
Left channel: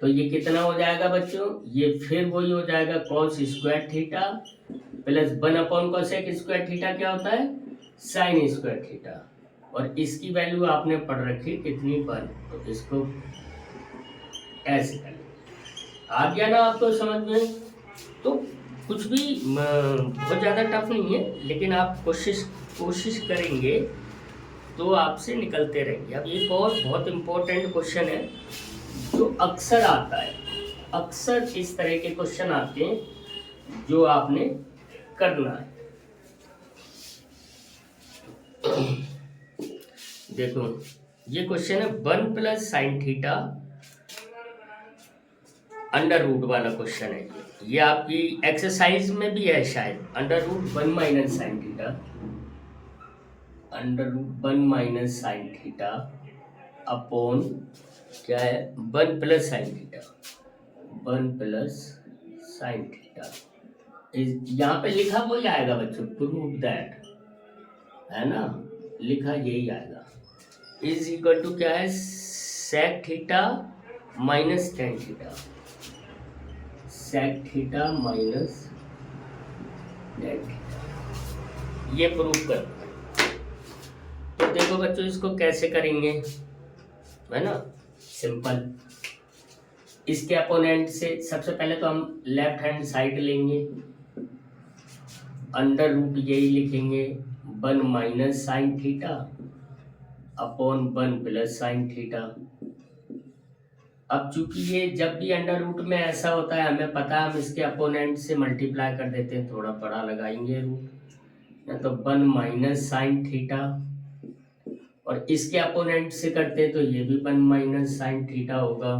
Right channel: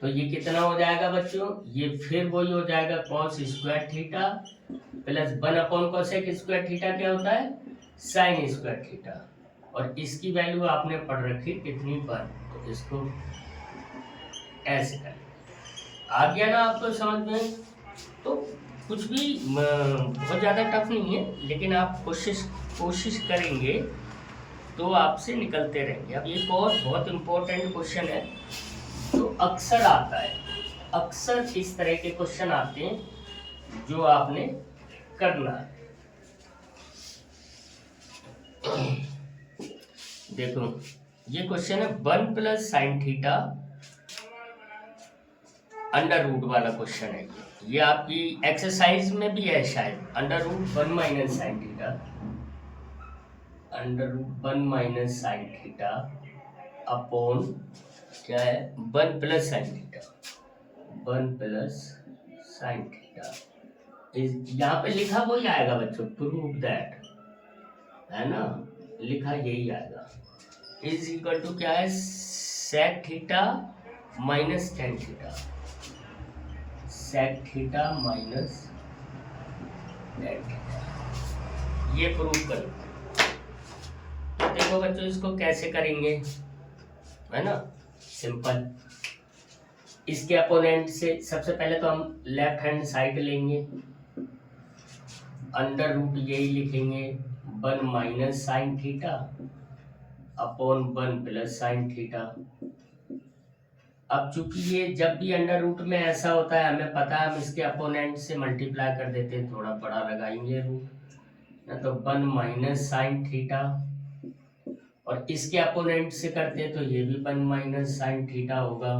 तो ये कितना हो जाएगा बच्चों, ये फिर वही हो जाएगा cos square theta plus 1/cos theta क्या होता है, साइन स्क्वायर थीटा, और इसकी वैल्यू आपने पढ़ रखी कितनी 1, तो इसको ऐसे कर, आ गया ना आपको समझ में। तो कुछ भी बहुत ज़्यादा टफ नहीं है, लेकिन आप कोशिश करेंगे तो आपसे निकलते रहेंगे। अब एक और बहुत इम्पोर्टेंट क्वेश्चन है जो अक्सर आता है, अक्सर किस तरह के क्वेश्चन आते हैं जो आपने करना है। देखो ये क्वेश्चन है 1 + sin θ √ वाला क्वेश्चन है। ये आपकी एक्सरसाइज में भी है शायद, √1 - sin θ, √1 - sin θ अपॉन क्या है 1 + sin θ, 1 + sin θ यहाँ पे लिखा वही आएगा बच्चों, प्रूव दैट, है ना, लिखा यही आएगा, इज इक्वल टू क्या है sec θ - tan θ, sec θ - tan θ, ये प्रूव कर। तो देखो बच्चों इसको कैसे करेंगे, है ना, सिंपल। इसके अपोनेंट से सबसे पहले तो हम लेफ्ट हैंड साइड लेंगे, √ यही लिखेंगे 1 - sin θ अपॉन 1 + sin θ। अब चूंकि ये जब भी √ में ऐसा होता है हमें पता है, हम इसके अपोनेंट से मल्टीप्लाई कर देते हैं, थोड़ा बड़ा लगाएंगे रूट, तो 1 - sin θ, और इसके अपोनेंट से करते हैं तो ये भी 1 - sin θ होगा,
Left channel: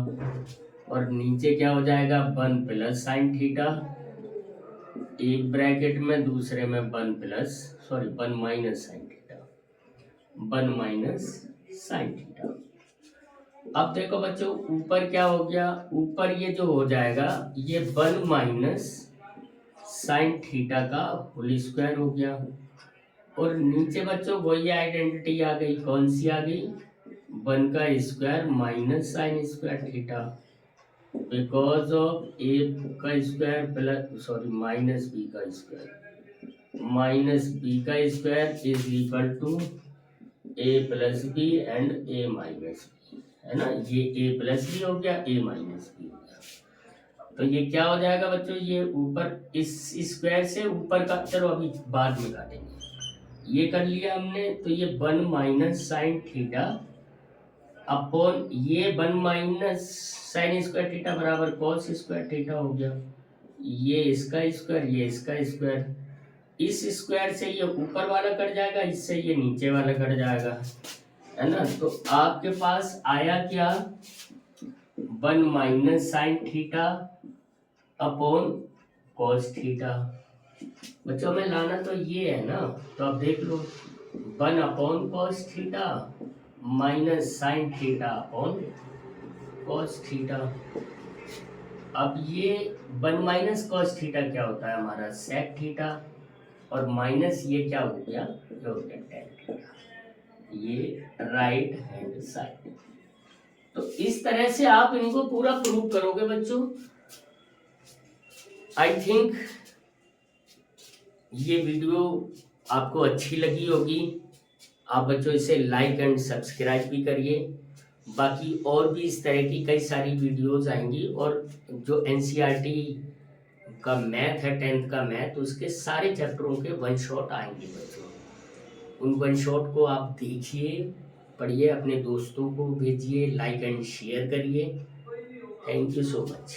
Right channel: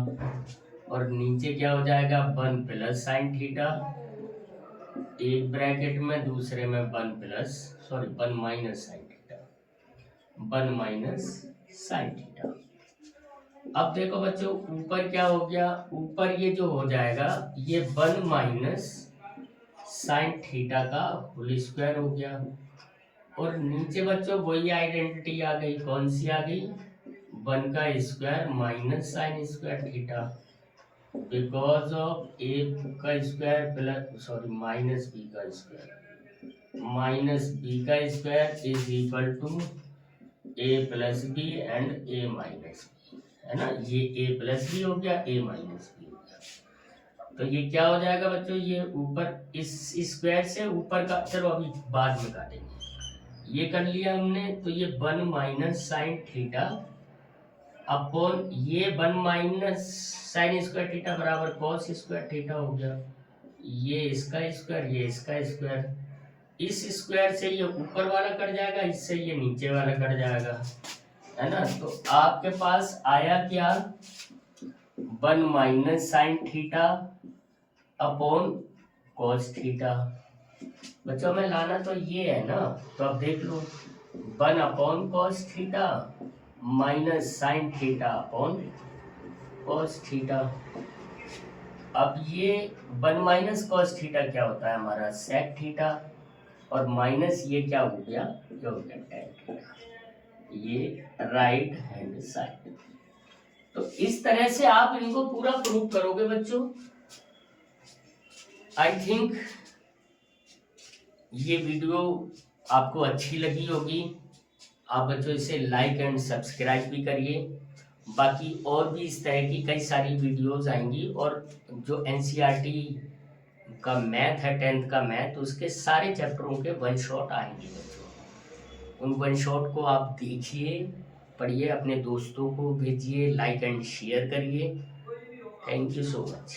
और नीचे क्या हो जाएगा 1 + sin θ, एक ब्रैकेट में दूसरे में 1 - sin θ, 1 - sin θ। अब देखो बच्चों ऊपर क्या हो गया, ऊपर ये जो हो जाएगा ये 1 - sin θ का होल स्क्वायर हो गया, और नीचे बच्चों वही आइडेंटिटी आ गई, कौन सी आ गई, 1 का square - sin square theta, because of a का स्क्वायर प्लस -b का स्क्वायर, -b का square is equal to a + b and a - b, है ना, ये a + b हो गया, a - b हो गया। तो ये क्या हो जाएगा बच्चों, ये ऊपर इस स्क्वायर से ऊपर का, चलो अभी बाद में काटेंगे, ये कर लिया हमने, तो ये 1 - sin θ अपॉन ये 1 - sin स्क्वायर थीटा बराबर cos स्क्वायर थीटा हो गया, ये इसका स्क्वायर, ये इसका स्क्वायर, इस स्क्वायर से ये ऊपर वाला कट जाएगा, इससे ये नीचे वाला कट जाएगा, है ना। तो आपके पास आया क्या 1 - sin θ अपॉन cos θ। बच्चों में लाना तो ये है ना, तो अब देख लो 1/cos θ -sin θ अपॉन cos θ। अब ये 1 - cos θ क्या होता है हमारा sec θ, और माइनस ये क्या हो गया, ये हो गया tan θ, ये राइट हैंड साइड। तो इस तरह से आप इनको पूरा प्रूव करोगे बच्चों। आई थिंक ये वीडियो आपको अच्छी लगी होगी, आप बच्चों इसे लाइक एंड सब्सक्राइब भी करिए। बाकी और भी इस तरह की कई सारी वीडियोस आएंगी, और जो NCERT का मैथ है 10th का मैथ, उसके सारे चैप्टरों के 1 शॉट आएंगे बच्चों। उन 1 शॉट को आप देखिए, पढ़िए, अपने दोस्तों को भेजिए, लाइक एंड शेयर करिए। Thank you so much.